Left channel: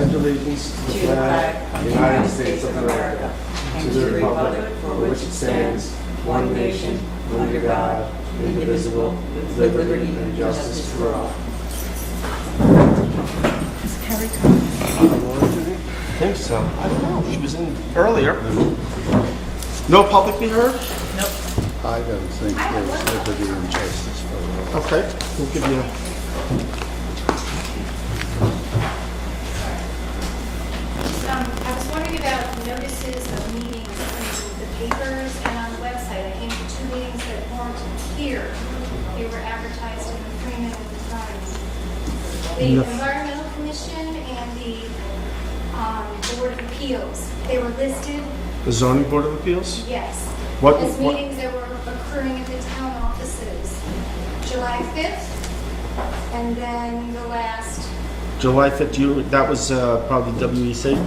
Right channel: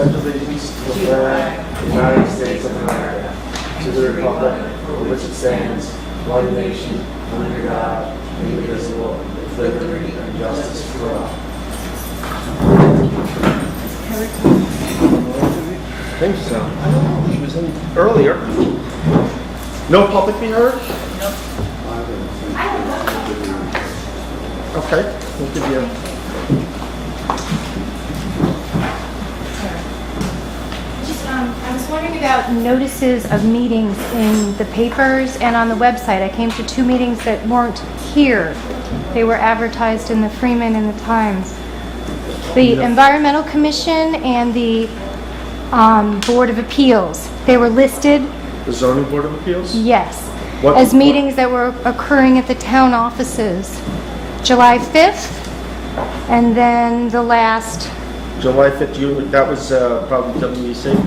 pledge allegiance to the flag of the United States of America, to the republic for which it stands, one nation, under God, indivisible, with liberty and justice for all. I think so. I don't know. She was in earlier. No public be heard? Nope. I don't think there's liberty and justice for all. Okay. We'll give you. I was wondering about notices of meetings in the papers and on the website. I came to 2 meetings that weren't here. They were advertised in the Freeman and the Times. The Environmental Commission and the Board of Appeals. They were listed, The Zoning Board of Appeals? yes, What- as meetings that were occurring at the town offices. July 5th, and then the last, July 5th, that was probably WEC?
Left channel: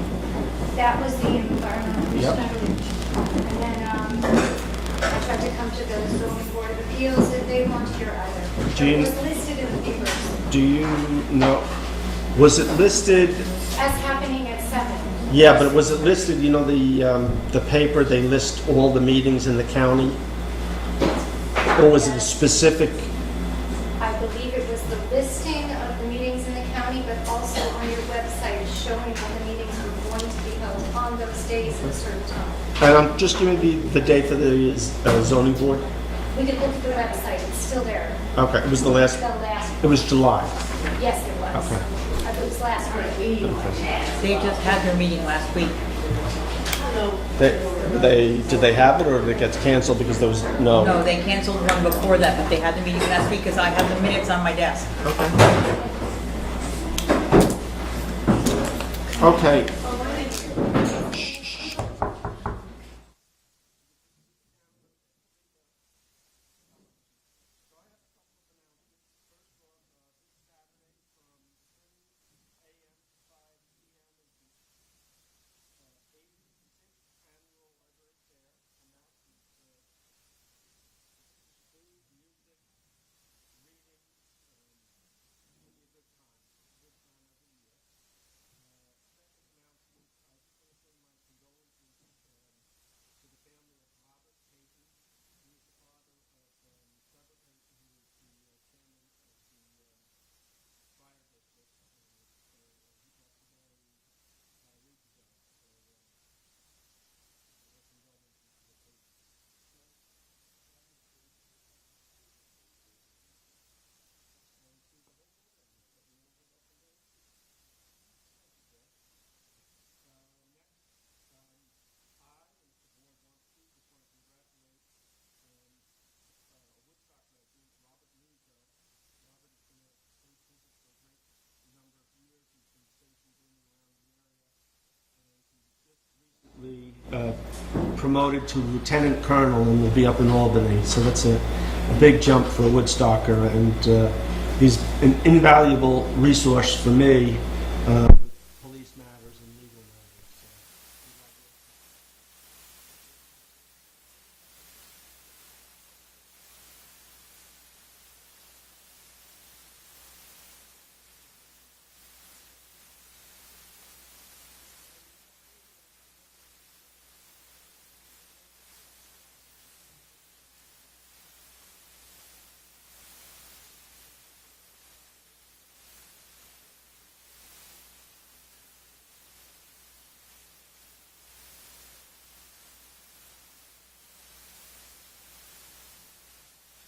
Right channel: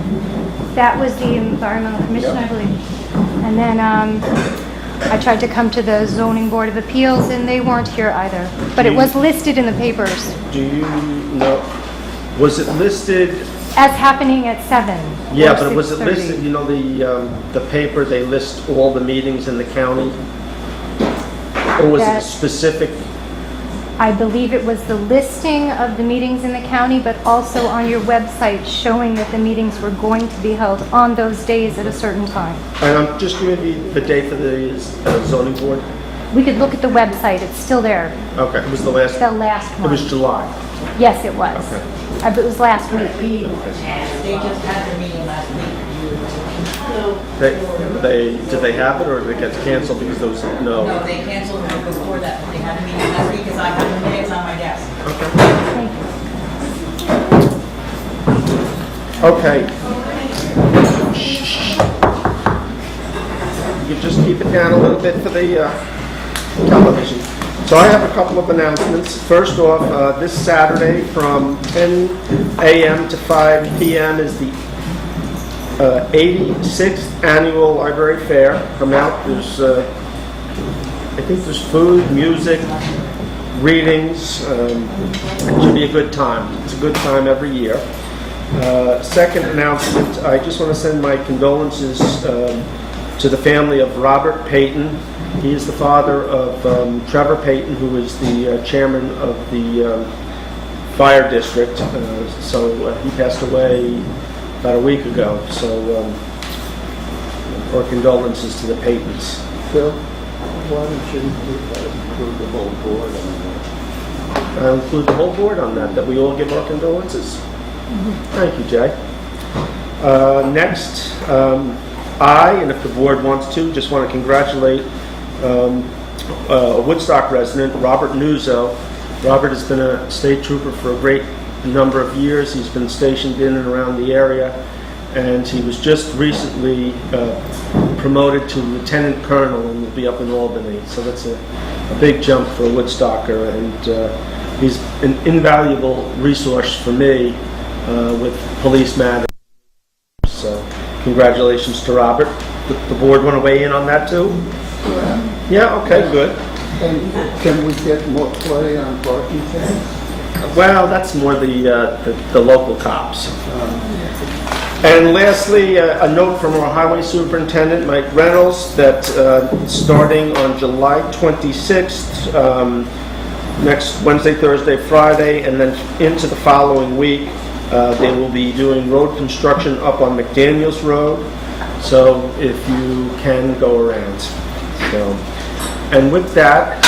that was the Environmental Commission, Yep. I believe. And then I tried to come to the Zoning Board of Appeals, and they weren't here either. But it was listed in the papers Do you know, was it listed? as happening at 7. Yeah, or but was it 6:30. listed, you know, the paper, they list all the meetings in the county? Or was it That- specific? I believe it was the listing of the meetings in the county, but also on your website showing that the meetings were going to be held on those days at a certain time. And I'm just giving you the date for the zoning board? We could look at the website, it's still there, Okay, it was the last, the last it was one. July. Yes, it was. Okay. It was last week. They just had their meeting last week. Did they have it or did it get canceled because there was, no? No, they canceled them before that, but they had the meeting last week because I have the minutes on my desk. Okay. You could just keep it down a little bit for the television. So I have a couple of announcements. First off, this Saturday from 10 a.m. to 5 p.m. is the 86th Annual Library Fair. Come out. There's, I think there's food, music, readings. It should be a good time. It's a good time every year. Second announcement, I just want to send my condolences to the family of Robert Payton. He is the father of Trevor Payton, who is the chairman of the fire district. So he passed away about a week ago. So our condolences to the Paytons. Phil, why don't you include the whole board on that? I'll include the whole board on that we all give our condolences. Thank you, Jay. Next, I, and if the board wants to, just want to congratulate a Woodstock resident, Robert Nuzzo. Robert has been a state trooper for a great number of years. He's been stationed in and around the area, and he was just recently promoted to lieutenant colonel and will be up in Albany. So that's a big jump for a Woodstocker, and he's an invaluable resource for me with police matters and legal matters. So congratulations to Robert. The board want to weigh in on that too? Yeah, okay, good. And can we get more play on parking things? Well, that's more the local cops. And lastly, a note from our highway superintendent, Mike Reynolds, that starting on July 26th, next Wednesday, Thursday, Friday, and then into the following week, they will be doing road construction up on McDaniels Road. So if you can go around. So, and with that,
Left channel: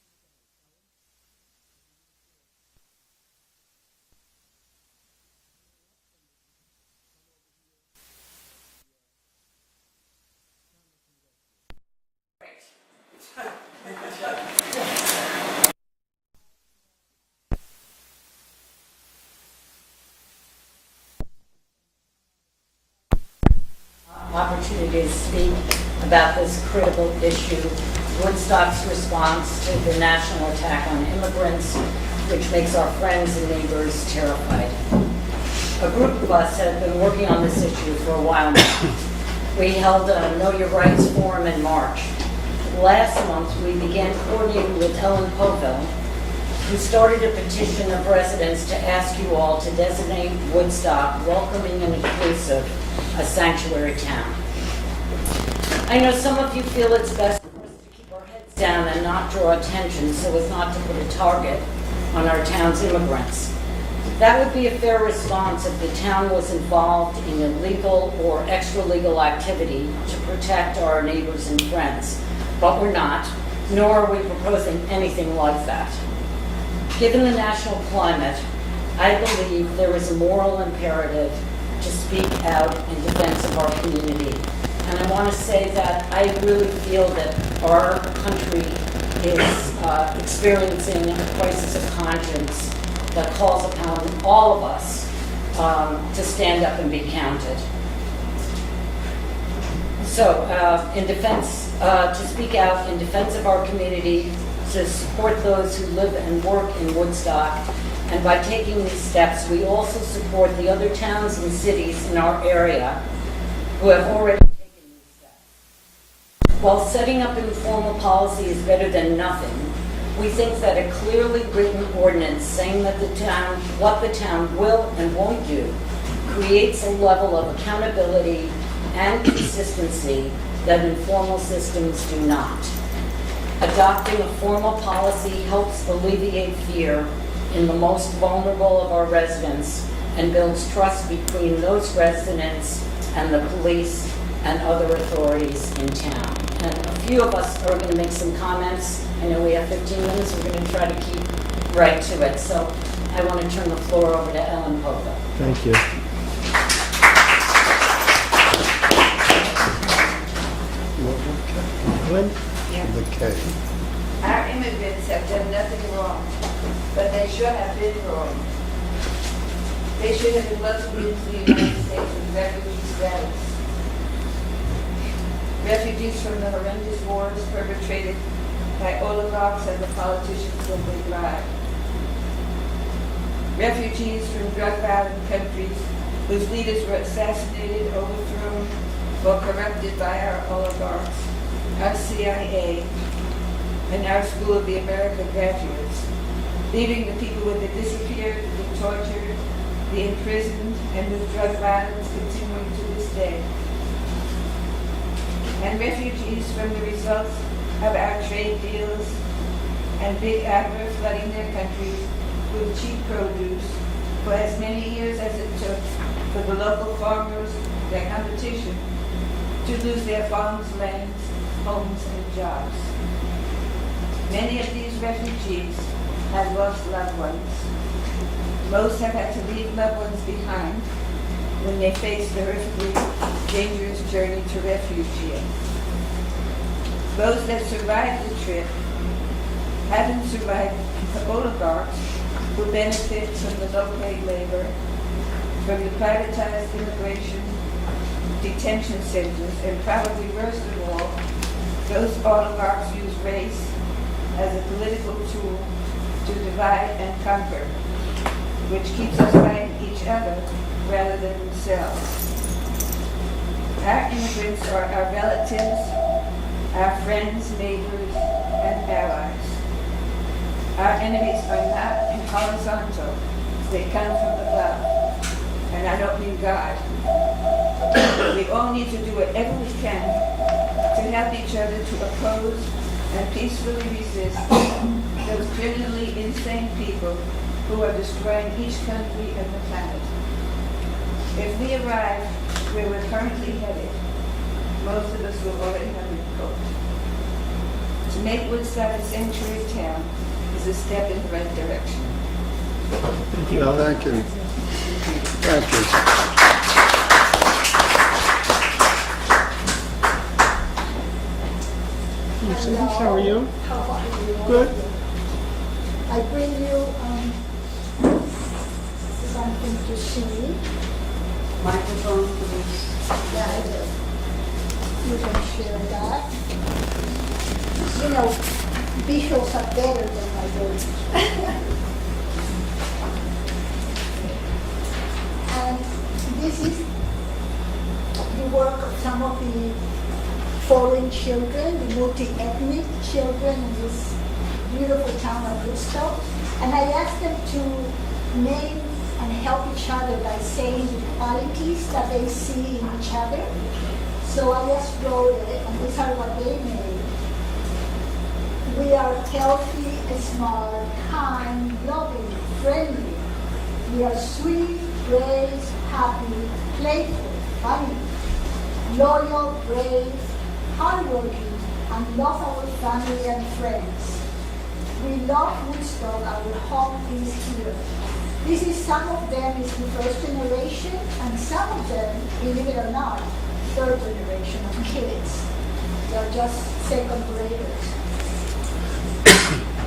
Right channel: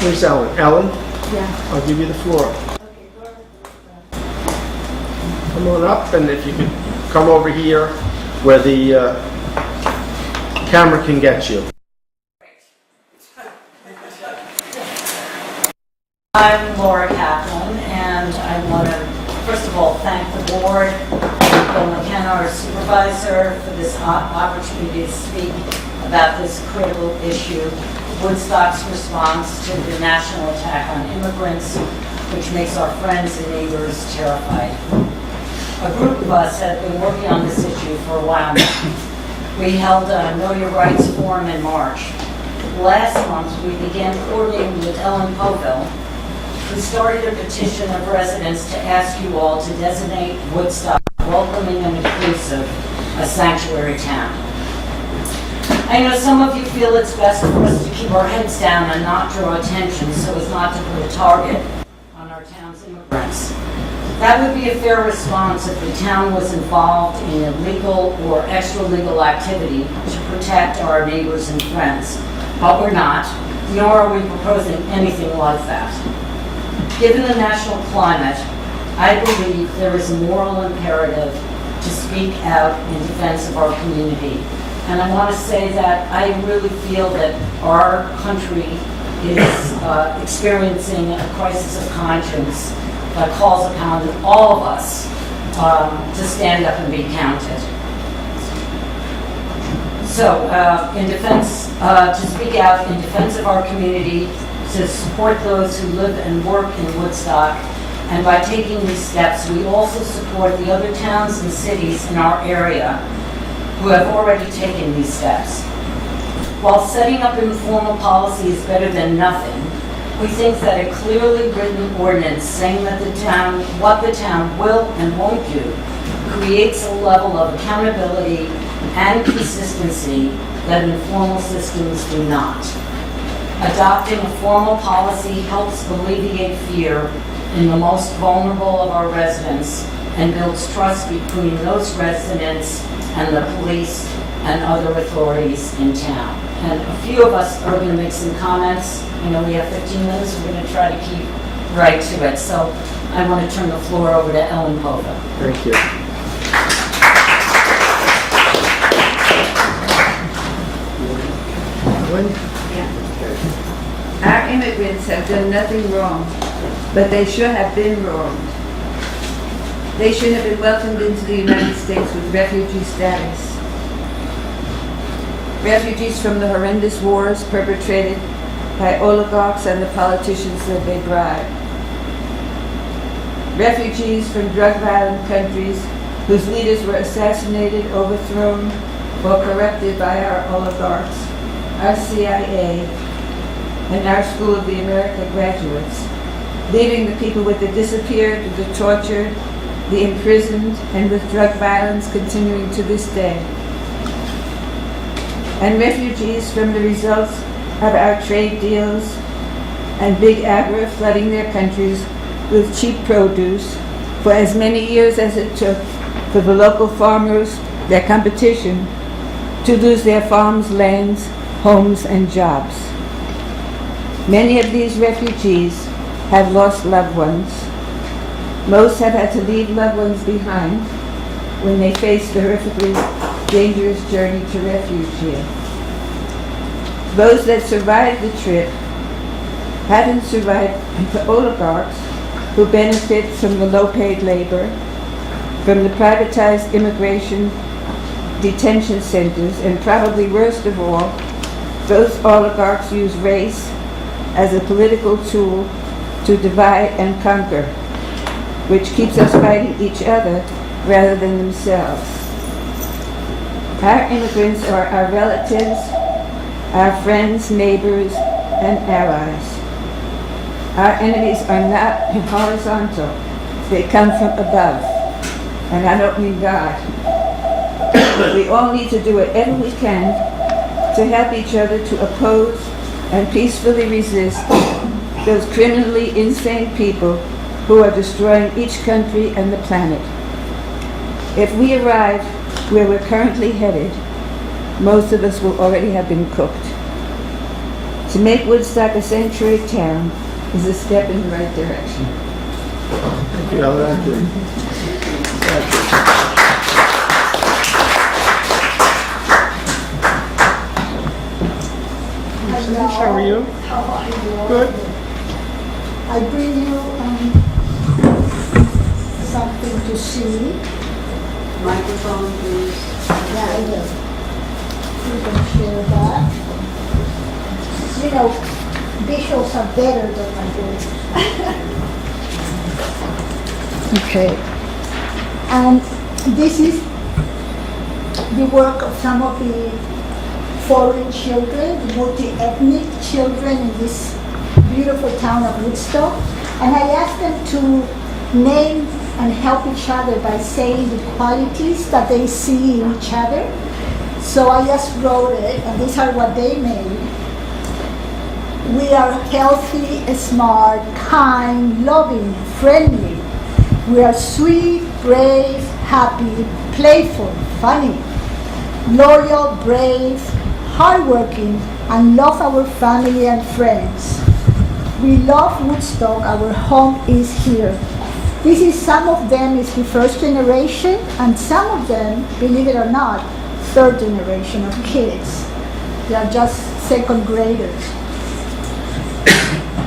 where's Ellen? Ellen? Yeah. I'll give you the floor. Come on up, and if you could come over here where the camera can get you. I'm Laura Kaplan, and I want to, first of all, thank the board, Bill McKenna, our supervisor, for this opportunity to speak about this critical issue, Woodstock's response to the national attack on immigrants, which makes our friends and neighbors terrified. A group of us have been working on this issue for a while now. We held a Know Your Rights forum in March. Last month, we began coordinating with Ellen Poville who started a petition of residents to ask you all to designate Woodstock welcoming and inclusive, a sanctuary town. I know some of you feel it's best for us to keep our heads down and not draw attention so as not to put a target on our town's immigrants. That would be a fair response if the town was involved in illegal or extra-legal activity to protect our neighbors and friends. But we're not, nor are we proposing anything like that. Given the national climate, I believe there is a moral imperative to speak out in defense of our community. And I want to say that I really feel that our country is experiencing a crisis of conscience that calls upon all of us to stand up and be counted. So, in defense, to speak out in defense of our community, to support those who live and work in Woodstock, and by taking these steps, we also support the other towns and cities in our area who have already taken these steps. While setting up informal policy is better than nothing, we think that a clearly written ordinance saying that what the town will and won't do creates a level of accountability and consistency that informal systems do not. Adopting a formal policy helps alleviate fear in the most vulnerable of our residents and builds trust between those residents and the police and other authorities in town. And a few of us are going to make some comments. I know we have 15 minutes. We're going to try to keep right to it. So I want to turn the floor over to Ellen Pova. Thank you. Okay. Our immigrants have done nothing wrong, but they should have been wrong. They should have been welcomed into the United States with refugee status. Refugees from the horrendous wars perpetrated by oligarchs and the politicians that they bribe. Refugees from drug-violent countries whose leaders were assassinated, overthrown, or corrupted by our oligarchs, our CIA, and our School of the America graduates, leaving the people with the disappeared, with the tortured, the imprisoned, and with drug violence continuing to this day. And refugees from the results of our trade deals and big agri flooding their countries with cheap produce for as many years as it took for the local farmers, their competition, to lose their farms, lands, homes, and jobs. Many of these refugees have lost loved ones. Most have had to leave loved ones behind when they face the horrifically dangerous journey to refuge here. Those that survived the trip haven't survived the oligarchs who benefit from the low-paid labor, from the privatized immigration detention centers, and probably worst of all, those oligarchs use race as a political tool to divide and conquer, which keeps us fighting each other rather than themselves. Our immigrants are our relatives, our friends, neighbors, and allies. Our enemies are not horizontal. They come from above. And I don't mean God. We all need to do whatever we can to help each other to oppose and peacefully resist those criminally insane people who are destroying each country and the planet. If we arrive where we're currently headed, most of us will already have been cooked. To make Woodstock a sanctuary town is a step in the right direction. Well, thank you. Thank you. How are you? How are you? Good. I bring you something to see. Microphone, please. Yeah, I will. You can share that. You know, visuals are better than my daughters. Okay. And this is the work of some of the foreign children, the multi-ethnic children in this beautiful town of Woodstock. And I asked them to name and help each other by saying the qualities that they see in each other. So I just wrote it, and these are what they made. We are healthy, smart, kind, loving, friendly. We are sweet, brave, happy, playful, funny, loyal, brave, hardworking, and love our family and friends. We love Woodstock, our home is here. This is, some of them is the first generation, and some of them, believe it or not, third generation of kids. They are just second graders.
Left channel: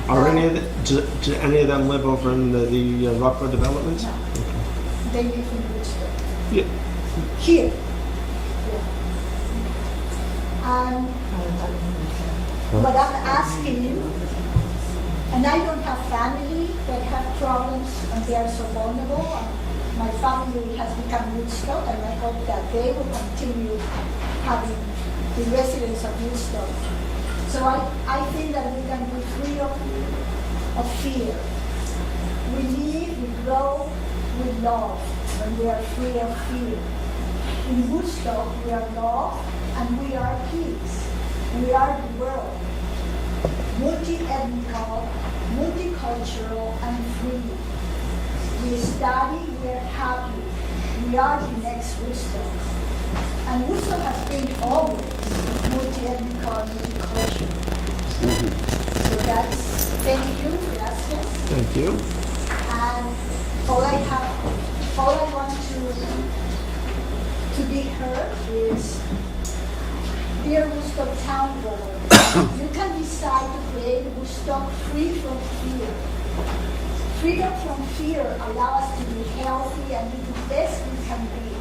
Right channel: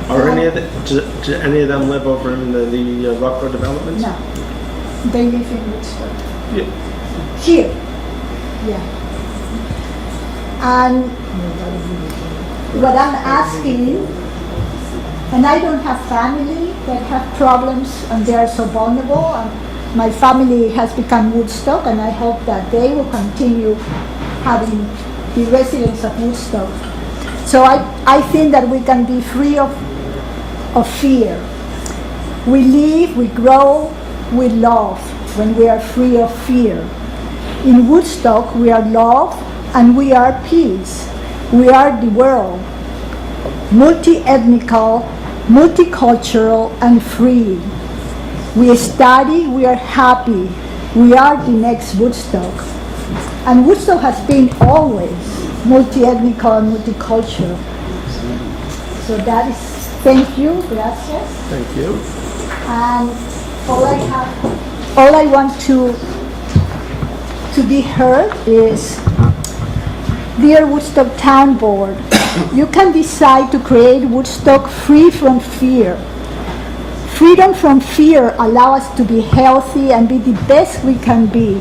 Are any of do any of them live over in the Rocco developments? No, they live in Woodstock. Yeah. Here, yeah. And what I'm asking, and I don't have family that have problems and they are so vulnerable. And my family has become Woodstock, and I hope that they will continue having the residents of Woodstock. So I think that we can be free of fear. We live, we grow, we love when we are free of fear. In Woodstock, we are love and we are peace. We are the world, multi-ethnical, multicultural, and free. We study, we are happy. We are the next Woodstock. And Woodstock has been always multi-ethnical and multicultural. So that is, thank you, gracias. Thank you. And all I want to be heard is, dear Woodstock Town Board, you can decide to create Woodstock free from fear. Freedom from fear allows us to be healthy and be the best we can be.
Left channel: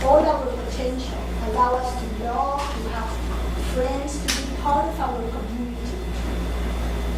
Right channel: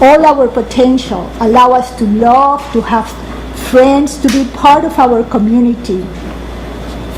All our potential allow us to love, to have friends, to be part of our community.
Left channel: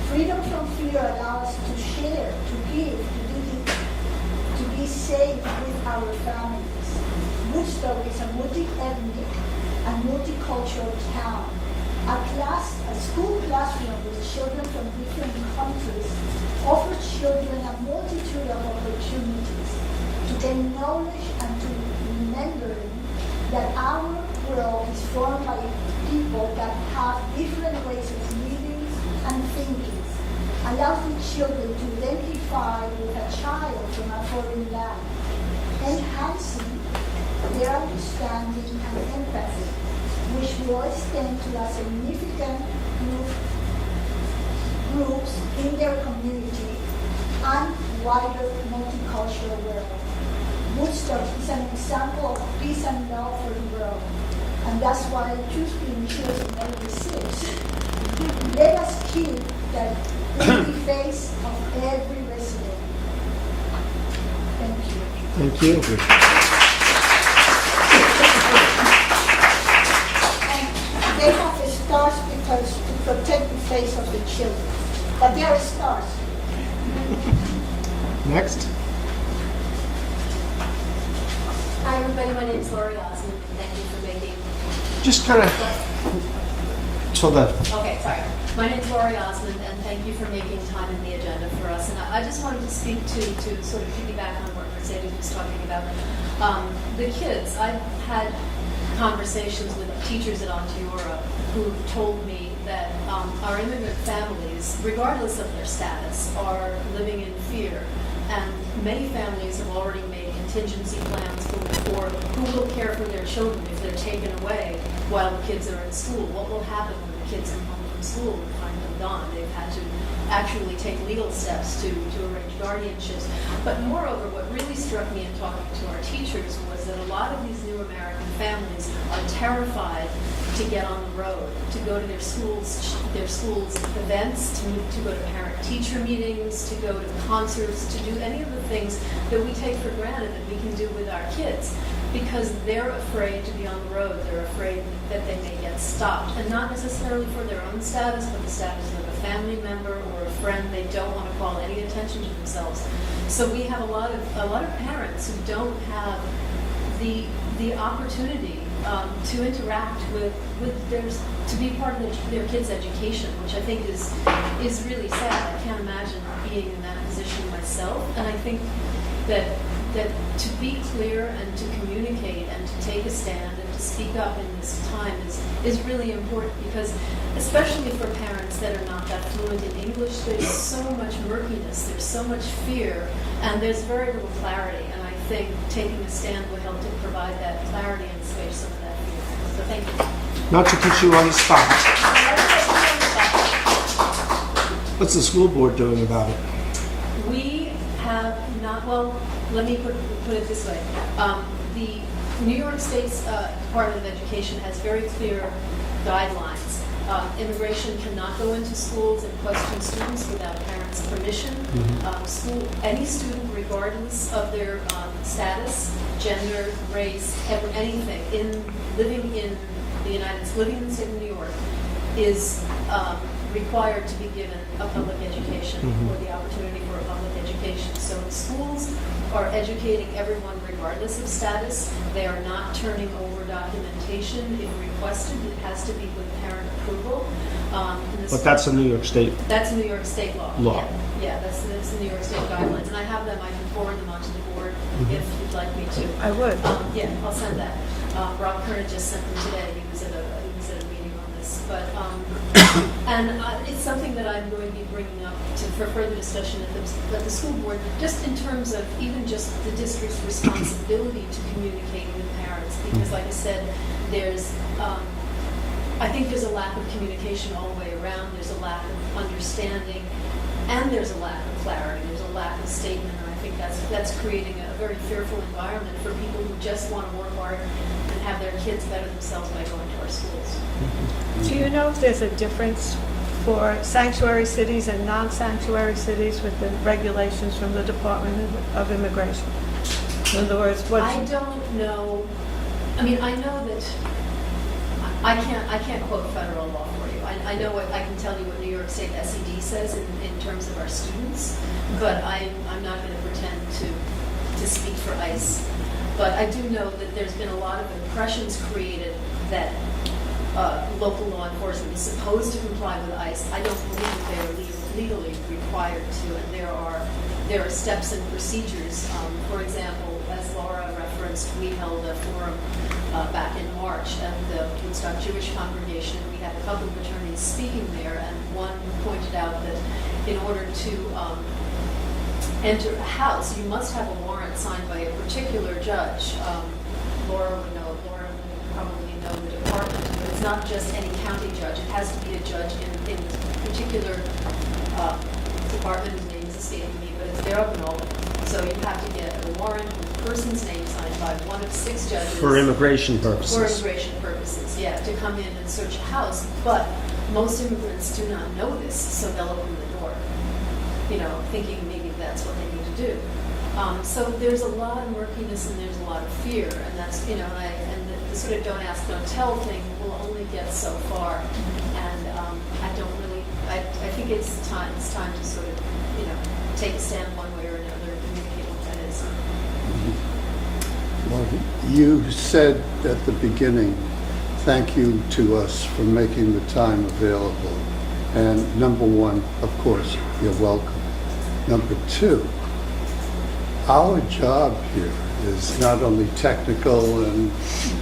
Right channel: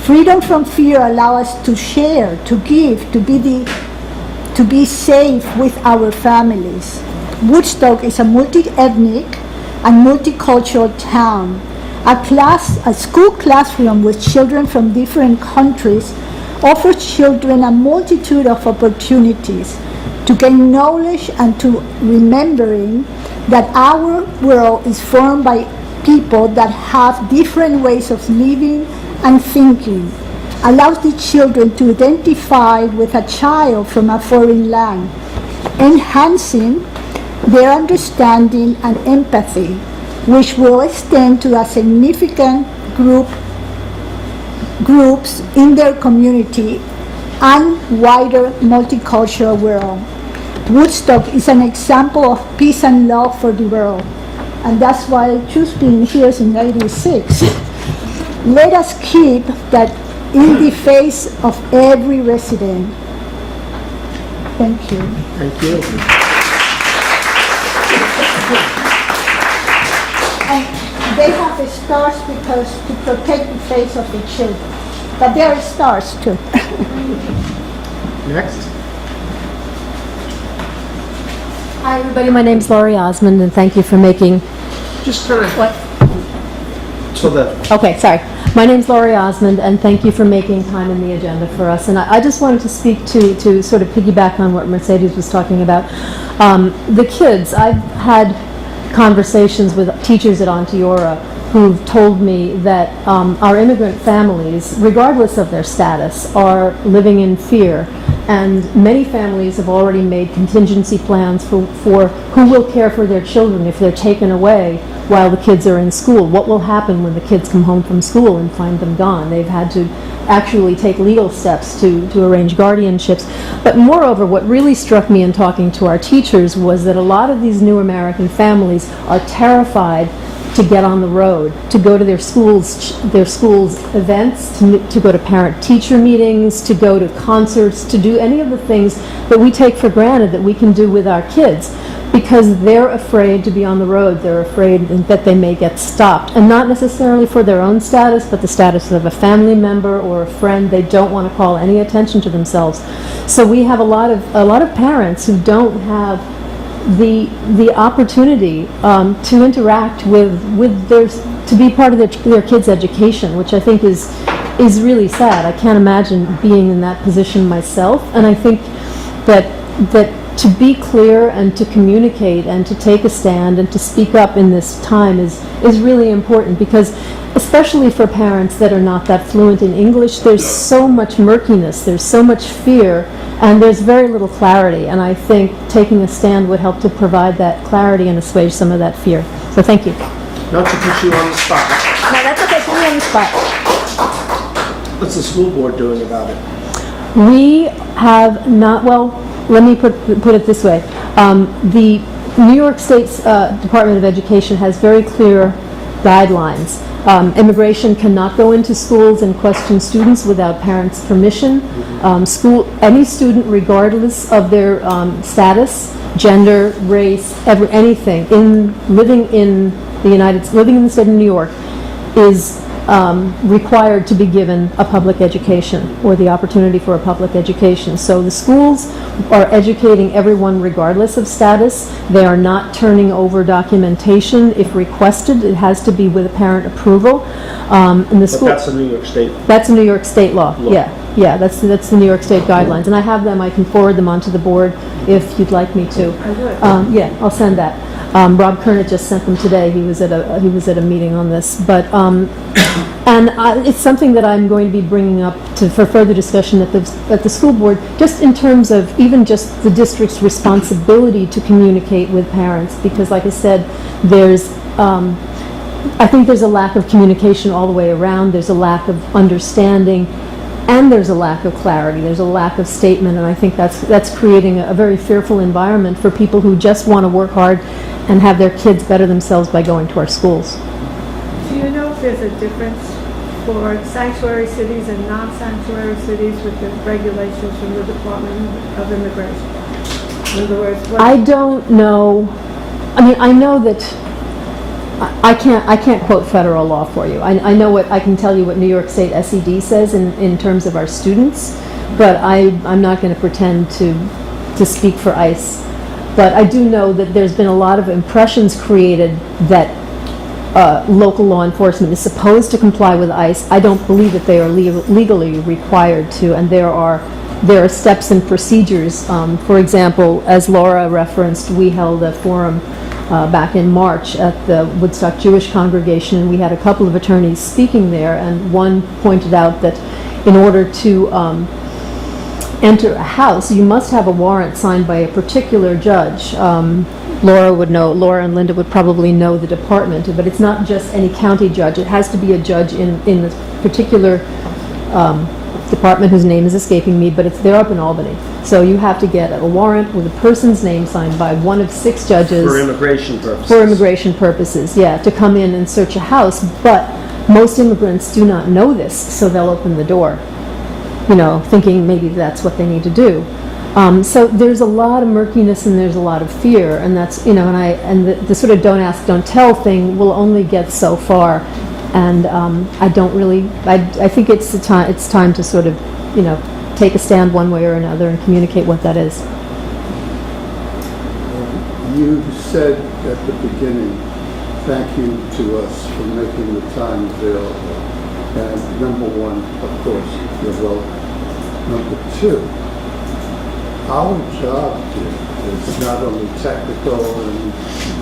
Freedom from fear allows us to share, to give, to be safe with our families. Woodstock is a multi-ethnic and multicultural town. A school classroom with children from different countries offers children a multitude of opportunities to gain knowledge and to remembering that our world is formed by people that have different ways of living and thinking. Allows the children to identify with a child from a foreign land, enhancing their understanding and empathy, which will extend to a significant groups in their community and wider multicultural world. Woodstock is an example of peace and love for the world, and that's why I choose being here in '86. Let us keep that in the face of every resident. Thank you. Thank you. And they have the stars because to protect the face of the children. But there are stars too. Next. Hi, everybody. My name's Laurie Osmond, and thank you for making... Just turn it. What? So the Okay, sorry. My name's Laurie Osmond, and thank you for making time in the agenda for us. And I just wanted to speak to sort of piggyback on what Mercedes was talking about. The kids, I've had conversations with teachers at Onteora who've told me that our immigrant families, regardless of their status, are living in fear. And many families have already made contingency plans for who will care for their children if they're taken away while the kids are in school. What will happen when the kids come home from school and find them gone? They've had to actually take legal steps to arrange guardianships. But moreover, what really struck me in talking to our teachers was that a lot of these new American families are terrified to get on the road, to go to their schools' events, to go to parent-teacher meetings, to go to concerts, to do any of the things that we take for granted that we can do with our kids, because they're afraid to be on the road. They're afraid that they may get stopped, and not necessarily for their own status, but the status of a family member or a friend. They don't want to call any attention to themselves. So we have a lot of parents who don't have the opportunity to interact with their, to be part of their kids' education, which I think is is really sad. I can't imagine being in that position myself, and I think that to be clear and to communicate and to take a stand and to speak up in this time is really important, because especially for parents that are not that fluent in English, there's so much murkiness, there's so much fear, and there's very little clarity, and I think taking a stand would help to provide that clarity and assuage some of that fear. So thank you. Not to put you on the spot. No, that's okay, put me on the spot. What's the school board doing about it? We have not, well, let me put it this way. The New York State's Department of Education has very clear guidelines. Immigration cannot go into schools and question students without parents' permission. Any student, regardless of their status, gender, race, anything, living in the state of New York, is required to be given a public education or the opportunity for a public education. So the schools are educating everyone regardless of status. They are not turning over documentation if requested. It has to be with a parent approval. And the But school, that's a New York State. that's a New York State law. Law. Yeah, that's the New York State guidelines. And I have them. I can forward them onto the board if you'd like me to. I would. Yeah, I'll send that. Rob Kernet just sent them today. He was at a meeting on this, but it's something that I'm going to be bringing up for further discussion at the school board, just in terms of even just the district's responsibility to communicate with parents, because, like I said, I think there's a lack of communication all the way around. There's a lack of understanding, and there's a lack of clarity. There's a lack of statement, and I think that's creating a very fearful environment for people who just want to work hard and have their kids better themselves by going to our schools. Do you know if there's a difference for sanctuary cities and non-sanctuary cities with the regulations from the Department of Immigration? In other words, I don't know. I mean, I know that I can't quote federal law for you. I know I can tell you what New York State SED says in terms of our students, but I'm not going to pretend to speak for ICE. But I do know that there's been a lot of impressions created that local law enforcement is supposed to comply with ICE. I don't believe that they are legally required to, and there are steps and procedures. For example, as Laura referenced, we held a forum back in March at the Woodstock Jewish congregation, and we had a couple of attorneys speaking there, and one pointed out that in order to enter a house, you must have a warrant signed by a particular judge. Laura would know, Laura and Linda would probably know the department, but it's not just any county judge. It has to be a judge in the particular department whose name is escaping me, but they're up in Albany. So you have to get a warrant with a person's name signed by one of 6 judges. For immigration purposes. For immigration purposes, yeah, to come in and search a house. But most immigrants do not know this, so they'll open the door, thinking maybe that's what they need to do. So there's a lot of murkiness and there's a lot of fear, and that's, and the sort of don't ask, don't tell thing will only get so far. And I think it's time to sort of, take a stand one way or another and communicate what that is. You said at the beginning, thank you to us for making the time available. And number one, of course, you're welcome. Number 2, our job here is not only technical and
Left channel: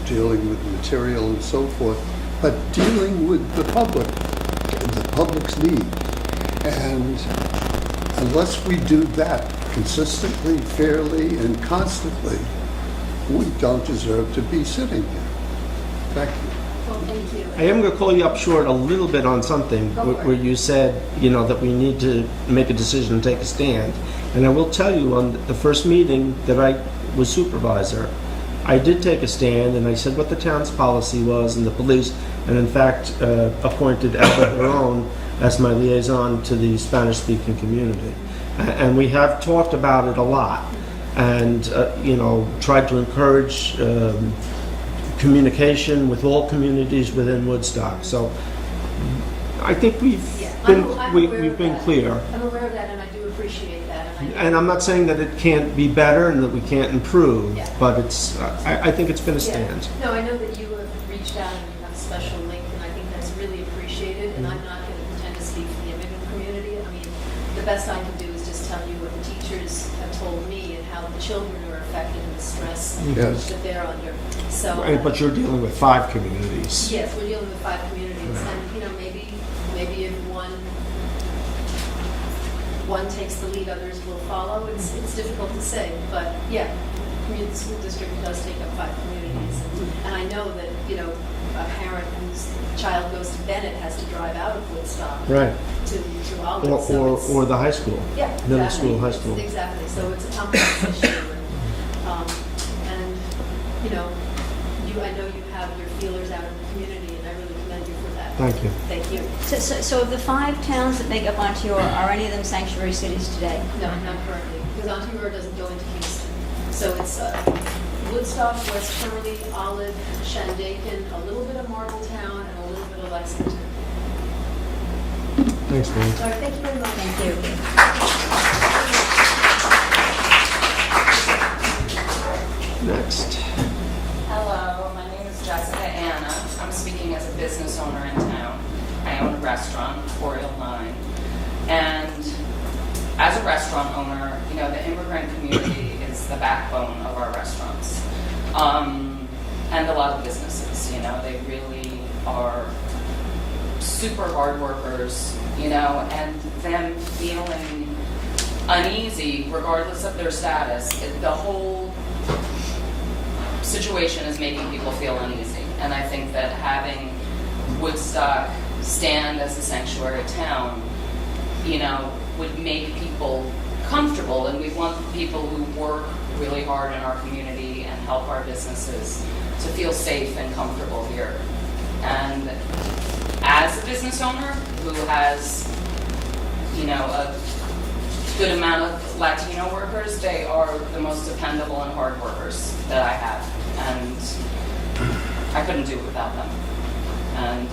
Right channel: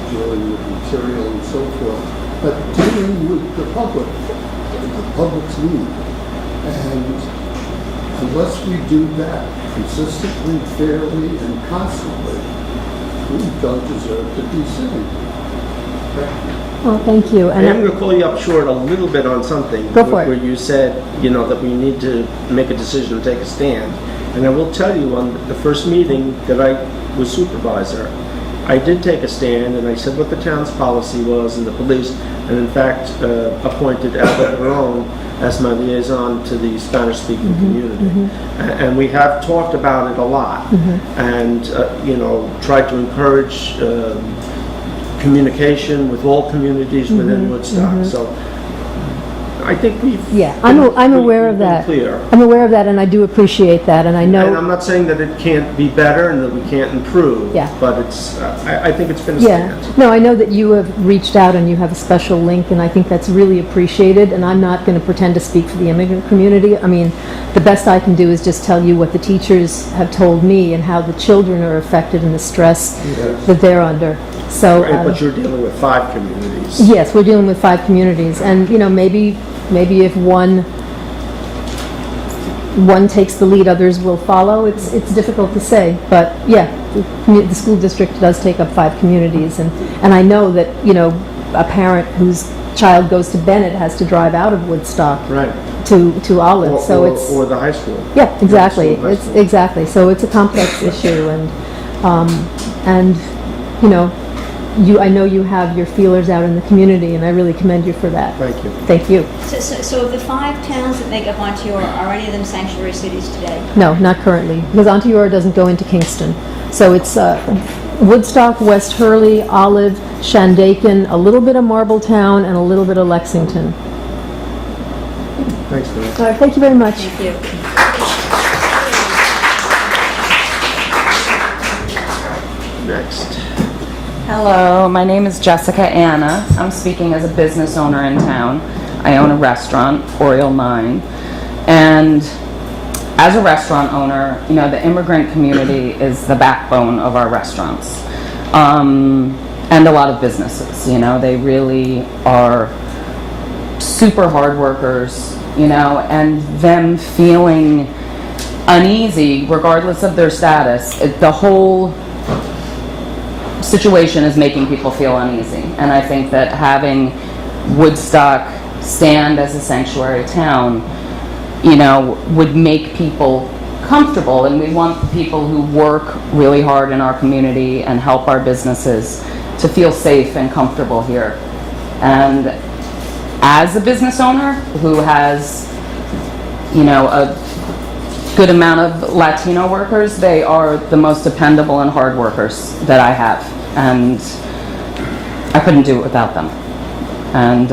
dealing with material and so forth, but dealing with the public and the public's need. And unless we do that consistently, fairly, and constantly, we don't deserve to be sitting here. Thank you. Well, thank you. I am going to call you up short a little bit on something. Go for it. Where you said, that we need to make a decision and take a stand. And I will tell you, on the first meeting that I was supervisor, I did take a stand and I said what the town's policy was, and the police, and in fact appointed Albert Barone as my liaison to the Spanish-speaking community. And we have talked about it a lot, and tried to encourage communication with all communities within Woodstock. So I think we've. Yeah, I'm been- aware we've of been that. Clear. I'm aware of that, and I do appreciate that, and I And know, I'm not saying that it can't be better and that we can't improve. Yeah. But it's, I think it's been a yeah. stand. No, I know that you have reached out and you have a special link, and I think that's really appreciated, and I'm not going to pretend to speak for the immigrant community. I mean, the best I can do is just tell you what the teachers have told me and how the children are affected and the stress Yes. that they're under. So, Right, but you're dealing with 5 communities. yes, we're dealing with 5 communities, and, you know, maybe if one takes the lead, others will follow. It's difficult to say, but yeah, the school district does take up 5 communities, and I know that, you know, a parent whose child goes to Bennett has to drive out of Woodstock Right. to Olive, so it's... Or the high school. Yeah, exactly. Middle school, high It's school. exactly. So it's a complex issue, and you know, I know you have your feelers out in the community, and I really commend you for that. Thank you. Thank you. So of the 5 towns that make up Ontario, are any of them sanctuary cities today? No, not currently, because Onteora doesn't go into Kingston. So it's Woodstock, West Hurley, Olive, Shandaken, a little bit of Marbletown, and a little bit of Lexington. Thanks, Dan. All right, thank you very much. Thank you. Next. Hello, my name is Jessica Anna. I'm speaking as a business owner in town. I own a restaurant, Oriole 9. And as a restaurant owner, you know, the immigrant community is the backbone of our restaurants. And a lot of businesses, you know, they really are super hard workers, you know, and them feeling uneasy regardless of their status. The whole situation is making people feel uneasy, and I think that having Woodstock stand as a sanctuary town, you know, would make people comfortable, and we want the people who work really hard in our community and help our businesses to feel safe and comfortable here. And as a business owner who has, you know, a good amount of Latino workers, they are the most dependable and hard workers that I have, and I couldn't do it without them. And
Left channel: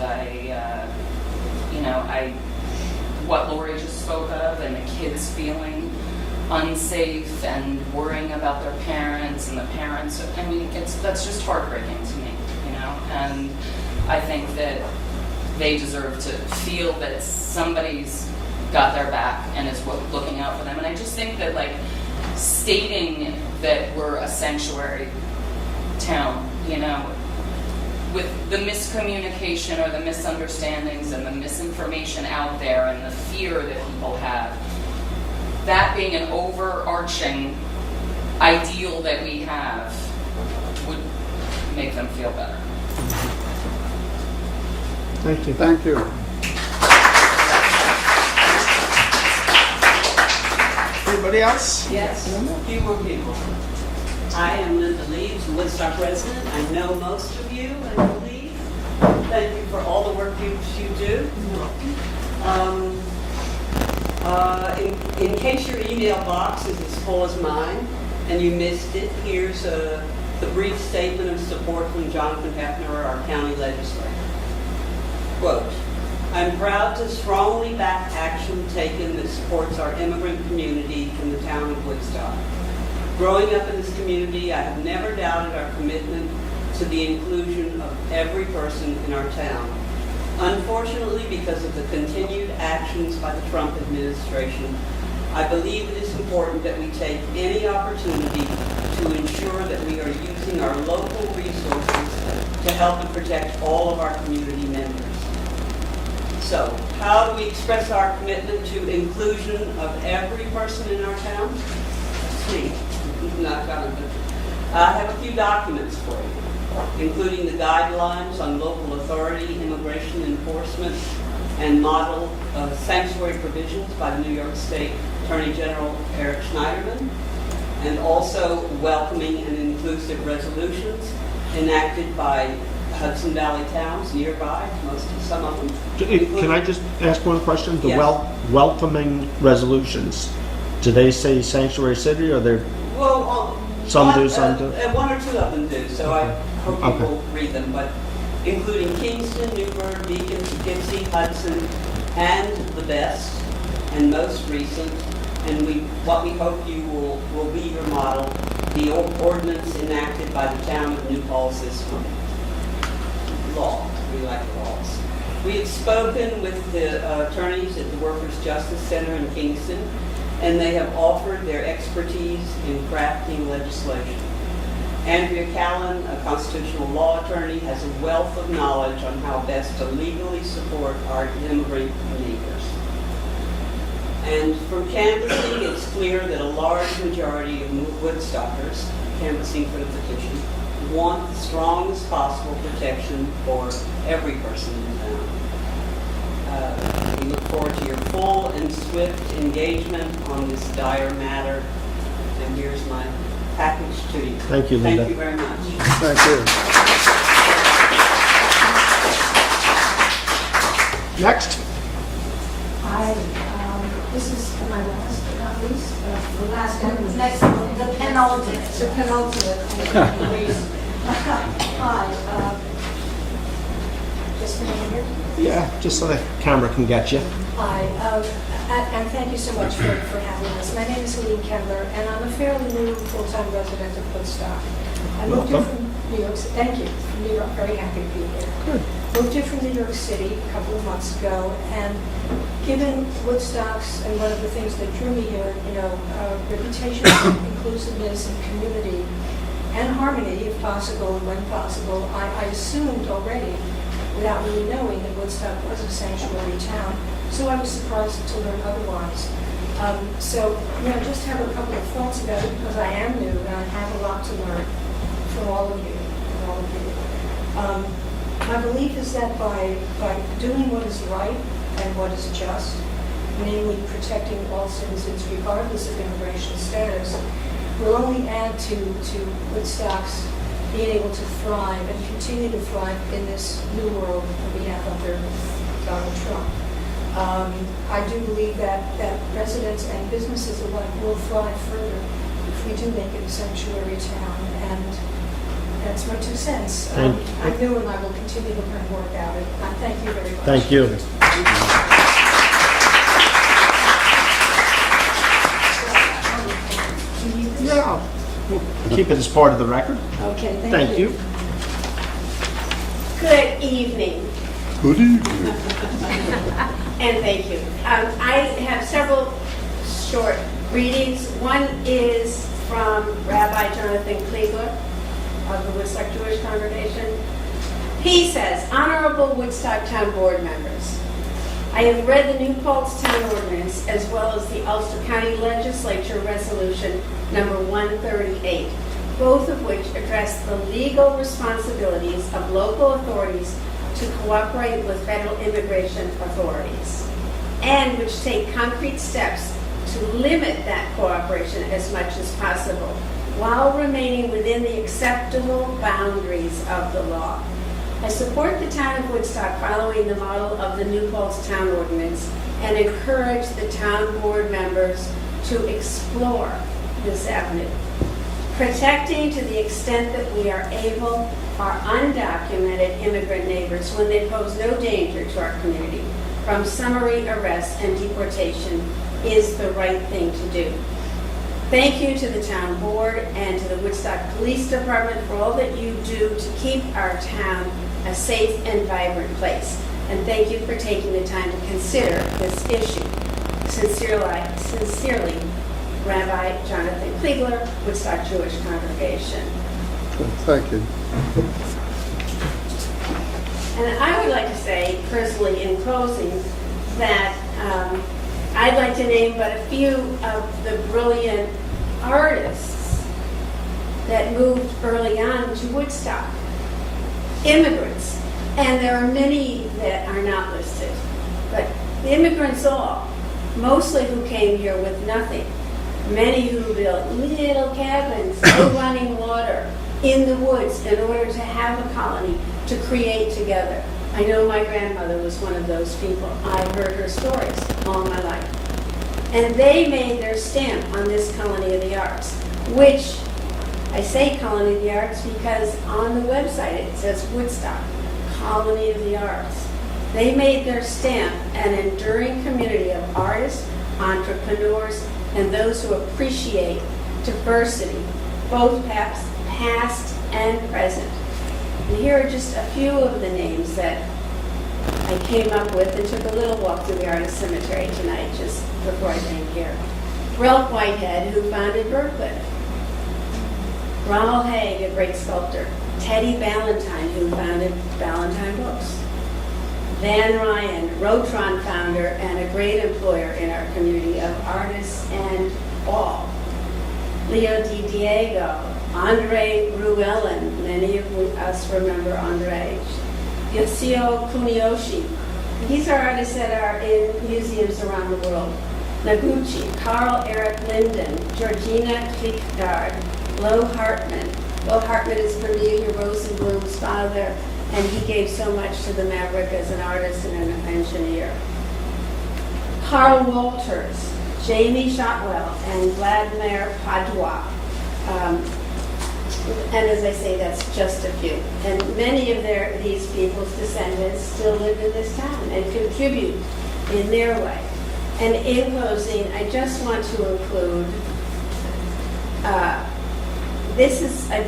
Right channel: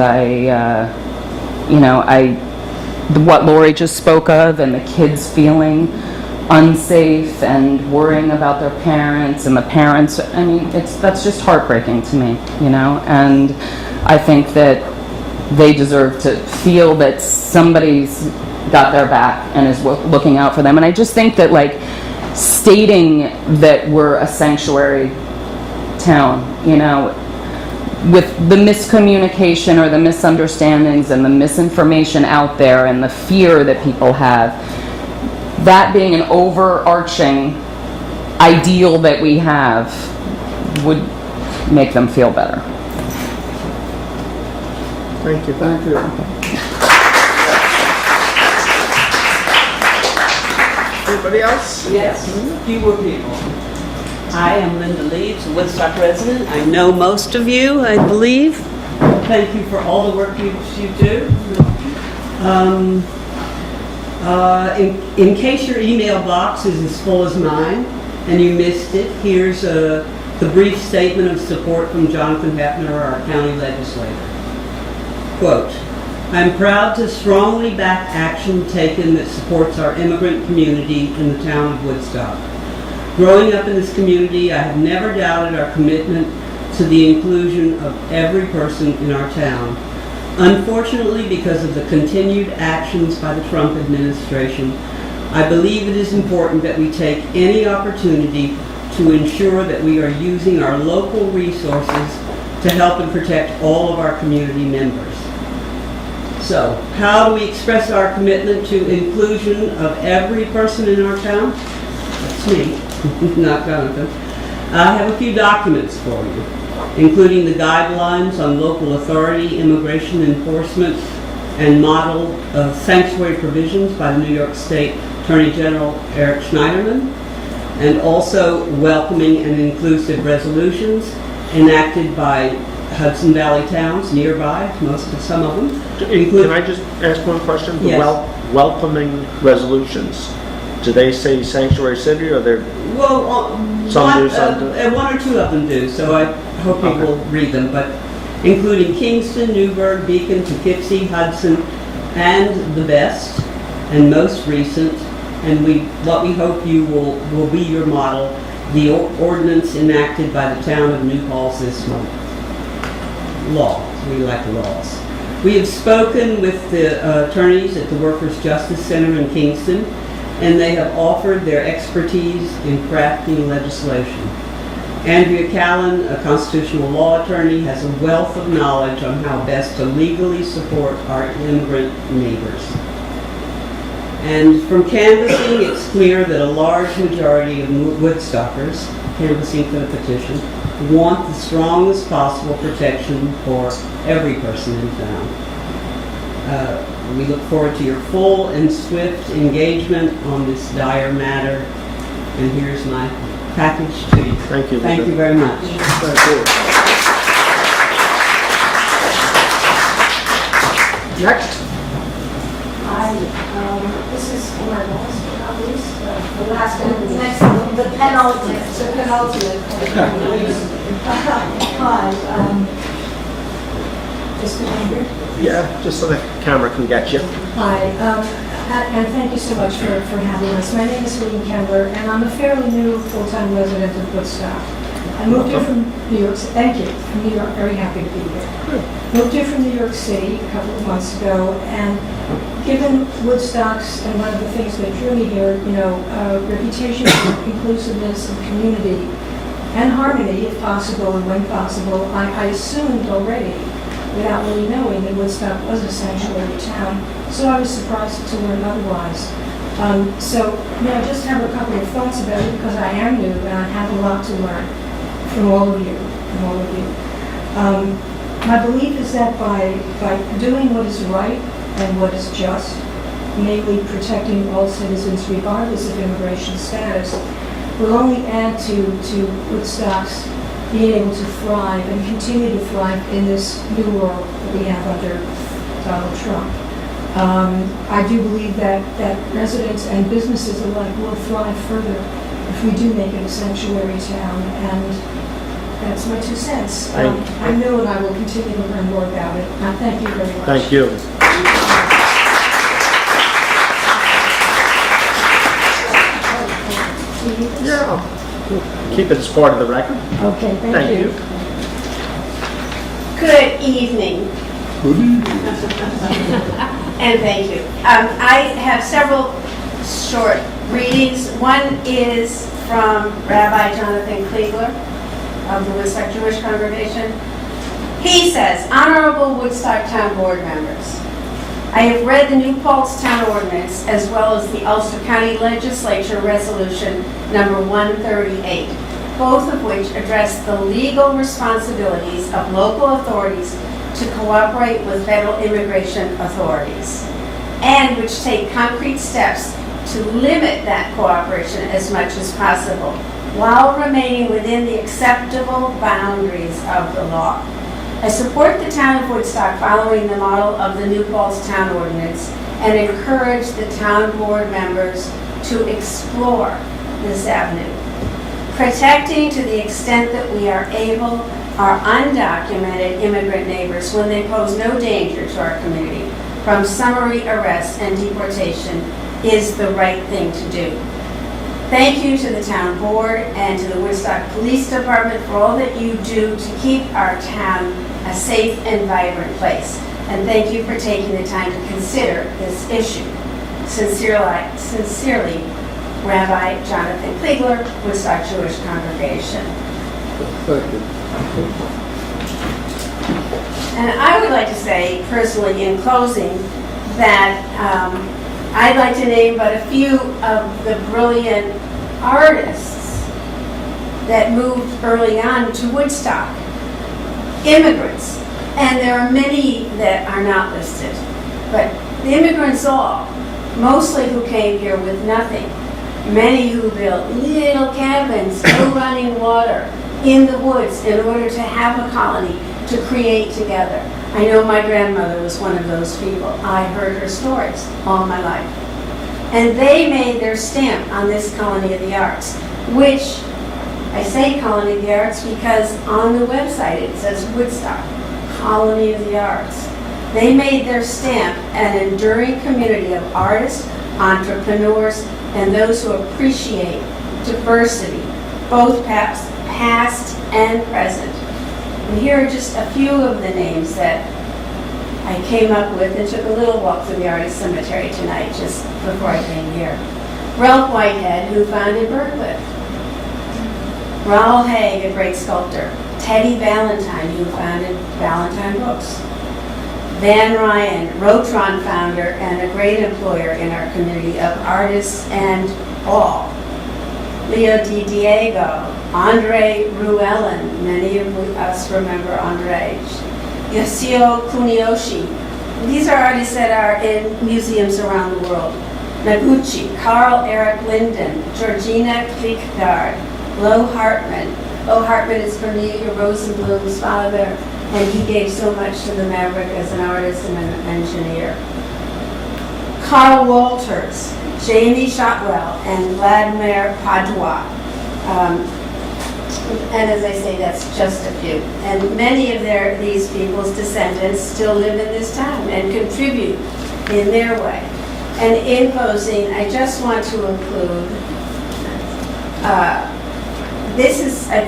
what Lori just spoke of, and the kids feeling unsafe and worrying about their parents, and the parents, I mean, that's just heartbreaking to me, you know, and I think that they deserve to feel that somebody's got their back and is looking out for them. And I just think that, like, stating that we're a sanctuary town, you know, with the miscommunication or the misunderstandings and the misinformation out there and the fear that people have, that being an overarching ideal that we have would make them feel better. Thank you. Thank you. Anybody else? Yes, fewer people. Hi, I'm Linda Leeds, a Woodstock resident. I know most of you, I believe. Thank you for all the work you do. In case your email box is as full as mine and you missed it, here's the brief statement of support from Jonathan Hefner, our county legislator. Quote, I'm proud to strongly back action taken that supports our immigrant community in the town of Woodstock. Growing up in this community, I have never doubted our commitment to the inclusion of every person in our town. Unfortunately, because of the continued actions by the Trump administration, I believe it is important that we take any opportunity to ensure that we are using our local resources to help and protect all of our community members. So, how do we express our commitment to inclusion of every person in our town? That's me, not Jonathan. I have a few documents for you, including the guidelines on local authority, immigration enforcement, and model sanctuary provisions by the New York State Attorney General Eric Schneiderman, and also welcoming and inclusive resolutions enacted by Hudson Valley towns nearby, some of them. Can I just ask one question? The Yes. welcoming resolutions, do they say sanctuary city, or they're, Well, Some do, some do. one or two of them do, so I hope you will read them. But including Kingston, Newburgh, Beacon, Poughkeepsie, Hudson, and the best and most recent, and what we hope you will be your model, the ordinance enacted by the town of New Paltz this month. Laws, we like laws. We have spoken with the attorneys at the Workers' Justice Center in Kingston, and they have offered their expertise in crafting legislation. Andrea Callan, a constitutional law attorney, has a wealth of knowledge on how best to legally support our immigrant neighbors. And from canvassing, it's clear that a large majority of Woodstockers canvassing for the petition want the strongest possible protection for every person in town. We look forward to your full and swift engagement on this dire matter. And here's my package to you. Thank you, Linda. Thank you very much. Thank you. Next. Hi, this is for my last but not least, the last and next, the penultimate. Hi, just a minute. Yeah, just so the camera can get you. Hi, and thank you so much for having us. My name is Lee Kendler, and I'm a fairly new full-time resident of Woodstock. I moved here from New York City. Thank you. From New York, very happy to be here. Moved here from New York City a couple of months ago, and given Woodstock's, and one of the things that drew me here, reputation of inclusiveness and community and harmony, if possible and when possible, I assumed already, without really knowing, that Woodstock was a sanctuary town. So I was surprised to learn otherwise. Just have a couple of thoughts about it, because I am new and I have a lot to learn from all of you. My belief is that by doing what is right and what is just, namely protecting all citizens regardless of immigration status, will only add to Woodstock's being able to thrive and continue to thrive in this new world that we have under Donald Trump. I do believe that residents and businesses alike will thrive further if we do make it a sanctuary town, and that's my 2 cents. I'm new and I will continue to learn more about it. Thank you very much. Thank you. Yeah. Keep it as part of the record. Okay, Thank you. Good evening, Good evening. and thank you. I have several short readings. One is from Rabbi Jonathan Kliegler of the Woodstock Jewish Congregation. He says, Honorable Woodstock Town Board members, I have read the New Paltz Town Ordinance as well as the Ulster County Legislature Resolution number 138, both of which address the legal responsibilities of local authorities to cooperate with federal immigration authorities, and which take concrete steps to limit that cooperation as much as possible, while remaining within the acceptable boundaries of the law. I support the town of Woodstock following the model of the New Paltz Town Ordinance and encourage the town board members to explore this avenue, protecting to the extent that we are able our undocumented immigrant neighbors when they pose no danger to our community from summary arrest and deportation is the right thing to do. Thank you to the town board and to the Woodstock Police Department for all that you do to keep our town a safe and vibrant place. And thank you for taking the time to consider this issue. Sincerely, Rabbi Jonathan Kliegler, Woodstock Jewish Congregation. Thank you. And I would like to say, personally, in closing, that I'd like to name but a few of the brilliant artists that moved early on to Woodstock. Immigrants. And there are many that are not listed. But the immigrants all, mostly who came here with nothing. Many who built little cabins, no running water, in the woods in order to have a colony to create together. I know my grandmother was one of those people. I heard her stories all my life. And they made their stamp on this Colony of the Arts, which I say Colony of the Arts because on the website it says Woodstock colony of the arts. They made their stamp an enduring community of artists, entrepreneurs, and those who appreciate diversity, both past and present. And here are just a few of the names that I came up with and took a little walk through the artist cemetery tonight just before I came here. Ralph Whitehead, who founded Berkeley. Ronald Haig, a great sculptor. Teddy Valentine, who founded Valentine Books. Van Ryan, Rotron founder and a great employer in our community of artists and all. Leo Di Diego, Andre Ruellen, many of us remember Andre. Yasuo Kuniyoshi. These are artists that are in museums around the world. Noguchi, Carl Eric Linden, Georgina Klickgard, Lo Hartman. Lo Hartman is Vermelia Rosenblum's father, and he gave so much to the Maverick as an artist and an engineer. Carl Walters, Jamie Shotwell, and Vladimir Padua. And as I say, that's just a few. And many of these people's descendants still live in this town and contribute in their way. And in closing, I just want to include, I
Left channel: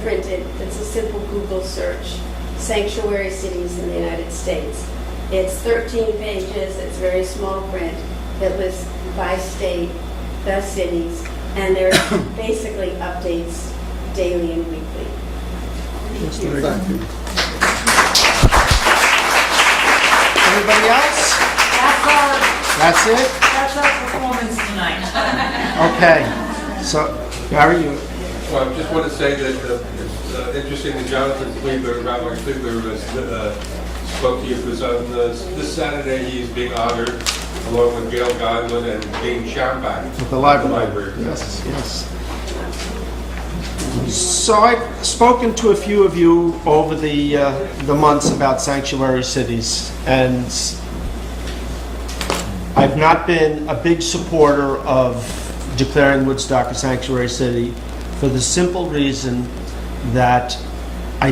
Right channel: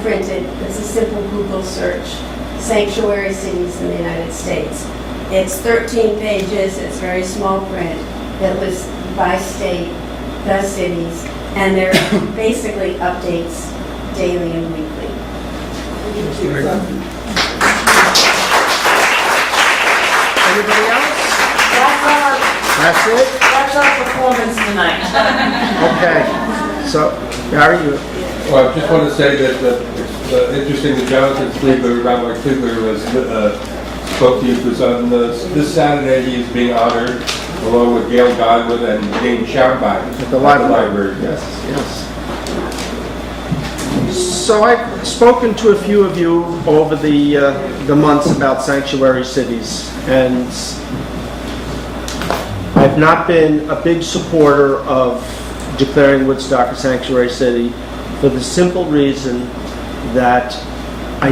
printed, it's a simple Google search, sanctuary cities in the United States. It's 13 pages, it's very small print that lists by state, the cities, and there basically updates daily and weekly. Anybody else? That's it? That's our performance tonight. Okay. So, Gary, you... Well, I just want to say that it's interesting that Jonathan Kliegler, Rabbi Kliegler, spoke to you because on this Saturday he's being honored along with Gail Godwin and Dane Schaumbach At the library. Yes, yes. So I've spoken to a few of you over the months about sanctuary cities, and I've not been a big supporter of declaring Woodstock a sanctuary city for the simple reason that I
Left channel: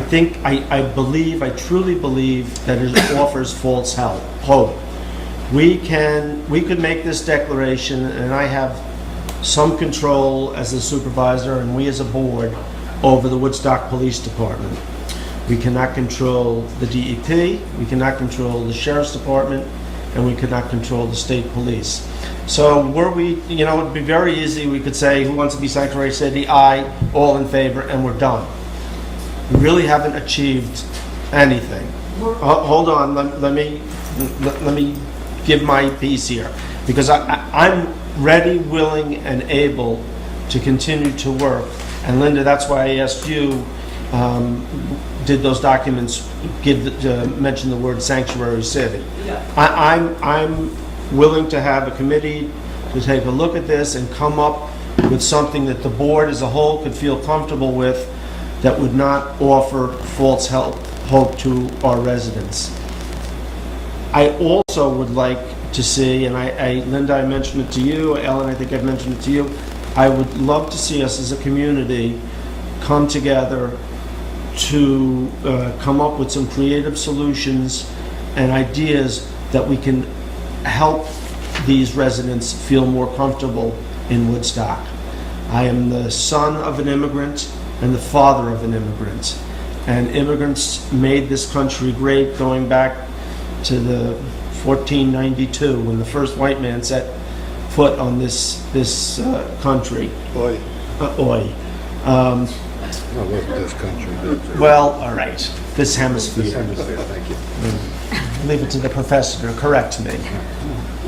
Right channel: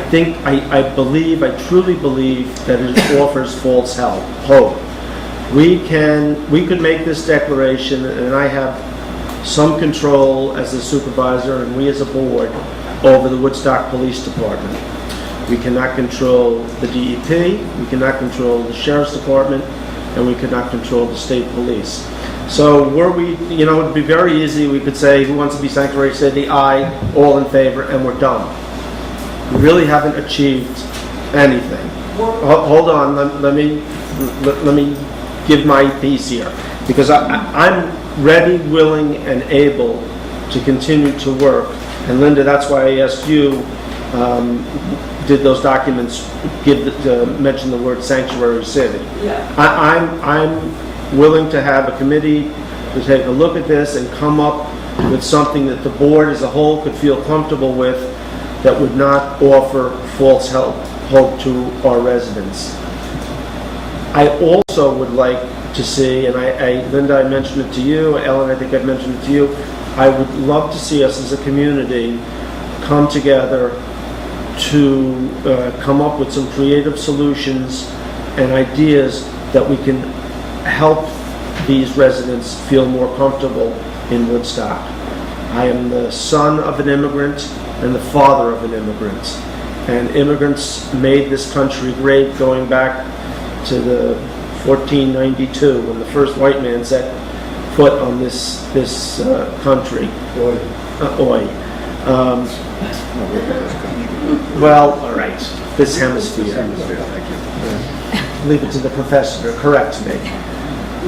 truly believe that it offers false hope. We could make this declaration, and I have some control as a supervisor and we as a board over the Woodstock Police Department. We cannot control the DEP, we cannot control the Sheriff's Department, and we cannot control the state police. So it'd be very easy, we could say, who wants to be sanctuary city? Aye, all in favor, and we're done. We really haven't achieved anything. Hold on, let me give my piece here, because I'm ready, willing, and able to continue to work. And Linda, that's why I asked you, did those documents mention the word sanctuary city? Yeah. I'm willing to have a committee to take a look at this and come up with something that the board as a whole could feel comfortable with that would not offer false hope to our residents. I also would like to see, and Linda, I mentioned it to you, Ellen, I think I mentioned it to you, I would love to see us as a community come together to come up with some creative solutions and ideas that we can help these residents feel more comfortable in Woodstock. I am the son of an immigrant and the father of an immigrant. And immigrants made this country great going back to the 1492 when the first white man set foot on this country. Oi. Oi. This country. Well, all right. This hemisphere. This hemisphere, thank you. Yeah. Leave it to the professor to correct me.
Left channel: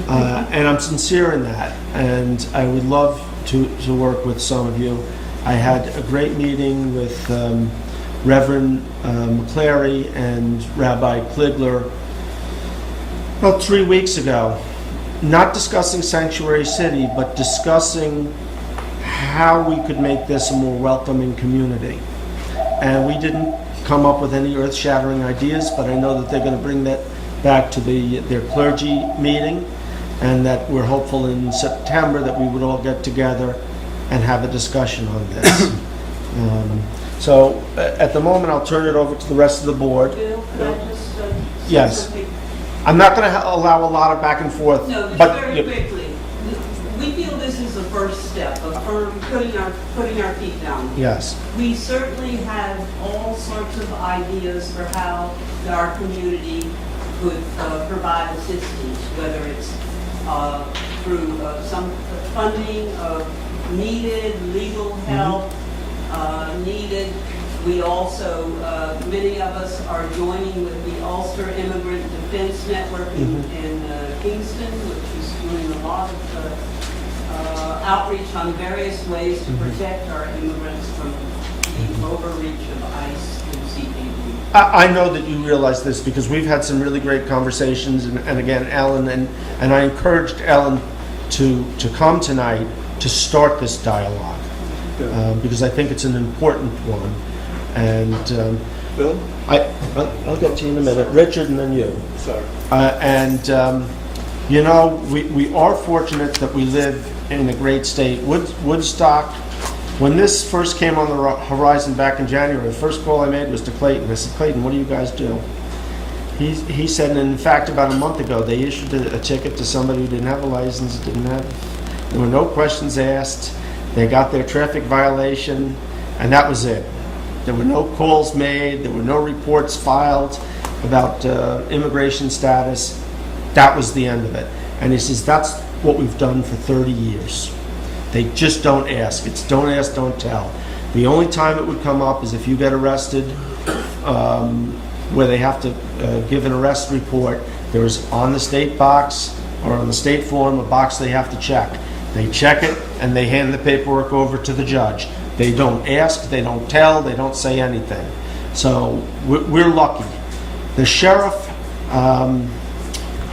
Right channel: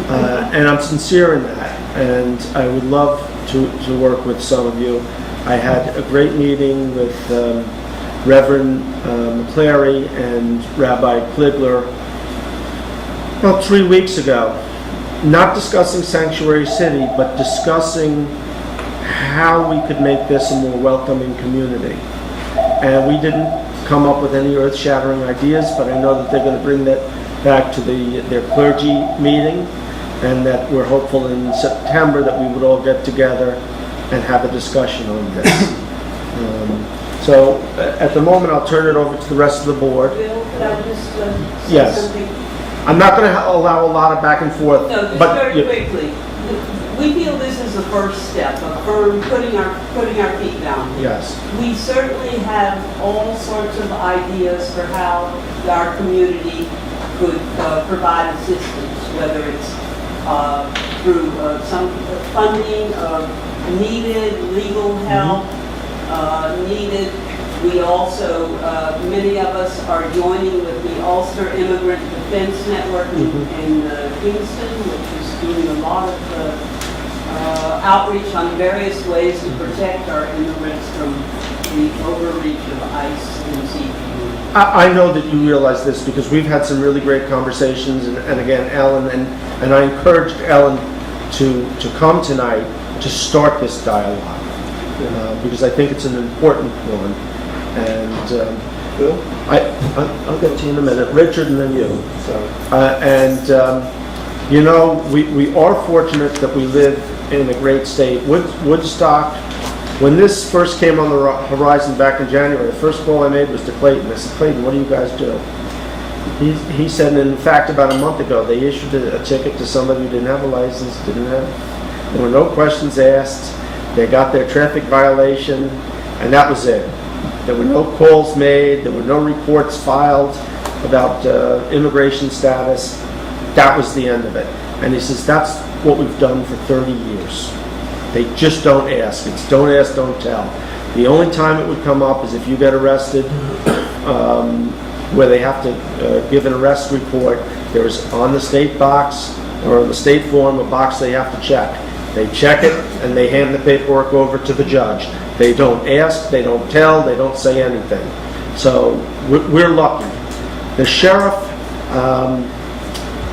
And I'm sincere in that. And I would love to work with some of you. I had a great meeting with Reverend McClary and Rabbi Kliegler about 3 weeks ago. Not discussing Sanctuary City, but discussing how we could make this a more welcoming community. And we didn't come up with any earth-shattering ideas, but I know that they're going to bring that back to their clergy meeting, and that we're hopeful in September that we would all get together and have a discussion on this. So at the moment, I'll turn it over to the rest of the board. Bill, could I just say Yes. something? I'm not going to allow a lot of back and forth, No, just but very quickly. We feel this is the first step of firm putting our feet down. yes. We certainly have all sorts of ideas for how our community could provide assistance, whether it's through some funding of needed legal help, needed. We also, many of us are joining with the Ulster Immigrant Defense Network in Kingston, which is doing a lot of outreach on various ways to protect our immigrants from the overreach of ICE and CPD. I know that you realize this because we've had some really great conversations, and again, Ellen, and I encouraged Ellen to come tonight to start this dialogue, because I think it's an important one. And Bill? I'll get to you in a minute. Richard, and then you. Sorry. You know, we are fortunate that we live in a great state. Woodstock, when this first came on the horizon back in January, the first call I made was to Clayton. I said, Clayton, what do you guys do? He said, and in fact, about a month ago, they issued a ticket to somebody who didn't have a license, there were no questions asked. They got their traffic violation, and that was it. There were no calls made, there were no reports filed about immigration status. That was the end of it. And he says, that's what we've done for 30 years. They just don't ask. It's don't ask, don't tell. The only time it would come up is if you get arrested, where they have to give an arrest report. There is on the state box or on the state form a box they have to check. They check it and they hand the paperwork over to the judge. They don't ask, they don't tell, they don't say anything. So we're lucky. The sheriff,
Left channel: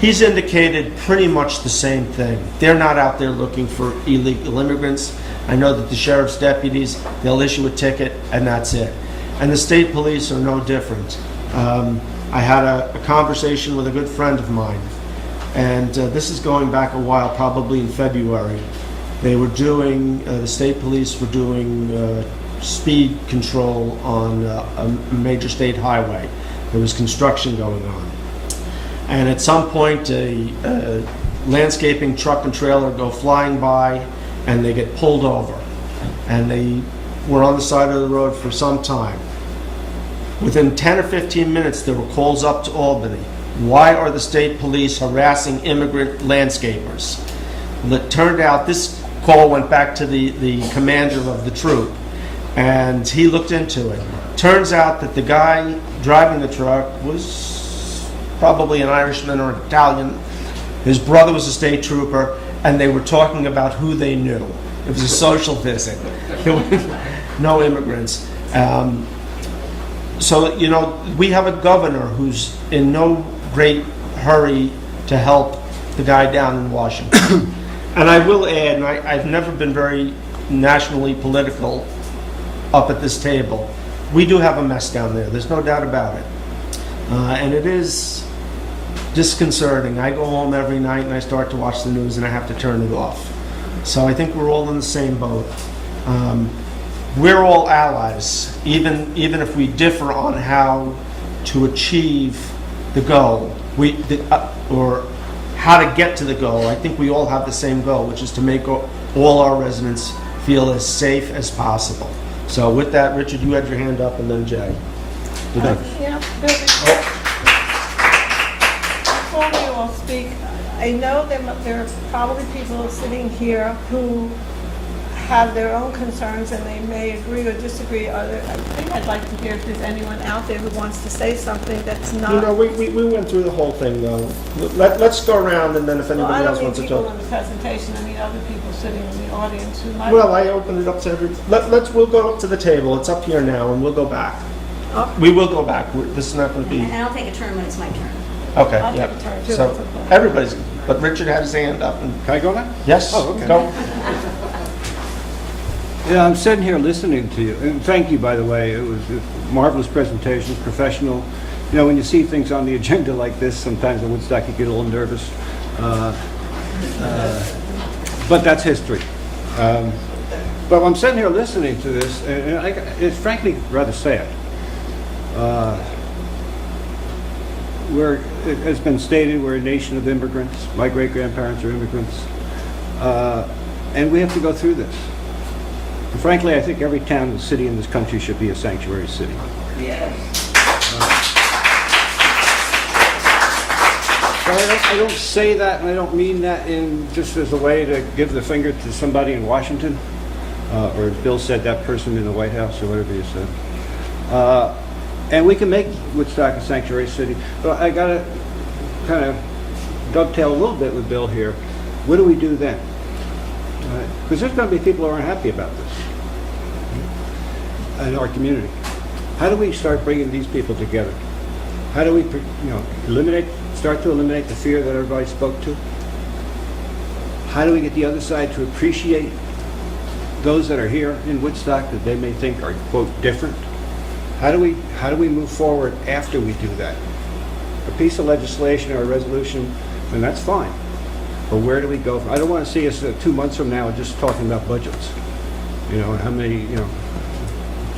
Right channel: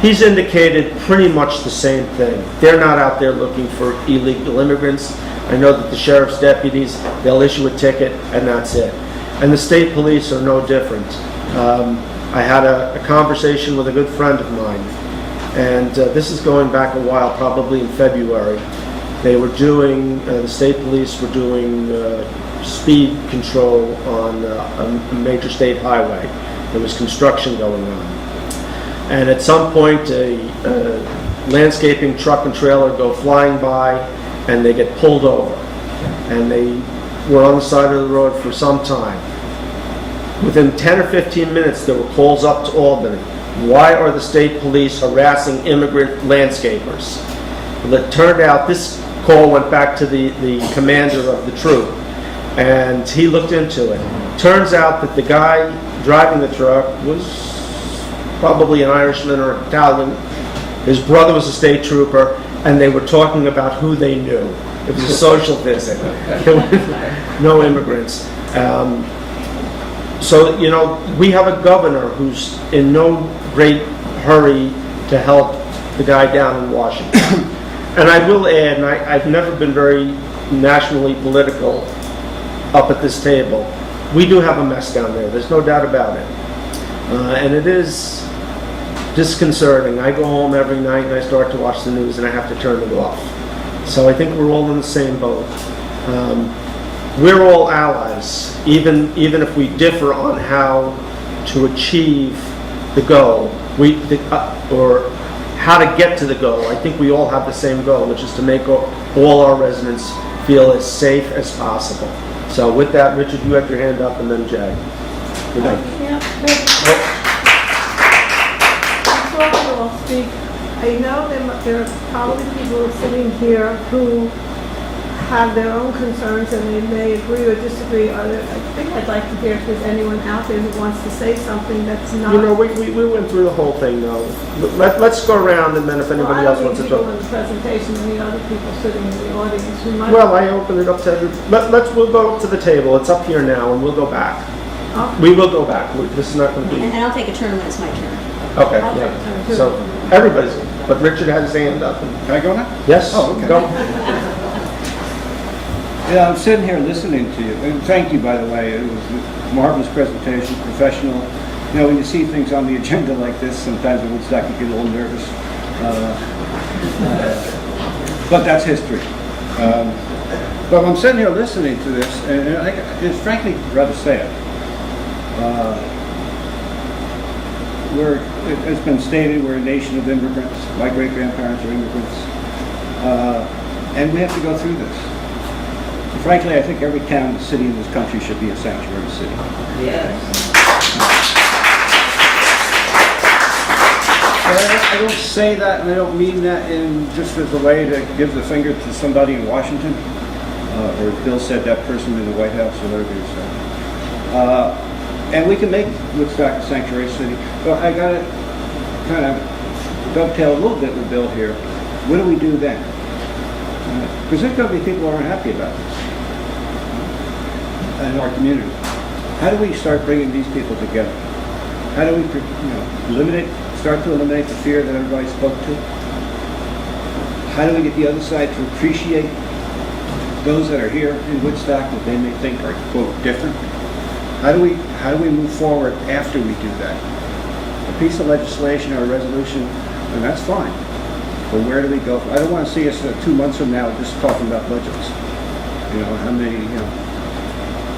he's indicated pretty much the same thing. They're not out there looking for illegal immigrants. I know that the sheriff's deputies, they'll issue a ticket and that's it. And the state police are no different. I had a conversation with a good friend of mine, and this is going back a while, probably in February. They were doing, the state police were doing speed control on a major state highway. There was construction going on. And at some point, a landscaping truck and trailer go flying by, and they get pulled over. And they were on the side of the road for some time. Within 10 or 15 minutes, there were calls up to Albany. Why are the state police harassing immigrant landscapers? Well, it turned out this call went back to the commander of the troop, and he looked into it. Turns out that the guy driving the truck was probably an Irishman or Italian. His brother was a state trooper, and they were talking about who they knew. It was a social visit. There were no immigrants. So, you know, we have a governor who's in no great hurry to help the guy down in Washington. And I will add, and I've never been very nationally political up at this table, we do have a mess down there. There's no doubt about it. And it is disconcerting. I go home every night and I start to watch the news and I have to turn it off. So I think we're all in the same boat. We're all allies, even if we differ on how to achieve the goal, or how to get to the goal. I think we all have the same goal, which is to make all our residents feel as safe as possible. So with that, Richard, you had your hand up, and then Jay. I'll speak. I know there are probably people sitting here who have their own concerns and they may agree or disagree. I think I'd like to hear if there's anyone out there who wants to say something that's not... You know, we went through the whole thing, though. Let's go around, and then if anybody else wants to talk. I don't mean people in the presentation, I mean other people sitting in the audience who might... Well, I open it up to... We'll go up to the table. It's up here now, and we'll go back. Okay. We will go back. This is not going to be... And I'll take a turn when it's my turn. Okay, I'll yeah. take a turn, too. So, everybody's... But Richard had his hand up. Can I go now? Yes, Oh, okay. go. Yeah, I'm sitting here listening to you, and thank you, by the way. It was a marvelous presentation, professional. You know, when you see things on the agenda like this, sometimes it looks like you get a little nervous. But that's history. But I'm sitting here listening to this, and it's frankly rather sad. It's been stated, we're a nation of immigrants. My great-grandparents are immigrants. And we have to go through this. Frankly, I think every town and city in this country should be a sanctuary city. I don't say that, and I don't mean that in just as a way to give the finger to somebody in Washington, or Bill said that person in the White House, or whatever you said. And we can make Woodstock a sanctuary city. But I got to kind of dovetail a little bit with Bill here. What do we do then? Because there's going to be people who aren't happy about this in our community. How do we start bringing these people together? How do we start to eliminate the fear that everybody spoke to? How do we get the other side to appreciate those that are here in Woodstock that they may think are, quote, different? How do we move forward after we do that? A piece of legislation or a resolution, and that's fine. But where do we go from? I don't want to see us 2 months from now just talking about budgets. How many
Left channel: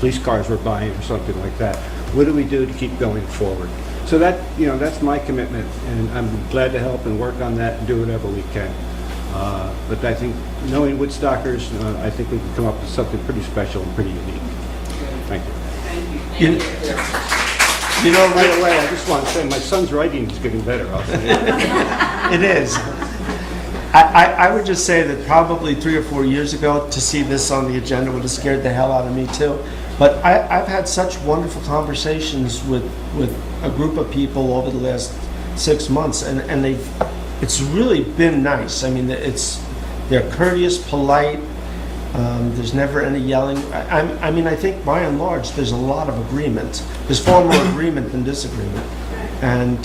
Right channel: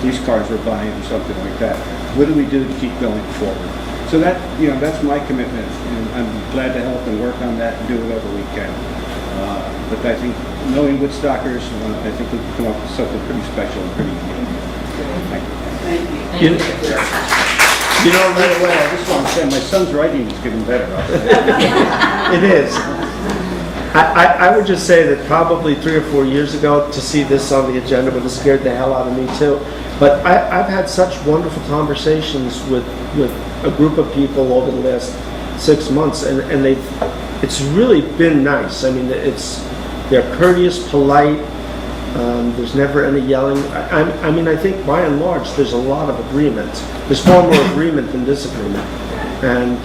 police cars we're buying or something like that. What do we do to keep going forward? So that's my commitment, and I'm glad to help and work on that and do whatever we can. But I think knowing Woodstockers, I think we can come up with something pretty special and pretty unique. Thank you. Right away, I just want to say my son's writing is getting better. It is. I would just say that probably 3 or 4 years ago, to see this on the agenda would have scared the hell out of me too. But I've had such wonderful conversations with a group of people over the last 6 months, and it's really been nice. I mean, they're courteous, polite. There's never any yelling. I think by and large there's a lot of agreement. There's far more agreement than disagreement, and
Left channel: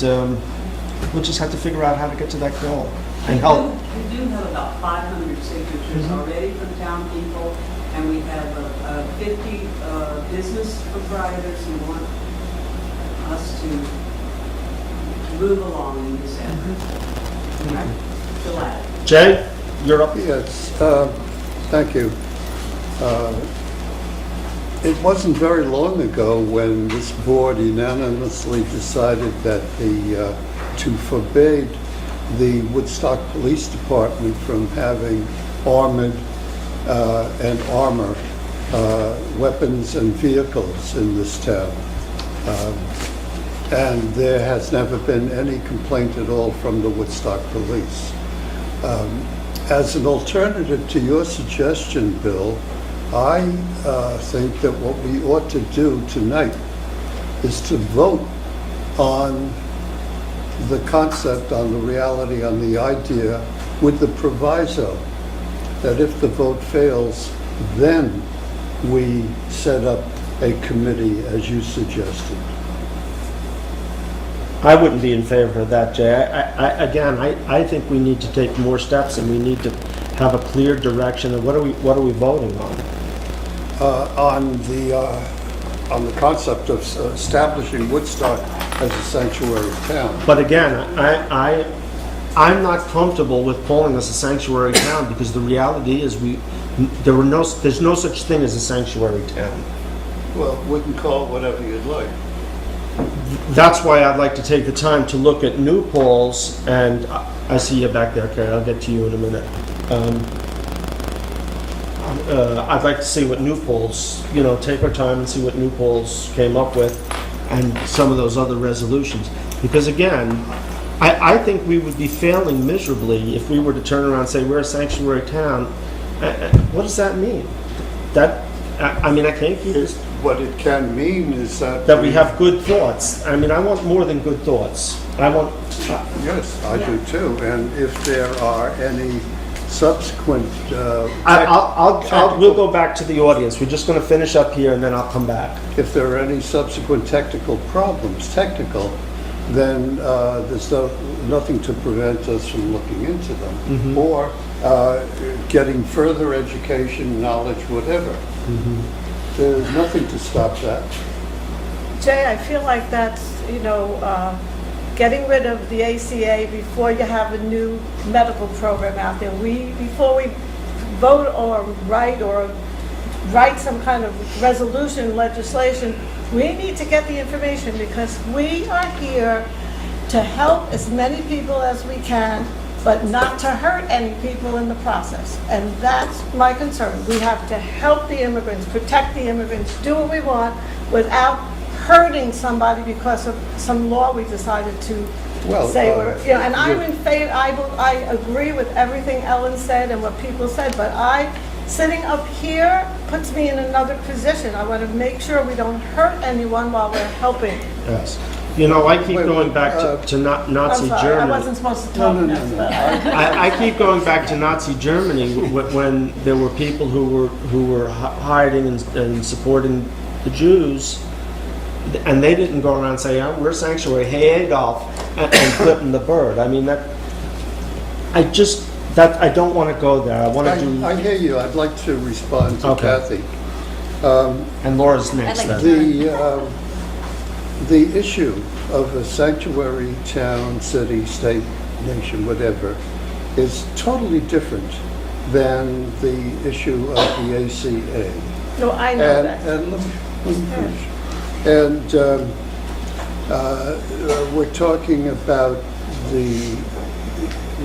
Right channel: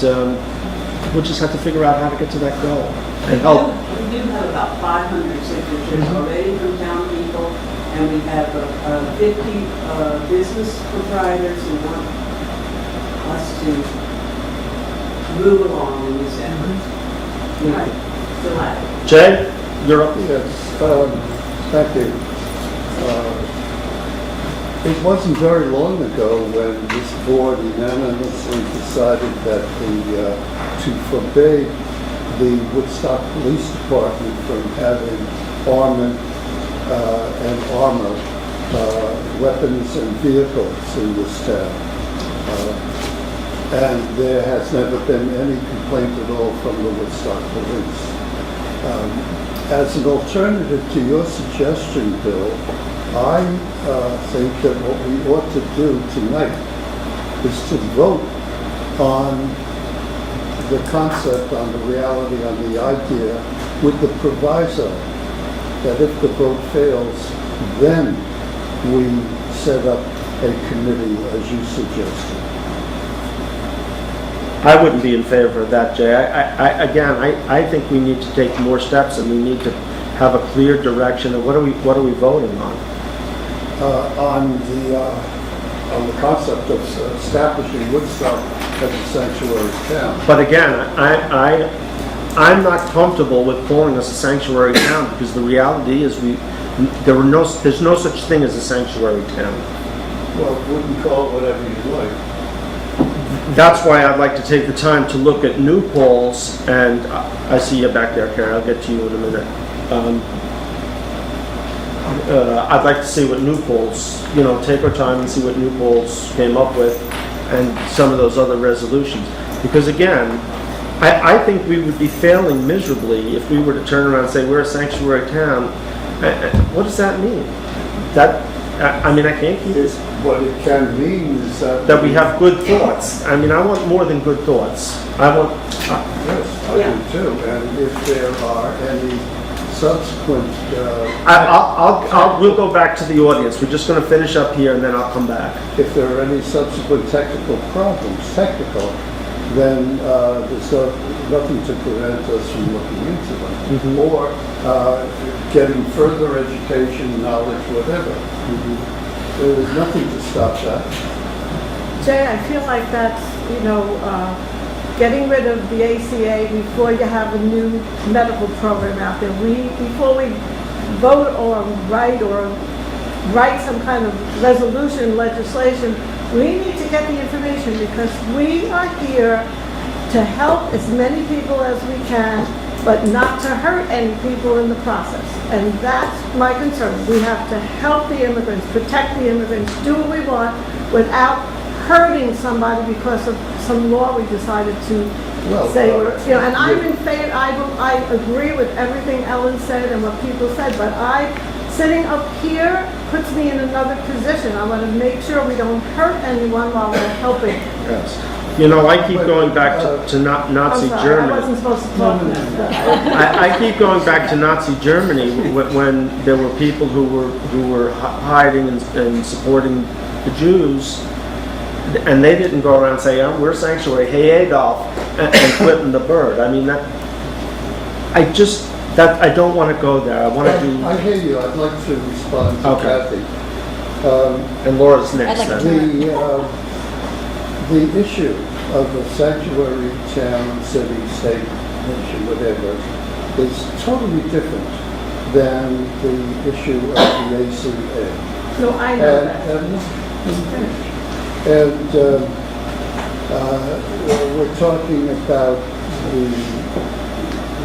we'll just have to figure out how to get to that goal and help. We do have about 500 signatures already from town people, and we have 50 business proprietors who want us to move along in this effort. All right, Phil Adams. Jay, you're up. Yes, thank you. It wasn't very long ago when this board unanimously decided that to forbid the Woodstock Police Department from having armored and armor weapons and vehicles in this town. And there has never been any complaint at all from the Woodstock Police. As an alternative to your suggestion, Bill, I think that what we ought to do tonight is to vote on the concept, on the reality, on the idea, with the proviso that if the vote fails, then we set up a committee as you suggested. I wouldn't be in favor of that, Jay. I think we need to take more steps, and we need to have a clear direction of what are we voting on? On the concept of establishing Woodstock as a sanctuary town. But again, I'm not comfortable with calling us a sanctuary town, because the reality is there's no such thing as a sanctuary town. Well, we can call it whatever you'd like. That's why I'd like to take the time to look at New Paltz, and I see you back there, Carrie. I'll get to you in a minute. I'd like to see what New Paltz, take our time and see what New Paltz came up with, and some of those other resolutions. Because again, I think we would be failing miserably if we were to turn around and say we're a sanctuary town. What does that mean? I can't keep this. What it can mean is that we have good thoughts. I want more than good thoughts. Yes, I do too. And if there are any subsequent... we'll go back to the audience. We're just going to finish up here, and then I'll come back. If there are any subsequent technical problems, then there's nothing to prevent us from looking into them. Mm-hmm. Or getting further education, knowledge, whatever. Mm-hmm. There's nothing to stop that. Jay, I feel like that's, getting rid of the ACA before you have a new medical program out there. Before we vote or write some kind of resolution, legislation, we need to get the information because we are here to help as many people as we can, but not to hurt any people in the process. And that's my concern. We have to help the immigrants, protect the immigrants, do what we want without hurting somebody because of some law we decided to say, and I'm in favor, I agree with everything Ellen said and what people said, but sitting up here puts me in another position. I want to make sure we don't hurt anyone while we're helping. Yes. You know, I keep going back to Nazi I'm sorry, Germany. I wasn't supposed to talk I keep going back to Nazi Germany when there were people who were hiding and supporting the Jews, and they didn't go around saying, oh, we're sanctuary, hey Adolf, and flipping the bird. I mean, I don't want to go there. I want to do... I hear you. I'd like to respond to Kathy. And Laura's next. The issue of a sanctuary town, city, state, nation, whatever, is totally different than the issue of the ACA. No, I know that. And we're talking about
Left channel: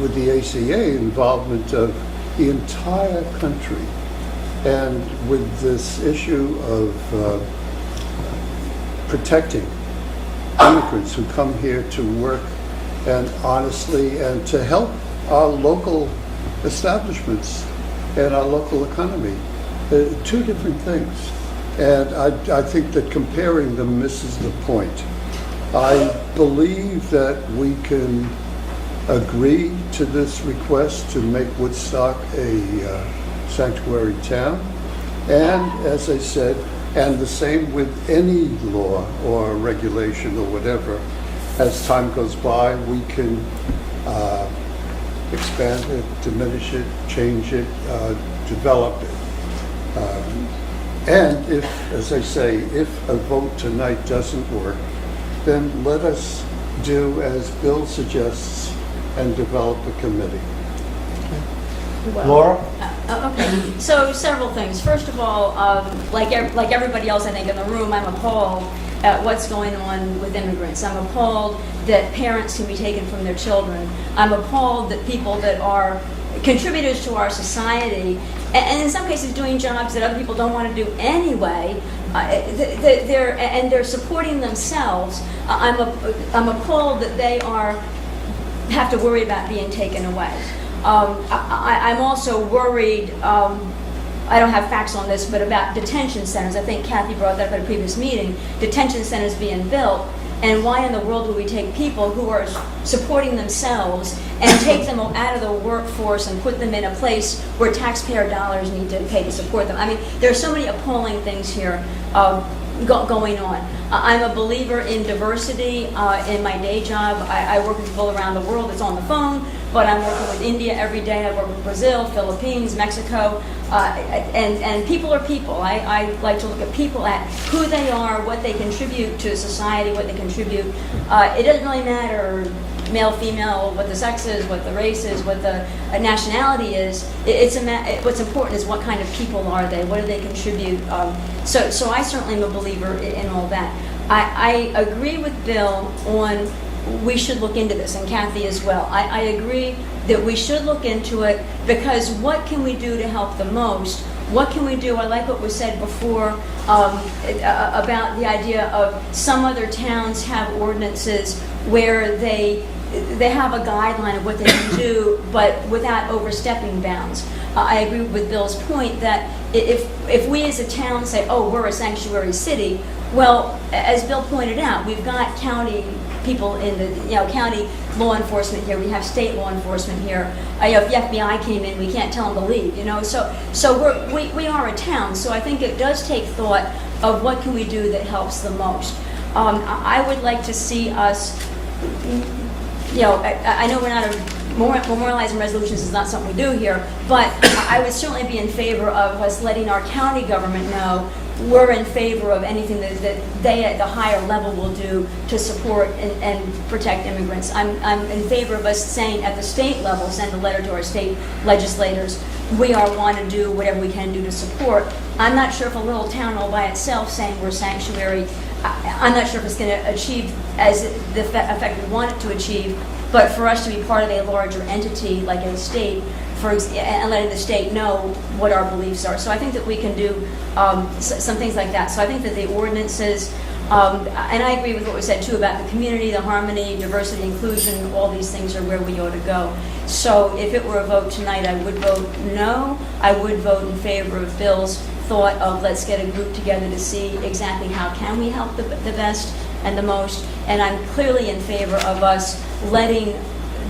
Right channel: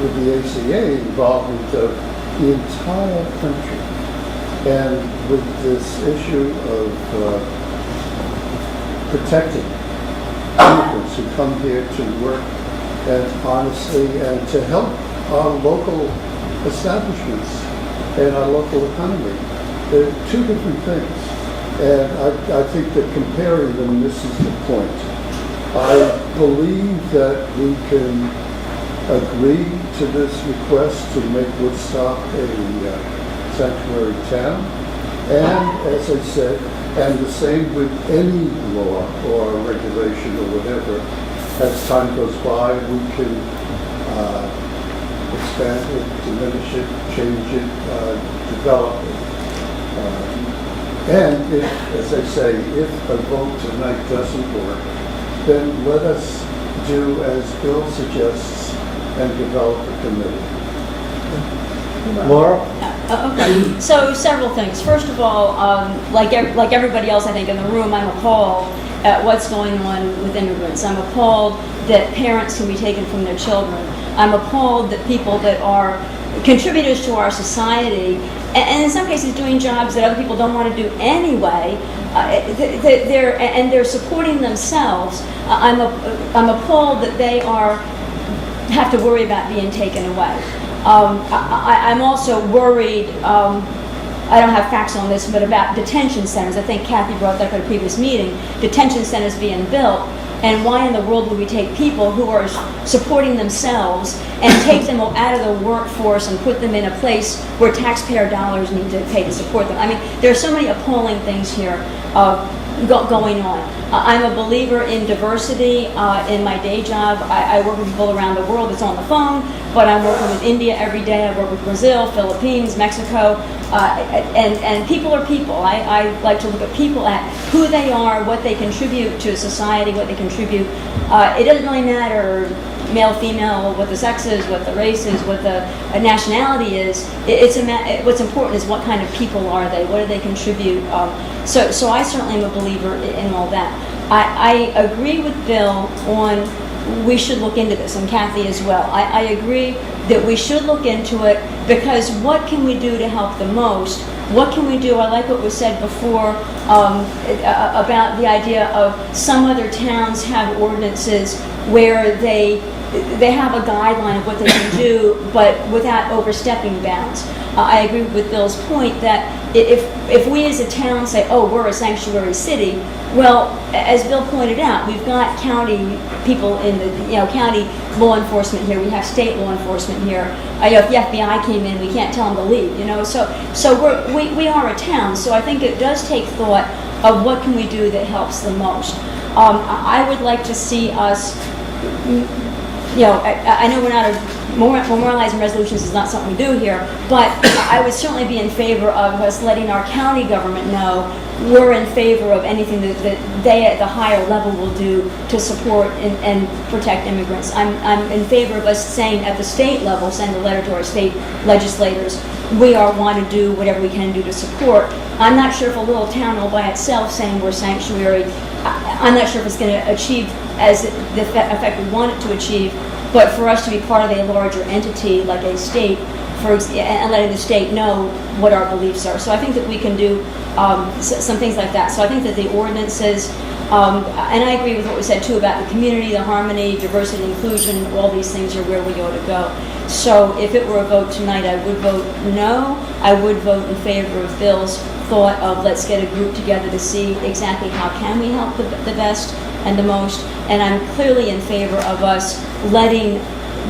with the ACA involvement of the entire country, and with this issue of protecting immigrants who come here to work and honestly and to help our local establishments and our local economy. They're two different things. And I think that comparing them misses the point. I believe that we can agree to this request to make Woodstock a sanctuary town. And as I said, and the same with any law or regulation or whatever, as time goes by, we can expand it, diminish it, change it, develop it. And if, as I say, if a vote tonight doesn't work, then let us do as Bill suggests and develop a committee. Laura? Okay, so several things. First of all, like everybody else I think in the room, I'm appalled at what's going on with immigrants. I'm appalled that parents can be taken from their children. I'm appalled that people that are contributors to our society, and in some cases doing jobs that other people don't want to do anyway, they're supporting themselves. I'm appalled that they have to worry about being taken away. I'm also worried, I don't have facts on this, but about detention centers. I think Kathy brought that up at a previous meeting, detention centers being built, and why in the world would we take people who are supporting themselves and take them out of the workforce and put them in a place where taxpayer dollars need to pay to support them? I mean, there are so many appalling things here going on. I'm a believer in diversity. In my day job, I work with people around the world. It's on the phone, but I'm working with India every day. I work with Brazil, Philippines, Mexico, and people are people. I like to look at people at who they are, what they contribute to society, what they contribute. It doesn't really matter male, female, what the sex is, what the race is, what the nationality is. What's important is what kind of people are they, what do they contribute. So I certainly am a believer in all that. I agree with Bill on we should look into this, and Kathy as well. I agree that we should look into it because what can we do to help the most? What can we do? I like what was said before about the idea of some other towns have ordinances where they have a guideline of what they can do, but without overstepping bounds. I agree with Bill's point that if we as a town say, oh, we're a sanctuary city, well, as Bill pointed out, we've got county people in the county law enforcement here. We have state law enforcement here. If the FBI came in, we can't tell them to leave. So we are a town. So I think it does take thought of what can we do that helps the most. I would like to see us. I know we're not memorializing resolutions is not something we do here, but I would certainly be in favor of us letting our county government know we're in favor of anything that they at the higher level will do to support and protect immigrants. I'm in favor of us saying at the state level, send a letter to our state legislators we are want to do whatever we can do to support. I'm not sure if a little town all by itself saying we're sanctuary, I'm not sure if it's going to achieve as the effect we want it to achieve, but for us to be part of a larger entity like a state, and letting the state know what our beliefs are. So I think that we can do some things like that. So I think that the ordinances, and I agree with what was said too about the community, the harmony, diversity, inclusion, all these things are where we ought to go. So if it were a vote tonight, I would vote no. I would vote in favor of Bill's thought of let's get a group together to see exactly how can we help the best and the most. And I'm clearly in favor of us letting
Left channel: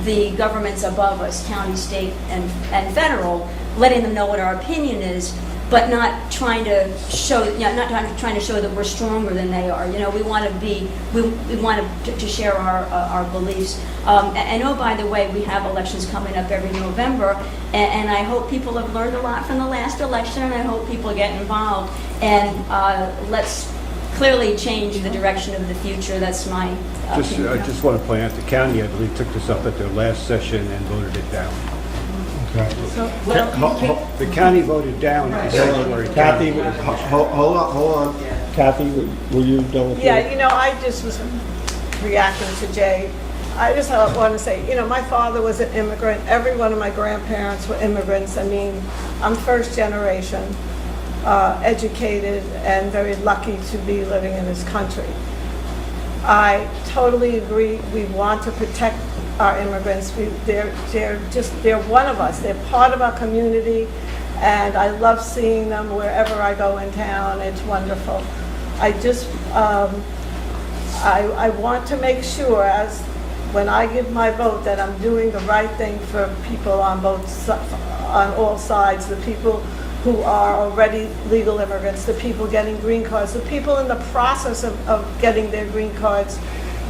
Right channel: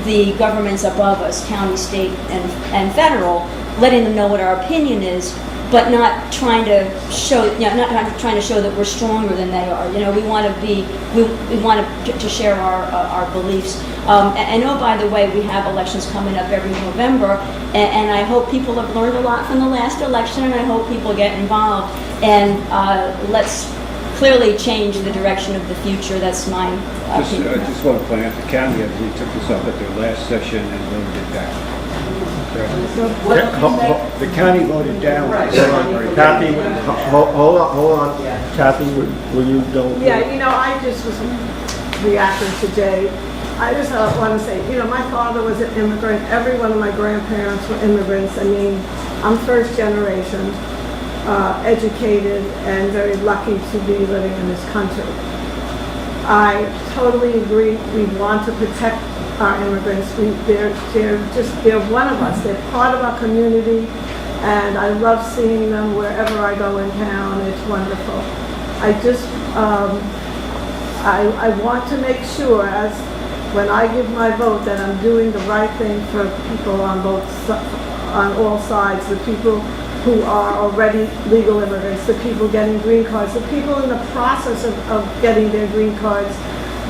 the governments above us, county, state, and federal, letting them know what our opinion is, but not trying to show, not trying to show that we're stronger than they are. We want to share our beliefs. And oh, by the way, we have elections coming up every November, and I hope people have learned a lot from the last election, and I hope people get involved. And let's clearly change the direction of the future. That's my opinion. I just want to point out, the county, I believe, took this up at their last session and voted it down. The county voted down. Kathy, hold on. Kathy, will you don't? Yeah, I just was reacting to Jay. I just want to say, my father was an immigrant. Every one of my grandparents were immigrants. I mean, I'm first generation, educated, and very lucky to be living in this country. I totally agree. We want to protect our immigrants. They're one of us. They're part of our community, and I love seeing them wherever I go in town. It's wonderful. I just, I want to make sure, as when I give my vote, that I'm doing the right thing for people on all sides, the people who are already legal immigrants, the people getting green cards, the people in the process of getting their green cards.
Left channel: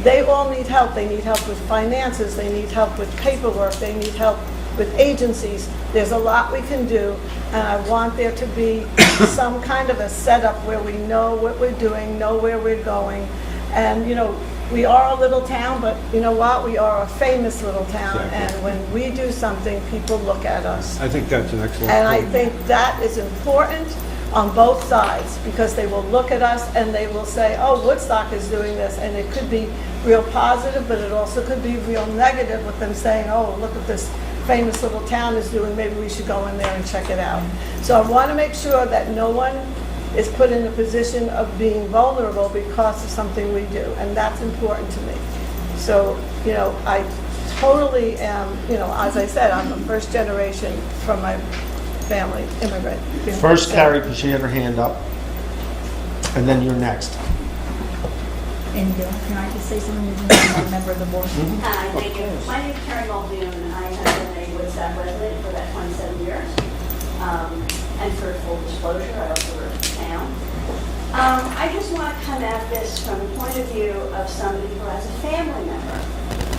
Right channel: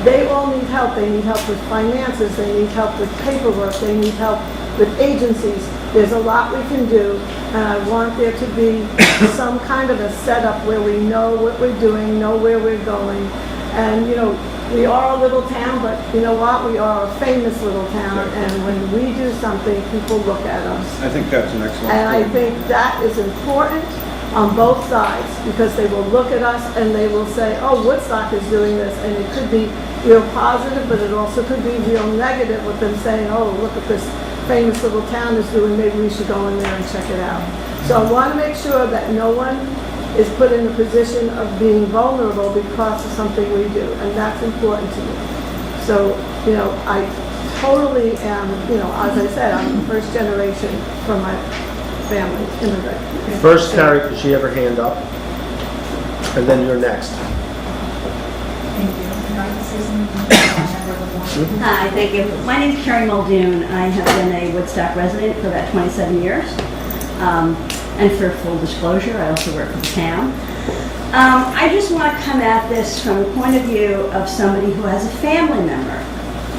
They all need help. They need help with finances. They need help with paperwork. They need help with agencies. There's a lot we can do, and I want there to be some kind of a setup where we know what we're doing, know where we're going. And, we are a little town, but you know what? We are a famous little town, and when we do something, people look at us. I think that's an excellent And I point. think that is important on both sides, because they will look at us and they will say, oh, Woodstock is doing this, and it could be real positive, but it also could be real negative with them saying, oh, look at this famous little town is doing, maybe we should go in there and check it out. So I want to make sure that no one is put in a position of being vulnerable because of something we do, and that's important to me. So, I totally am, as I said, I'm first generation from my family, immigrant. First, Carrie, because she had her hand up, and then you're next. Thank you. Can I just say something on behalf of the board? Hi, thank you. My name is Carrie Muldoon. I have been a Woodstock resident for about 27 years. And for full disclosure, I also work for the town. I just want to come at this from the point of view of somebody who has a family member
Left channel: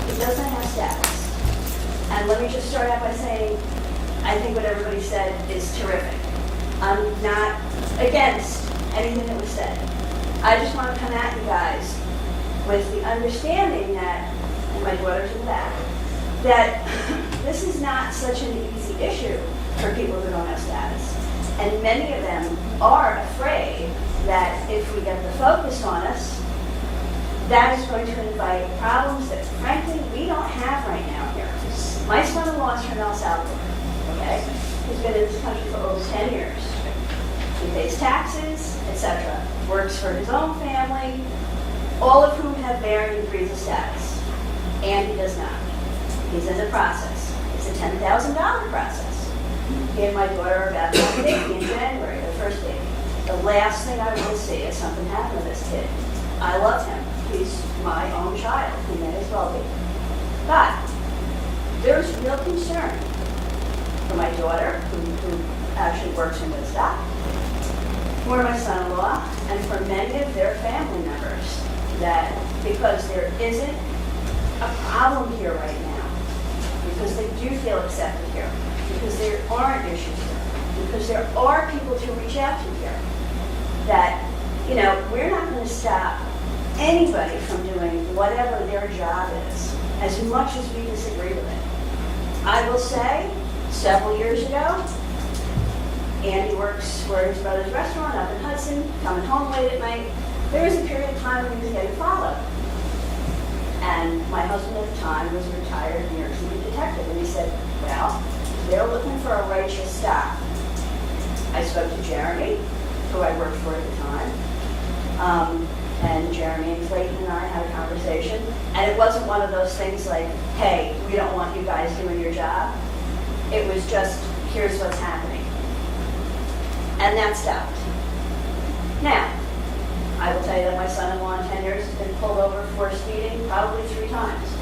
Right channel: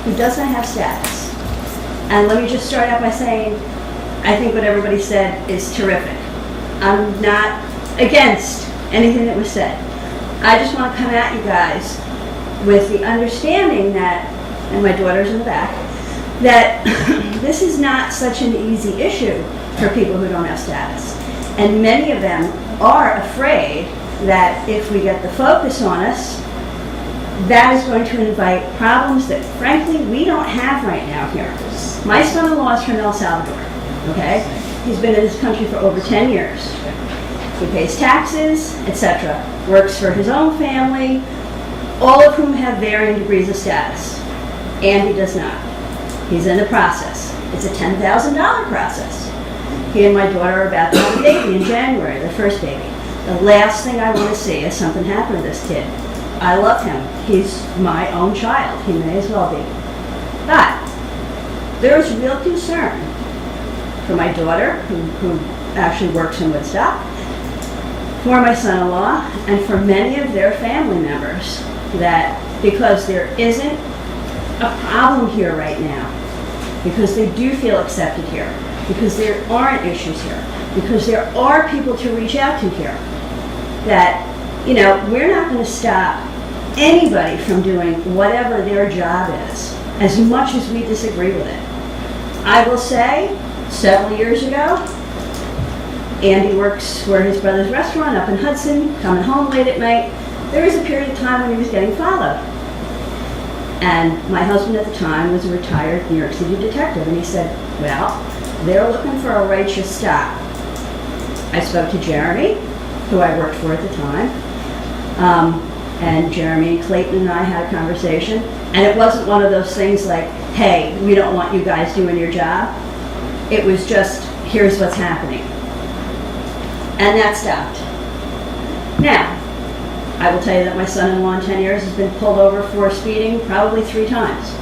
who doesn't have status. And let me just start out by saying, I think what everybody said is terrific. I'm not against anything that was said. I just want to come at you guys with the understanding that, and my daughter's in the back, that this is not such an easy issue for people who don't have status. And many of them are afraid that if we get the focus on us, that is going to invite problems that, frankly, we don't have right now here. My son-in-law is from El Salvador, okay? He's been in this country for over 10 years. He pays taxes, etc., works for his own family, all of whom have varying degrees of status. And he does not. He's in the process. It's a $10,000 process. He and my daughter are about to have a baby in January, their first baby. The last thing I want to see is something happen to this kid. I love him. He's my own child. He may as well be. But there's real concern for my daughter, who actually works in Woodstock, for my son-in-law, and for many of their family members, that because there isn't a problem here right now, because they do feel accepted here, because there aren't issues here, because there are people to reach out to here, that, we're not going to stop anybody from doing whatever their job is, as much as we disagree with it. I will say, several years ago, Andy works for his brother's restaurant up in Hudson, coming home late at night. There was a period of time when he was getting followed. And my husband at the time was a retired New York City detective, and he said, well, they're looking for a righteous stop. I spoke to Jeremy, who I worked for at the time, and Jeremy and Clayton and I had a conversation, and it wasn't one of those things like, hey, we don't want you guys doing your job. It was just, here's what's happening. And that stopped. Now, I will tell you that my son-in-law in 10 years has been pulled over for speeding probably 3 times.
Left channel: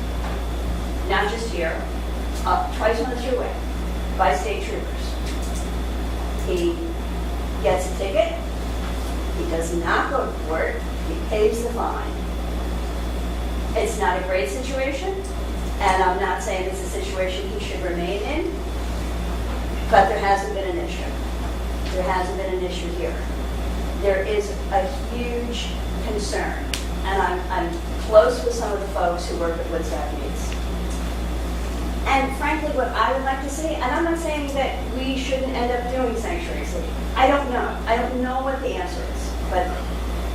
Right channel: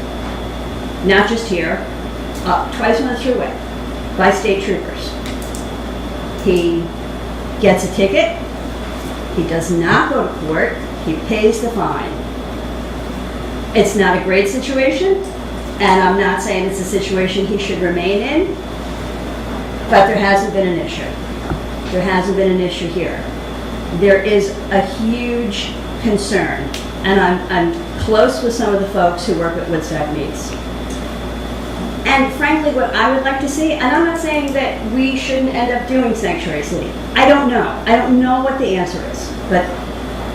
Not just here, twice on the thruway by state troopers. He gets a ticket, he does not go to court, he pays the fine. It's not a great situation, and I'm not saying it's a situation he should remain in, but there hasn't been an issue. There hasn't been an issue here. There is a huge concern, and I'm close with some of the folks who work at Woodstock Meets. And frankly, what I would like to see, and I'm not saying that we shouldn't end up doing Sanctuary City. I don't know. I don't know what the answer is. But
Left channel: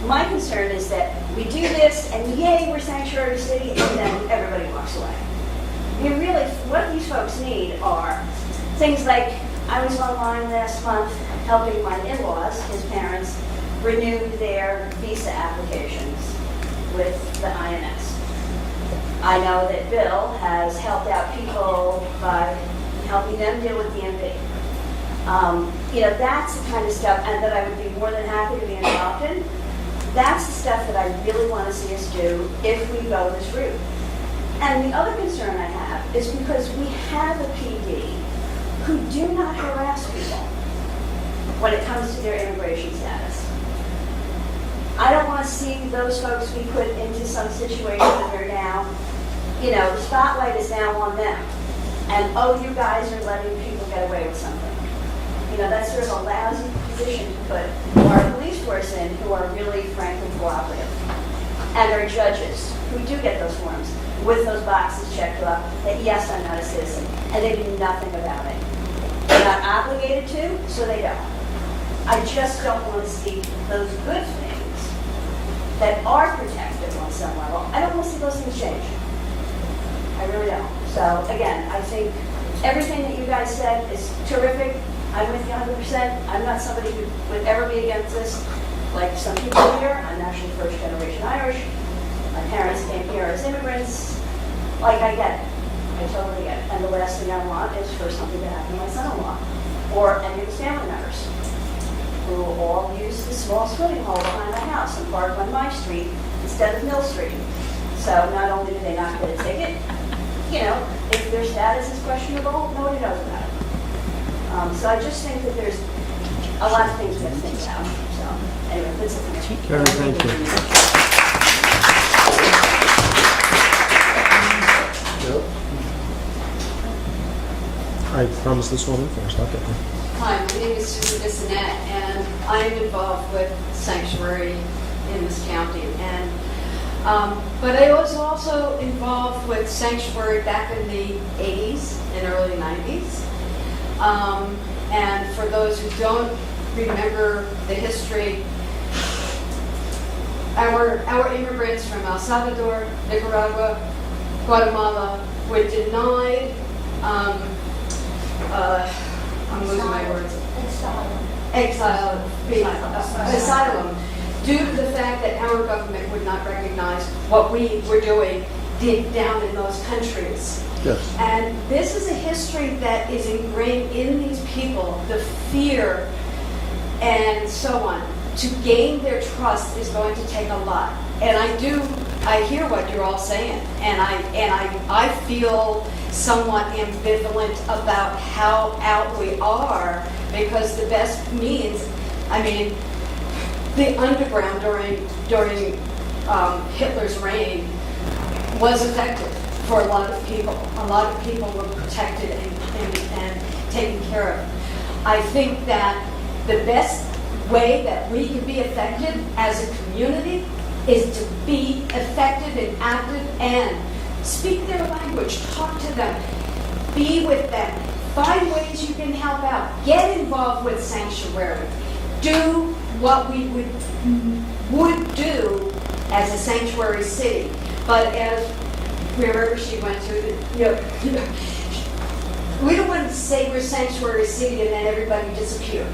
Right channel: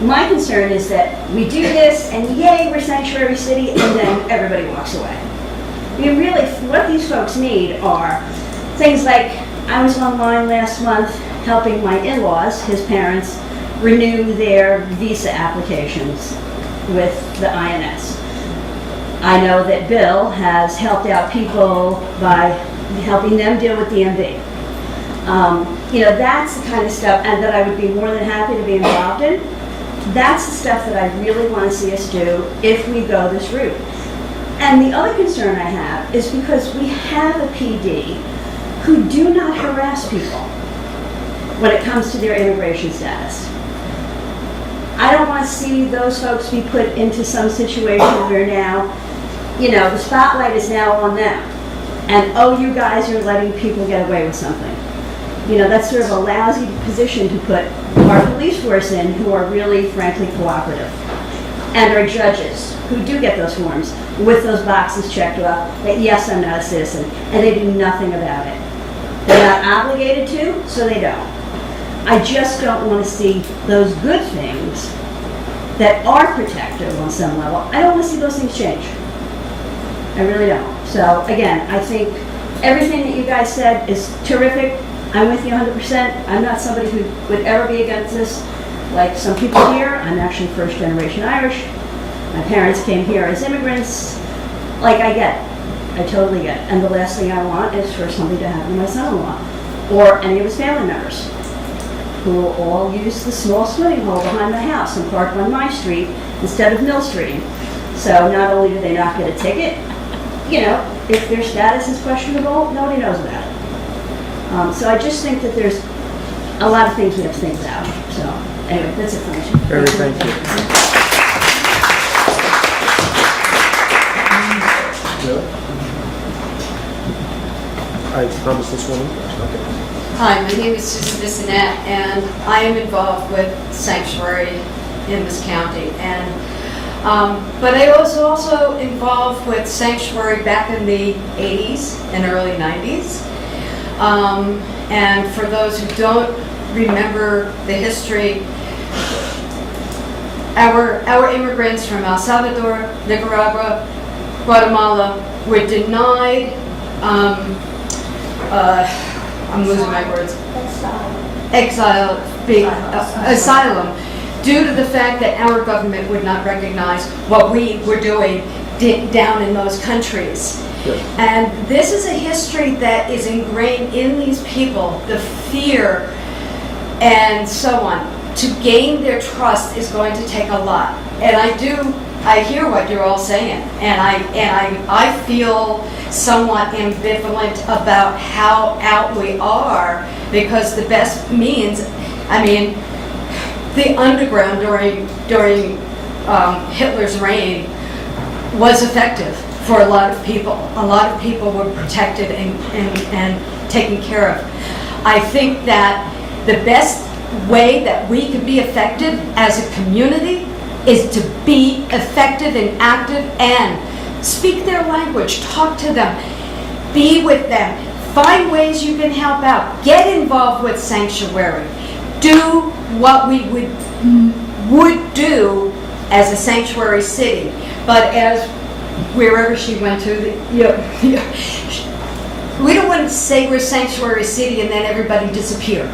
my concern is that we do this, and yay, we're Sanctuary City, and then everybody walks away. I mean, really, what these folks need are things like, I was online last month helping my in-laws, his parents, renew their visa applications with the INS. I know that Bill has helped out people by helping them deal with DMV. That's the kind of stuff, and that I would be more than happy to be involved in. That's the stuff that I really want to see us do if we go this route. And the other concern I have is because we have a PD who do not harass people when it comes to their immigration status. I don't want to see those folks be put into some situation where now, the spotlight is now on them. And, oh, you guys are letting people get away with something. That's sort of a lousy position to put our police force in, who are really, frankly, cooperative. And our judges, who do get those forms with those boxes checked off that, yes, I'm not a citizen, and they do nothing about it. They're not obligated to, so they don't. I just don't want to see those good things that are protective on some level. I don't want to see those things change. I really don't. So again, I think everything that you guys said is terrific. I'm with you 100%. I'm not somebody who would ever be against this. Like some people here, I'm actually first generation Irish. My parents came here as immigrants. I get it. I totally get it. And the last thing I want is for something to happen to my son-in-law or any of his family members, who will all use the small swimming hole behind my house and park on my street instead of Mill Street. So not only do they not get a ticket, if their status is questionable, nobody knows about it. So I just think that there's a lot of things we have to think about. So anyway, that's it for me. Very, thank you. I promised this one first. Okay. Hi, my name is Susan Bissonette, and I am involved with Sanctuary in this county. And but I was also involved with Sanctuary back in the 80s and early 90s. And for those who don't remember the history, our immigrants from El Salvador, Nicaragua, Guatemala were denied I'm losing my words. Asylum, due to the fact that our government would not recognize what we were doing down in those countries. Yes. And this is a history that is ingrained in these people, the fear and so on. To gain their trust is going to take a lot. And I hear what you're all saying, and I feel somewhat ambivalent about how out we are, because the best means, the underground during Hitler's reign was effective for a lot of people. A lot of people were protected and taken care of. I think that the best way that we could be effective as a community is to be effective and active and speak their language, talk to them, be with them, Find ways you can help out. Get involved with Sanctuary. Do what we would do as a sanctuary city. But as wherever she went to, we don't want to say we're sanctuary city and then everybody disappear.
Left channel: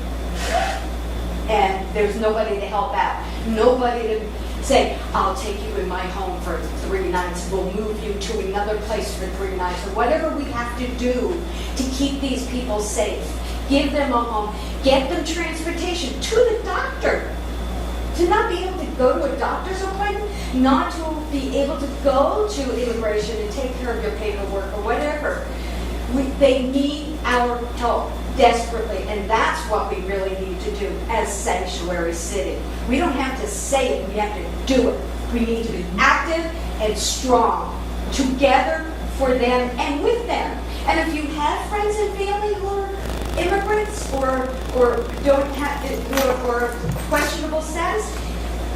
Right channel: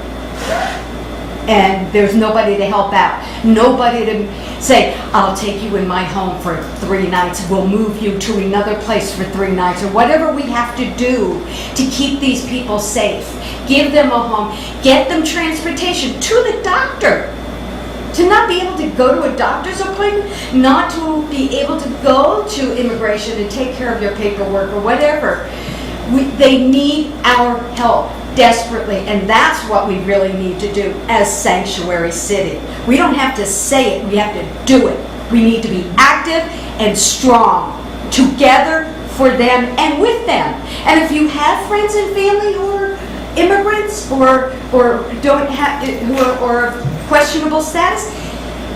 And there's nobody to help out. Nobody to say, I'll take you in my home for 3 nights. We'll move you to another place for 3 nights, or whatever we have to do to keep these people safe. Give them a home. Get them transportation to the doctor. To not be able to go to a doctor's appointment, not to be able to go to immigration and take care of your paperwork or whatever. They need our help desperately, and that's what we really need to do as Sanctuary City. We don't have to say it, we have to do it. We need to be active and strong, together for them and with them. And if you have friends and family who are immigrants or don't have or questionable status,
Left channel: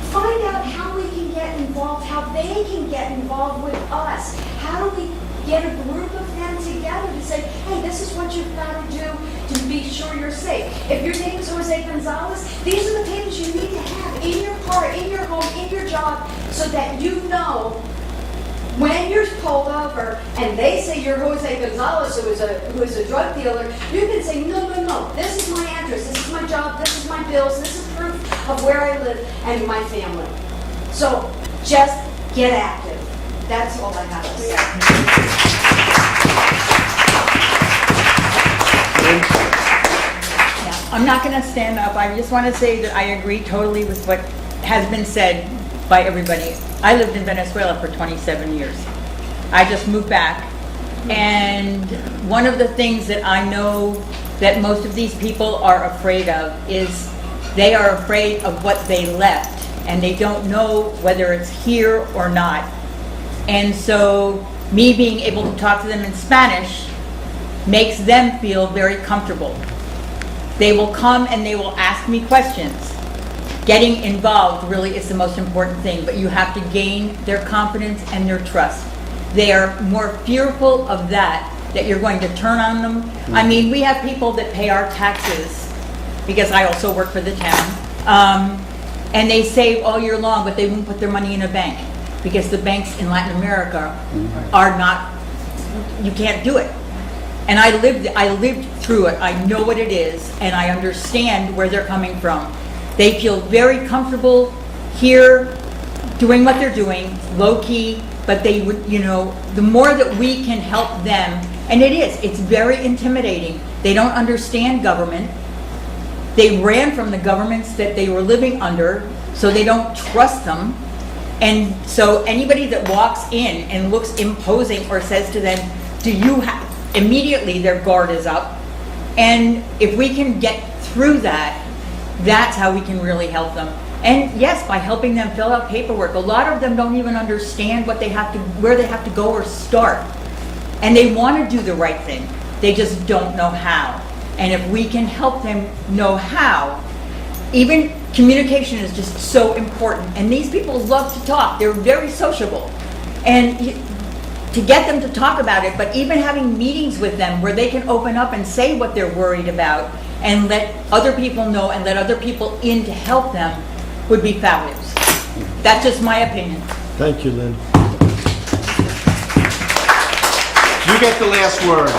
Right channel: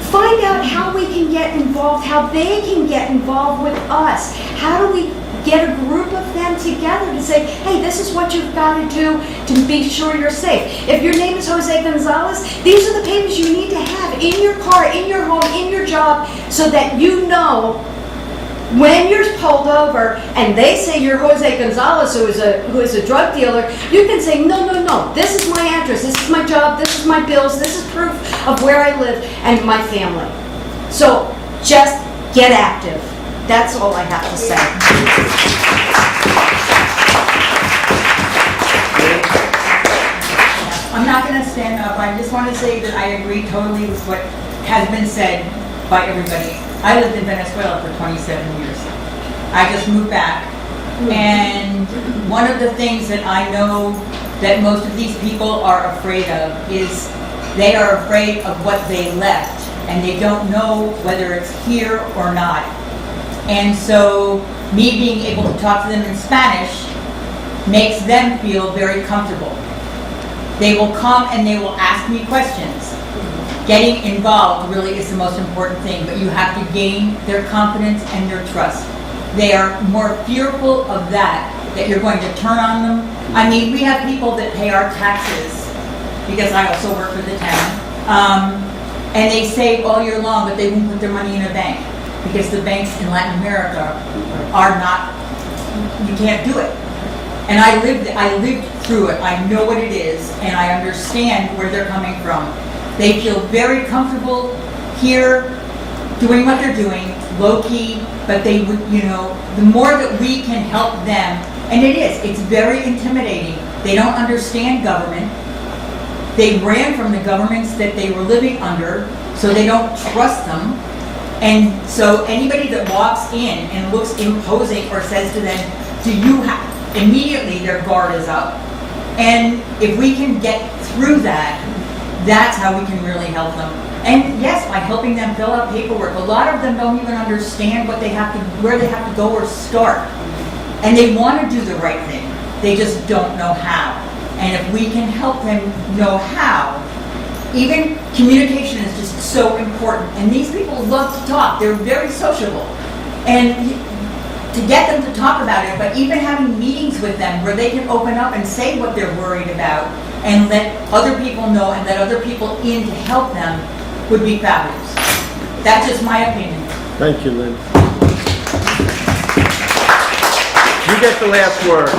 find out how we can get involved, how they can get involved with us. How do we get a group of them together to say, hey, this is what you've got to do to be sure you're safe. If your name is Jose Gonzalez, these are the papers you need to have in your car, in your home, in your job, so that you know when you're pulled over and they say you're Jose Gonzalez, who is a drug dealer, you can say, no, this is my address, this is my job, this is my bills, this is proof of where I live and my family. So just get active. That's all I have to say. I'm not going to stand up. I just want to say that I agree totally with what has been said by everybody. I lived in Venezuela for 27 years. I just moved back. And one of the things that I know that most of these people are afraid of is they are afraid of what they left. And they don't know whether it's here or not. And so me being able to talk to them in Spanish makes them feel very comfortable. They will come and they will ask me questions. Getting involved really is the most important thing, but you have to gain their confidence and their trust. They are more fearful of that you're going to turn on them. I mean, we have people that pay our taxes, because I also work for the town, and they save all year long, but they won't put their money in a bank. Because the banks in Latin America are not, you can't do it. And I lived through it. I know what it is, and I understand where they're coming from. They feel very comfortable here doing what they're doing, low-key, but they would, the more that we can help them, and it's very intimidating. They don't understand government. They ran from the governments that they were living under, so they don't trust them. And so anybody that walks in and looks imposing or says to them, do you have, immediately their guard is up. And if we can get through that, that's how we can really help them. And yes, by helping them fill out paperwork. A lot of them don't even understand where they have to go or start. And they want to do the right thing. They just don't know how. And if we can help them know how, even communication is just so important. And these people love to talk. They're very sociable. And to get them to talk about it, but even having meetings with them where they can open up and say what they're worried about and let other people know and let other people in to help them would be fabulous. That's just my opinion. Thank you, Lynn. You get the last word.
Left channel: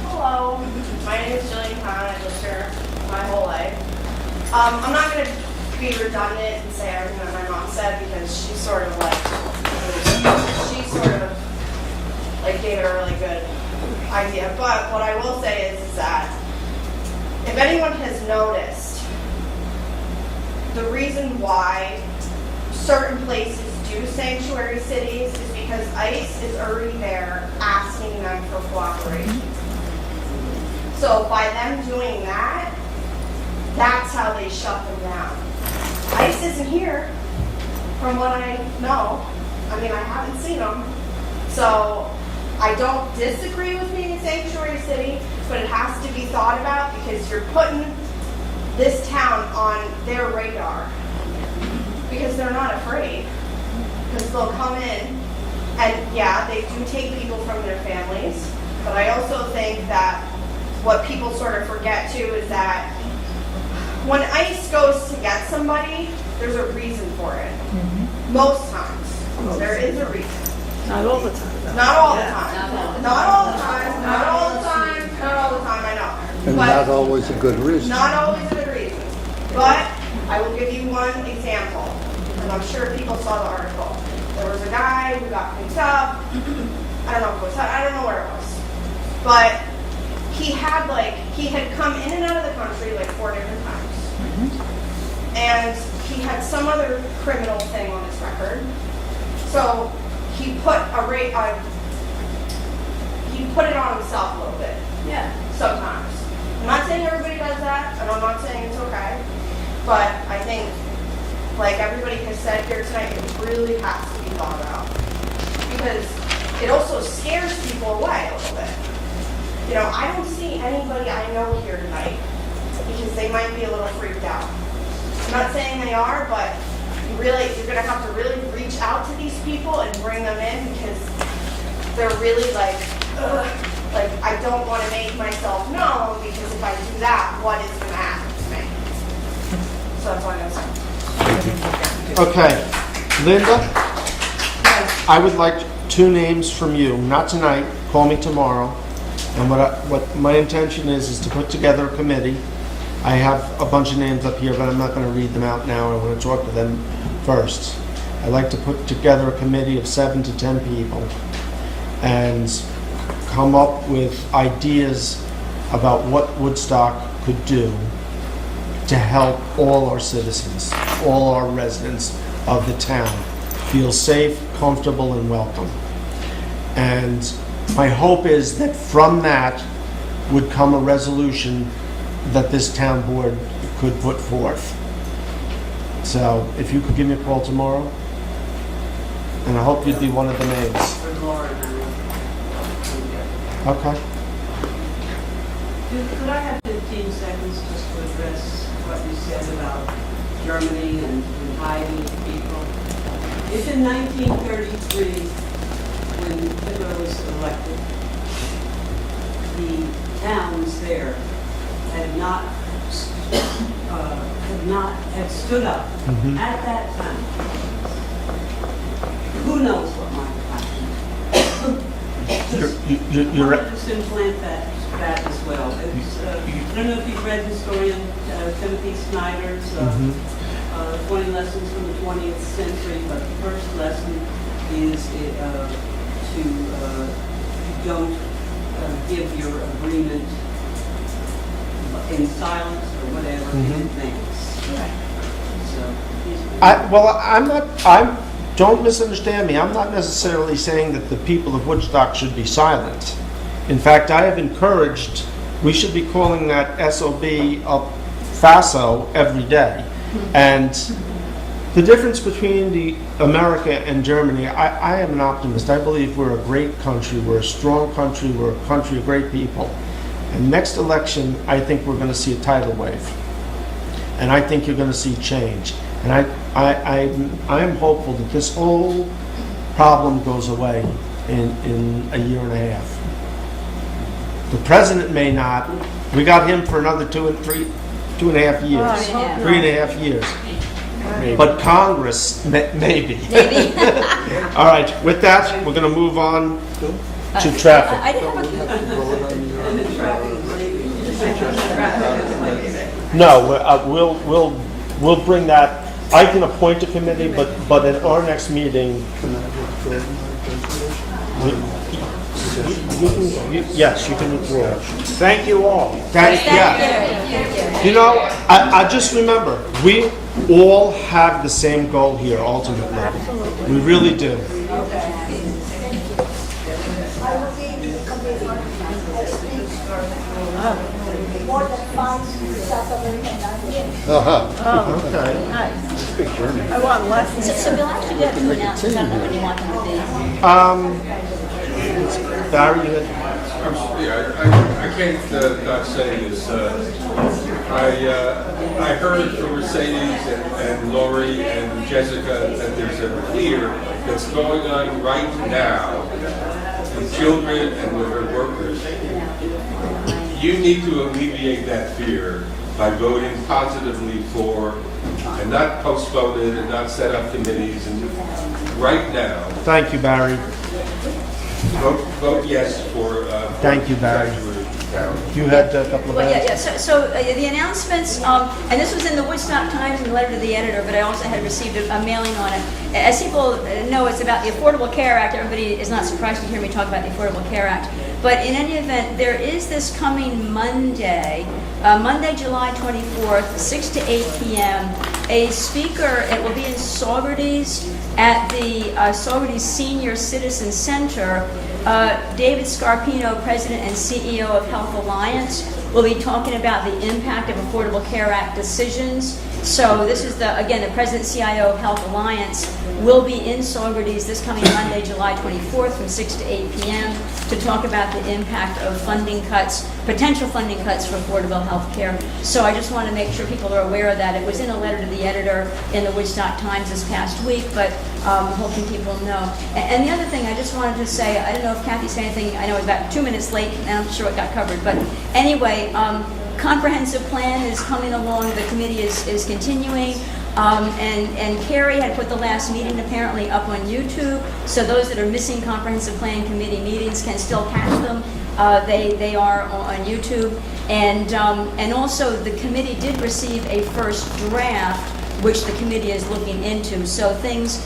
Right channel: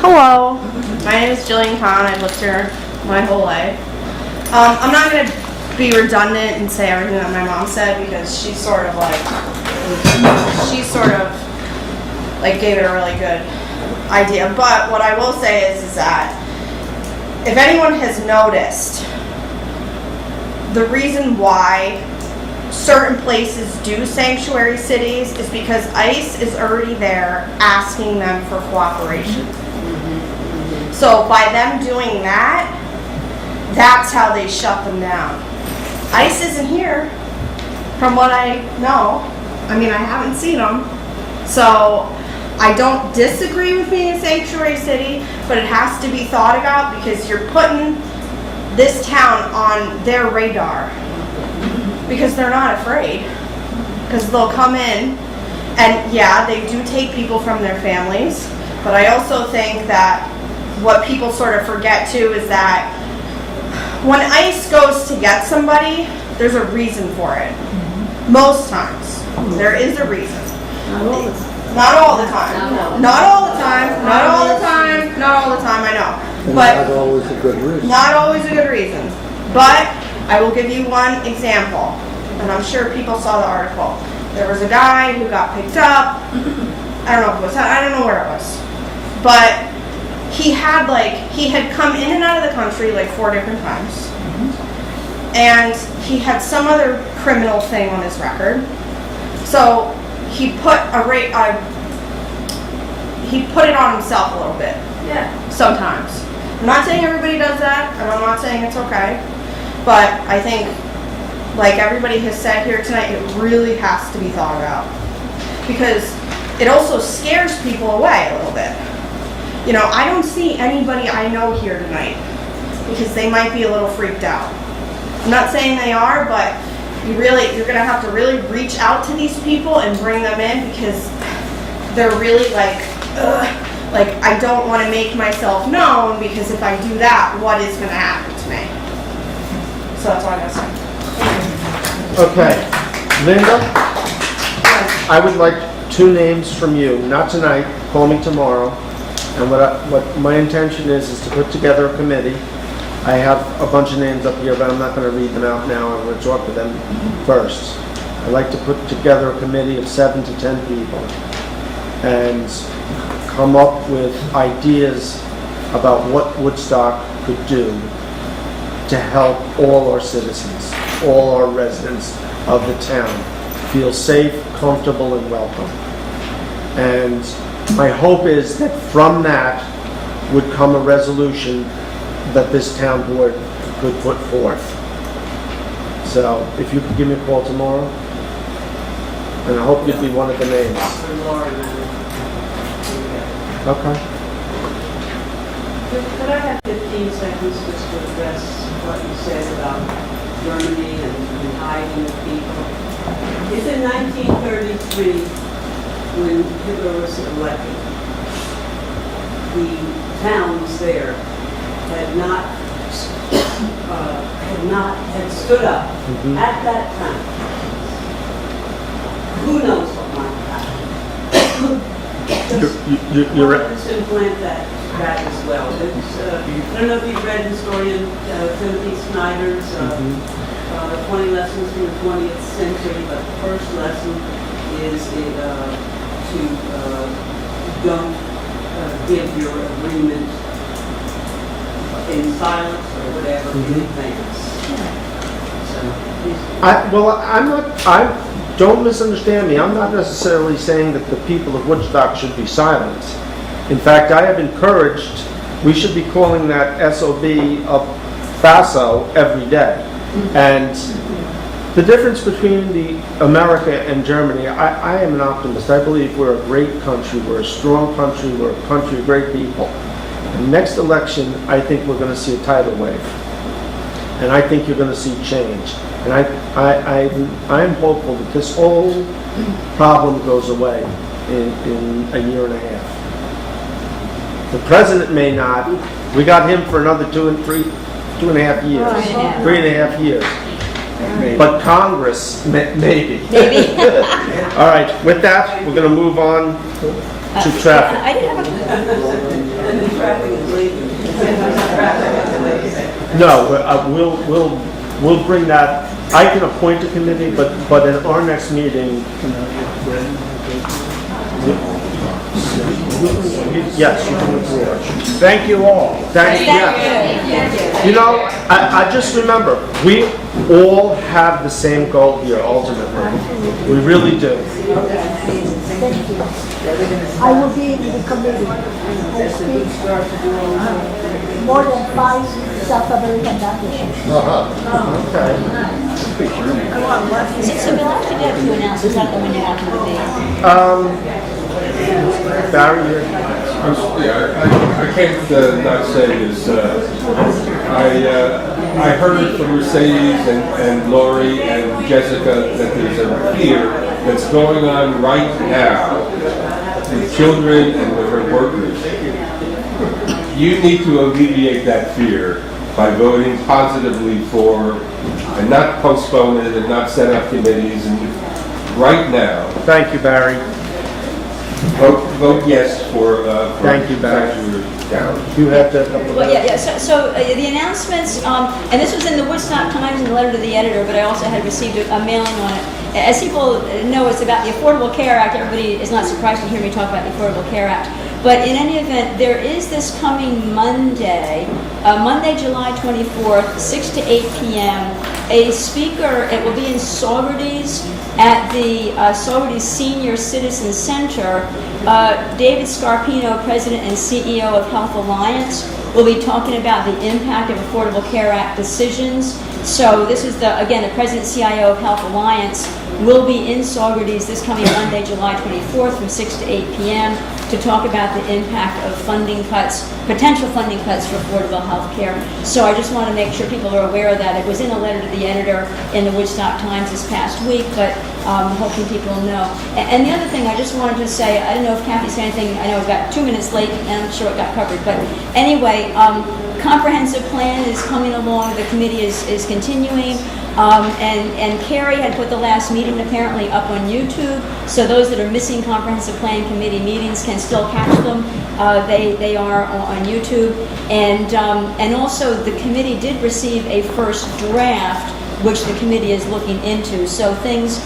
Hello, my name is Jillian Kahn. I've lived here my whole life. I'm not going to be redundant and say everything that my mom said because she sort of gave it a really good idea. But what I will say is that if anyone has noticed, the reason why certain places do sanctuary cities is because ICE is already there asking them for cooperation. So by them doing that, that's how they shut them down. ICE isn't here, from what I know. I mean, I haven't seen them. So I don't disagree with being a sanctuary city, but it has to be thought about because you're putting this town on their radar because they're not afraid. because they'll come in, and yeah, they do take people from their families, but I also think that what people sort of forget too is that when ICE goes to get somebody, there's a reason for it. Most times, there is a reason. Not all the time. Not all the time. Not all the time. Not all the time. Not all the time, I know. And But not always a good reason. not always a good reason. But I will give you one example, and I'm sure people saw the article. There was a guy who got picked up. I don't know if it was, I don't know where it was. But he had come in and out of the country like 4 different times. And he had some other criminal thing on his record. So he put it on himself a little bit. Yeah. Sometimes. I'm not saying everybody does that, and I'm not saying it's okay. But I think, like everybody has said here tonight, it really has to be thought about. Because it also scares people away a little bit. You know, I don't see anybody I know here tonight because they might be a little freaked out. I'm not saying they are, but you're gonna have to really reach out to these people and bring them in because they're really like, ugh, like I don't want to make myself known because if I do that, what is gonna happen to me? So that's all I gotta say. Okay, Linda, I would like 2 names from you, not tonight, call me tomorrow. And what my intention is to put together a committee. I have a bunch of names up here, but I'm not going to read them out now. I'm going to talk with them first. I'd like to put together a committee of 7 to 10 people and come up with ideas about what Woodstock could do to help all our citizens, all our residents of the town feel safe, comfortable, and welcome. And my hope is that from that would come a resolution that this town board could put forth. So if you could give me a call tomorrow, and I hope you'd be one of the names. Okay. Could I have 15 seconds just to address what you said about Germany and hiding people? It's in 1933 when Hitler was elected. The towns there had stood up at that time. Who knows what might happen? You're right. Congress implant that as well. It's, I don't know if you've read historian Timothy Snyder's 20 Lessons from the 20th Century, but the first lesson is to don't give your agreement in silence or whatever in advance. So, don't misunderstand me. I'm not necessarily saying that the people of Woodstock should be silent. In fact, I have encouraged, we should be calling that SOB up FASO every day. And the difference between America and Germany, I am an optimist. I believe we're a great country, we're a strong country, we're a country of great people. The next election, I think we're going to see a tidal wave. And I think you're going to see change. And I'm hopeful that this whole problem goes away in a year and a half. The president may not. We got him for another 2.5 years. 3.5 years. But Congress, maybe. All right, with that, we're going to move on to traffic. I have No, we'll bring that. I can appoint a committee, but at our next meeting, yes, you can withdraw. Thank you all. Thank you. You know, I just remember, we all have the same goal here ultimately. We really do. Thank you. I will be in the committee. I speak more than 5 South American languages. Okay. So you'll actually get to announce exactly when you're not going to be. Barry, I can't not say this. I heard from Mercedes and Lori and Jessica that there's a fear that's going on right now with children and with her workers, you need to alleviate that fear by voting positively for, and not postpone it and not set up committees, and right now, Thank you, Barry. vote yes for. Thank you, Barry. Down. You had a couple of Well, yeah, minutes. yeah, so the announcements, and this was in the Woodstock Times and the letter to the editor, but I also had received a mailing on it. As people know, it's about the Affordable Care Act. Everybody is not surprised to hear me talk about the Affordable Care Act. But in any event, there is this coming Monday, Monday, July 24th, 6 to 8 p.m., a speaker. It will be in Saugerties at the Saugerties Senior Citizen Center. David Scarpino, President and CEO of Health Alliance, will be talking about the impact of Affordable Care Act decisions. So this is, again, the President and CIO of Health Alliance will be in Saugerties this coming Monday, July 24th from 6 to 8 p.m. to talk about the impact of funding cuts, potential funding cuts for affordable health care. So I just want to make sure people are aware of that. It was in a letter to the editor in the Woodstock Times this past week, but hoping people know. And the other thing I just wanted to say, I don't know if Kathy said anything, I know it's about 2 minutes late, and I'm sure it got covered, but anyway, comprehensive plan is coming along, the committee is continuing. And Carrie had put the last meeting apparently up on YouTube, so those that are missing comprehensive plan committee meetings can still catch them. They are on YouTube, and also the committee did receive a first draft, which the committee is looking into. So things.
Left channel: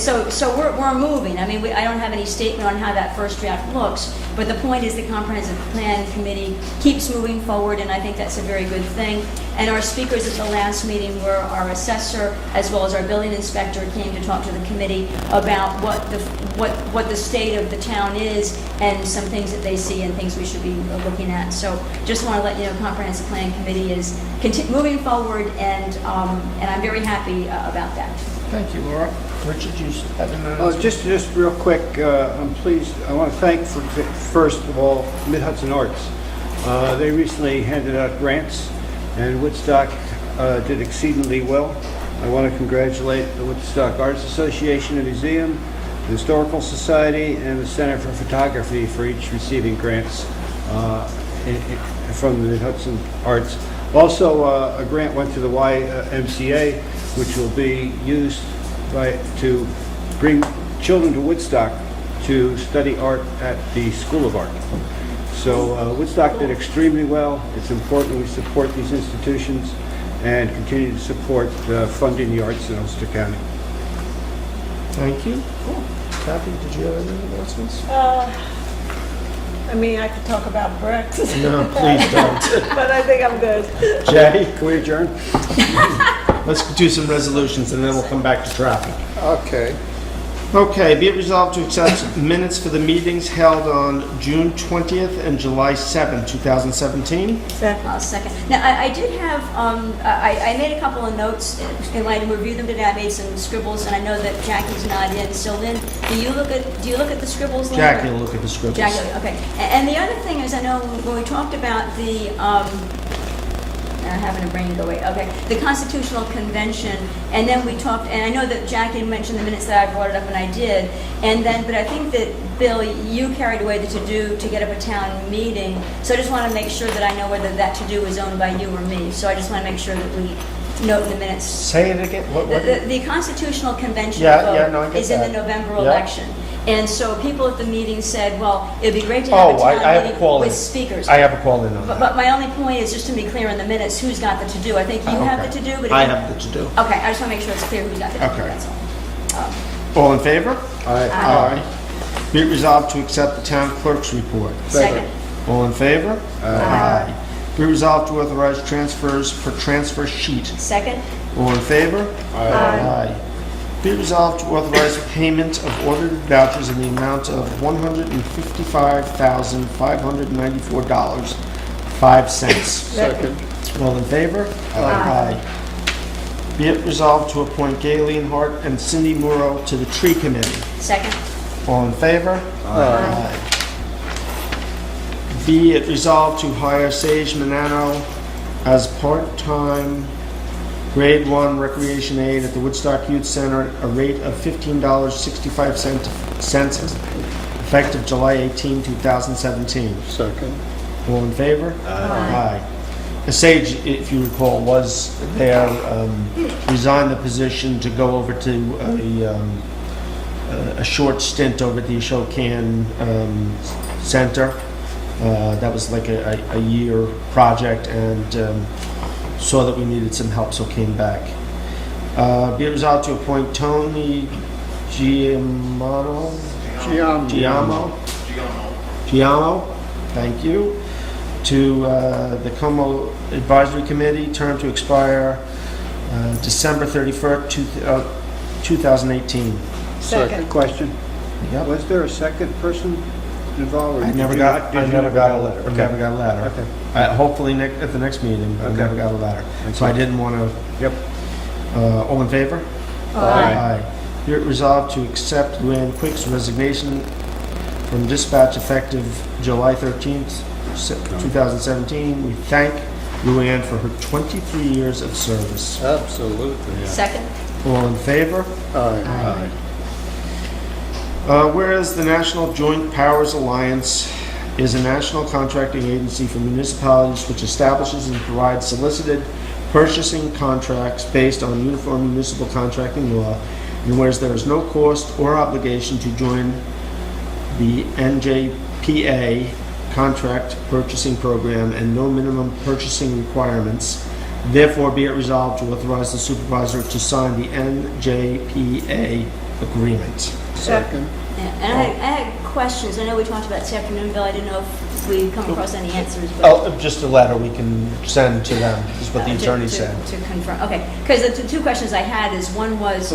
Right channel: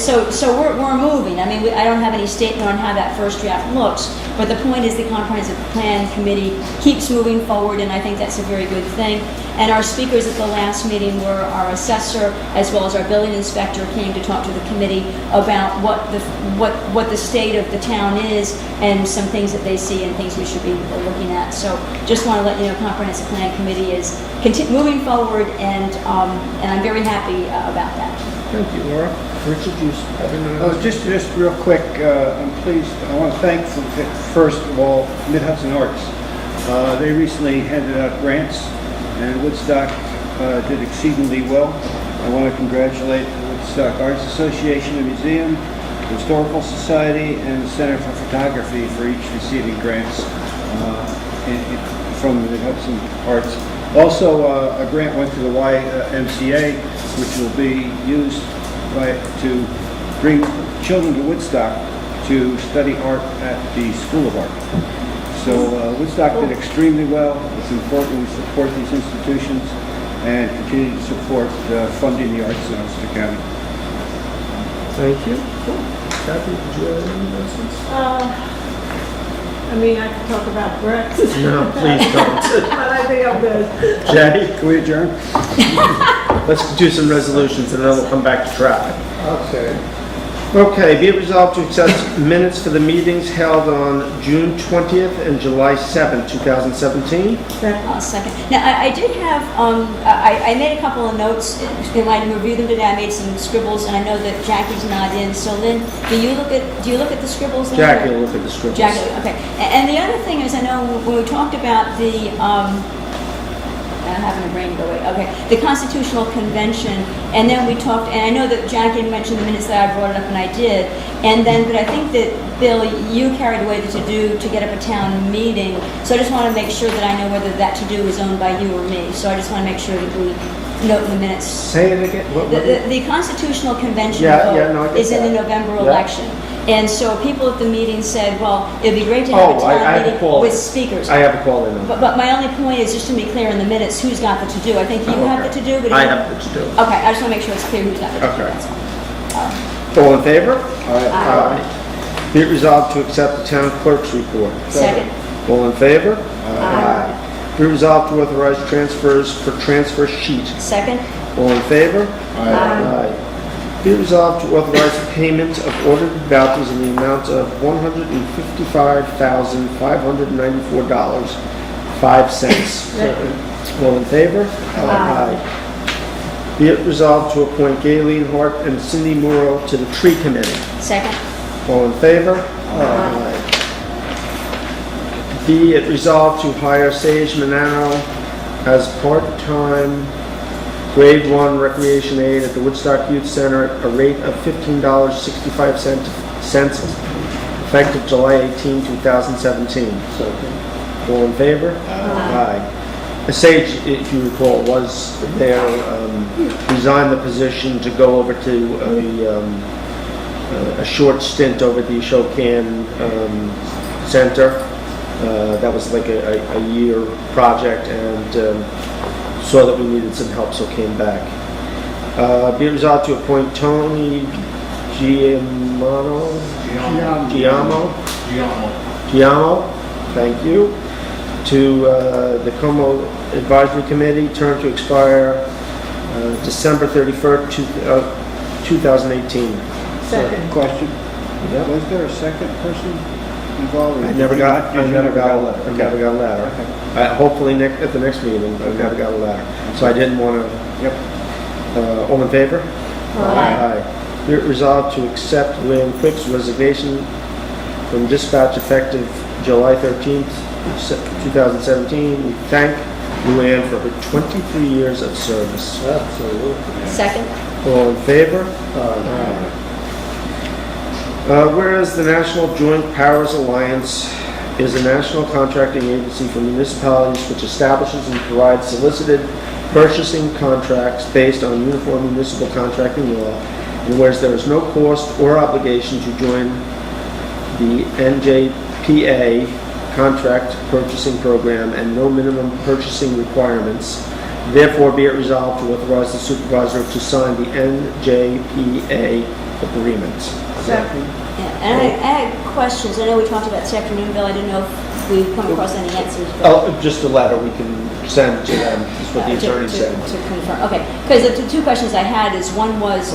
So we're moving. I mean, I don't have any statement on how that first draft looks, but the point is the comprehensive plan committee keeps moving forward, and I think that's a very good thing. And our speakers at the last meeting were our assessor as well as our building inspector came to talk to the committee about what the state of the town is and some things that they see and things we should be looking at. So just want to let you know, comprehensive plan committee is moving forward, and I'm very happy about that. Thank you, Laura. Richard, you have an announcement? Just real quick, I'm pleased, I want to thank, first of all, Mid-Hudson Arts. They recently handed out grants, and Woodstock did exceedingly well. I want to congratulate the Woodstock Arts Association and Museum, the Historical Society, and the Center for Photography for each receiving grants from the Mid-Hudson Arts. Also, a grant went to the YMCA, which will be used to bring children to Woodstock to study art at the School of Art. So Woodstock did extremely well. It's important we support these institutions and continue to support funding the arts in Ulster County. Thank you. Kathy, did you have any announcements? I mean, I could talk about Brexit. No, please don't. But I think I'm good. Jackie, can we adjourn? Let's do some resolutions and then we'll come back to traffic. Okay. Okay, be it resolved to accept minutes for the meetings held on June 20th and July 7th, 2017. Second. Now, I did have, I made a couple of notes, and when I reviewed them today, I made some scribbles, and I know that Jackie's not in, so Lynn, do you look at the scribbles? Jackie will look at the scribbles. Jackie, okay. And the other thing is, I know when we talked about the, I'm having a brain go away. Okay, the Constitutional Convention, and then we talked, and I know that Jackie mentioned the minutes that I brought it up, and I did, and then, but I think that, Bill, you carried away the to-do to get up a town meeting, so I just want to make sure that I know whether that to-do is owned by you or me, so I just want to make sure that we note in the minutes. Say it again. The Constitutional Convention vote is in the November election. And so people at the meeting said, well, it'd be great to have a town meeting with speakers. I have a call in on that. But my only point is just to be clear in the minutes, who's got the to-do. I think you have the to-do, but... I have the to-do. Okay, I just want to make sure it's clear who's got the to-do, Okay. that's all. All in favor? Aye. Be it resolved to accept the town clerk's report. Second. All in favor? Be it resolved to authorize transfers for transfer sheet. Second. All in favor? Aye. Be resolved to authorize payment of ordered vouchers in the amount of $155,594.05. Second. All in favor? Aye. Be it resolved to appoint Gayleen Hart and Cindy Morrow to the Tree Committee. Second. All in favor? Aye. Be it resolved to hire Sage Manano as part-time Grade 1 recreation aid at the Woodstock Youth Center at a rate of $15.65 effective July 18, 2017. Second. All in favor? Aye. The Sage, if you recall, was there, resigned the position to go over to a short stint over at the Ashokan Center. That was like a year project, and saw that we needed some help, so came back. Be it resolved to appoint Tony Giammo, thank you, to the Como Advisory Committee, term to expire December 31st, 2018. Second question. Yeah. Was there a second person involved? I never got a letter. Hopefully at the next meeting, but I never got a letter. So I didn't want to. Yep. All in favor? Aye. Be it resolved to accept Luann Quick's resignation from dispatch effective July 13th, 2017. We thank Luann for her 23 years of service. Absolutely. Second. All in favor? Aye. Whereas the National Joint Powers Alliance is a national contracting agency for municipalities which establishes and provides solicited purchasing contracts based on uniform municipal contracting law, and whereas there is no cost or obligation to join the NJPA contract purchasing program and no minimum purchasing requirements, therefore be it resolved to authorize the supervisor to sign the NJPA agreement. Second. Yeah, and I had questions. I know we talked about this afternoon, Bill. I didn't know if we come across any answers. But Just a letter we can send to them, is what the attorney said. To confirm, okay. Because the two questions I had is, one was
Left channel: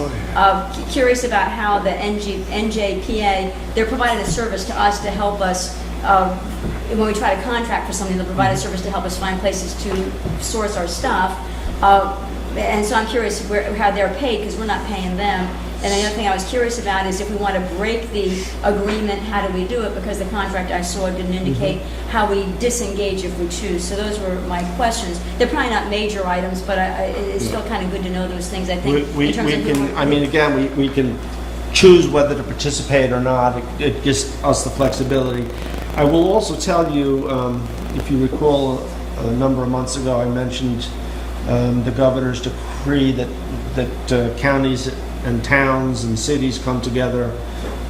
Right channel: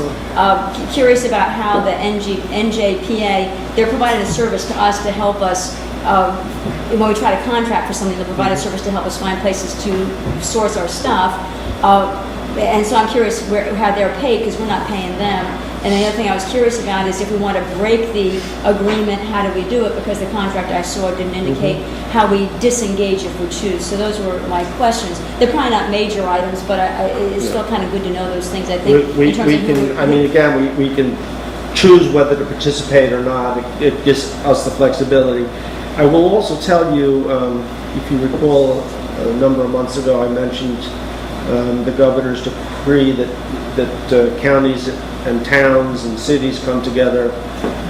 curious about how the NJPA, they're providing a service to us to help us, when we try to contract for something, they provide a service to help us find places to source our stuff. And so I'm curious how they're paid, because we're not paying them. And the other thing I was curious about is if we want to break the agreement, how do we do it? Because the contract I saw didn't indicate how we disengage if we choose. So those were my questions. They're probably not major items, but it's still kind of good to know those things, I think. We can choose whether to participate or not. It gives us the flexibility. I will also tell you, if you recall, a number of months ago, I mentioned the governor's decree that counties and towns and cities come together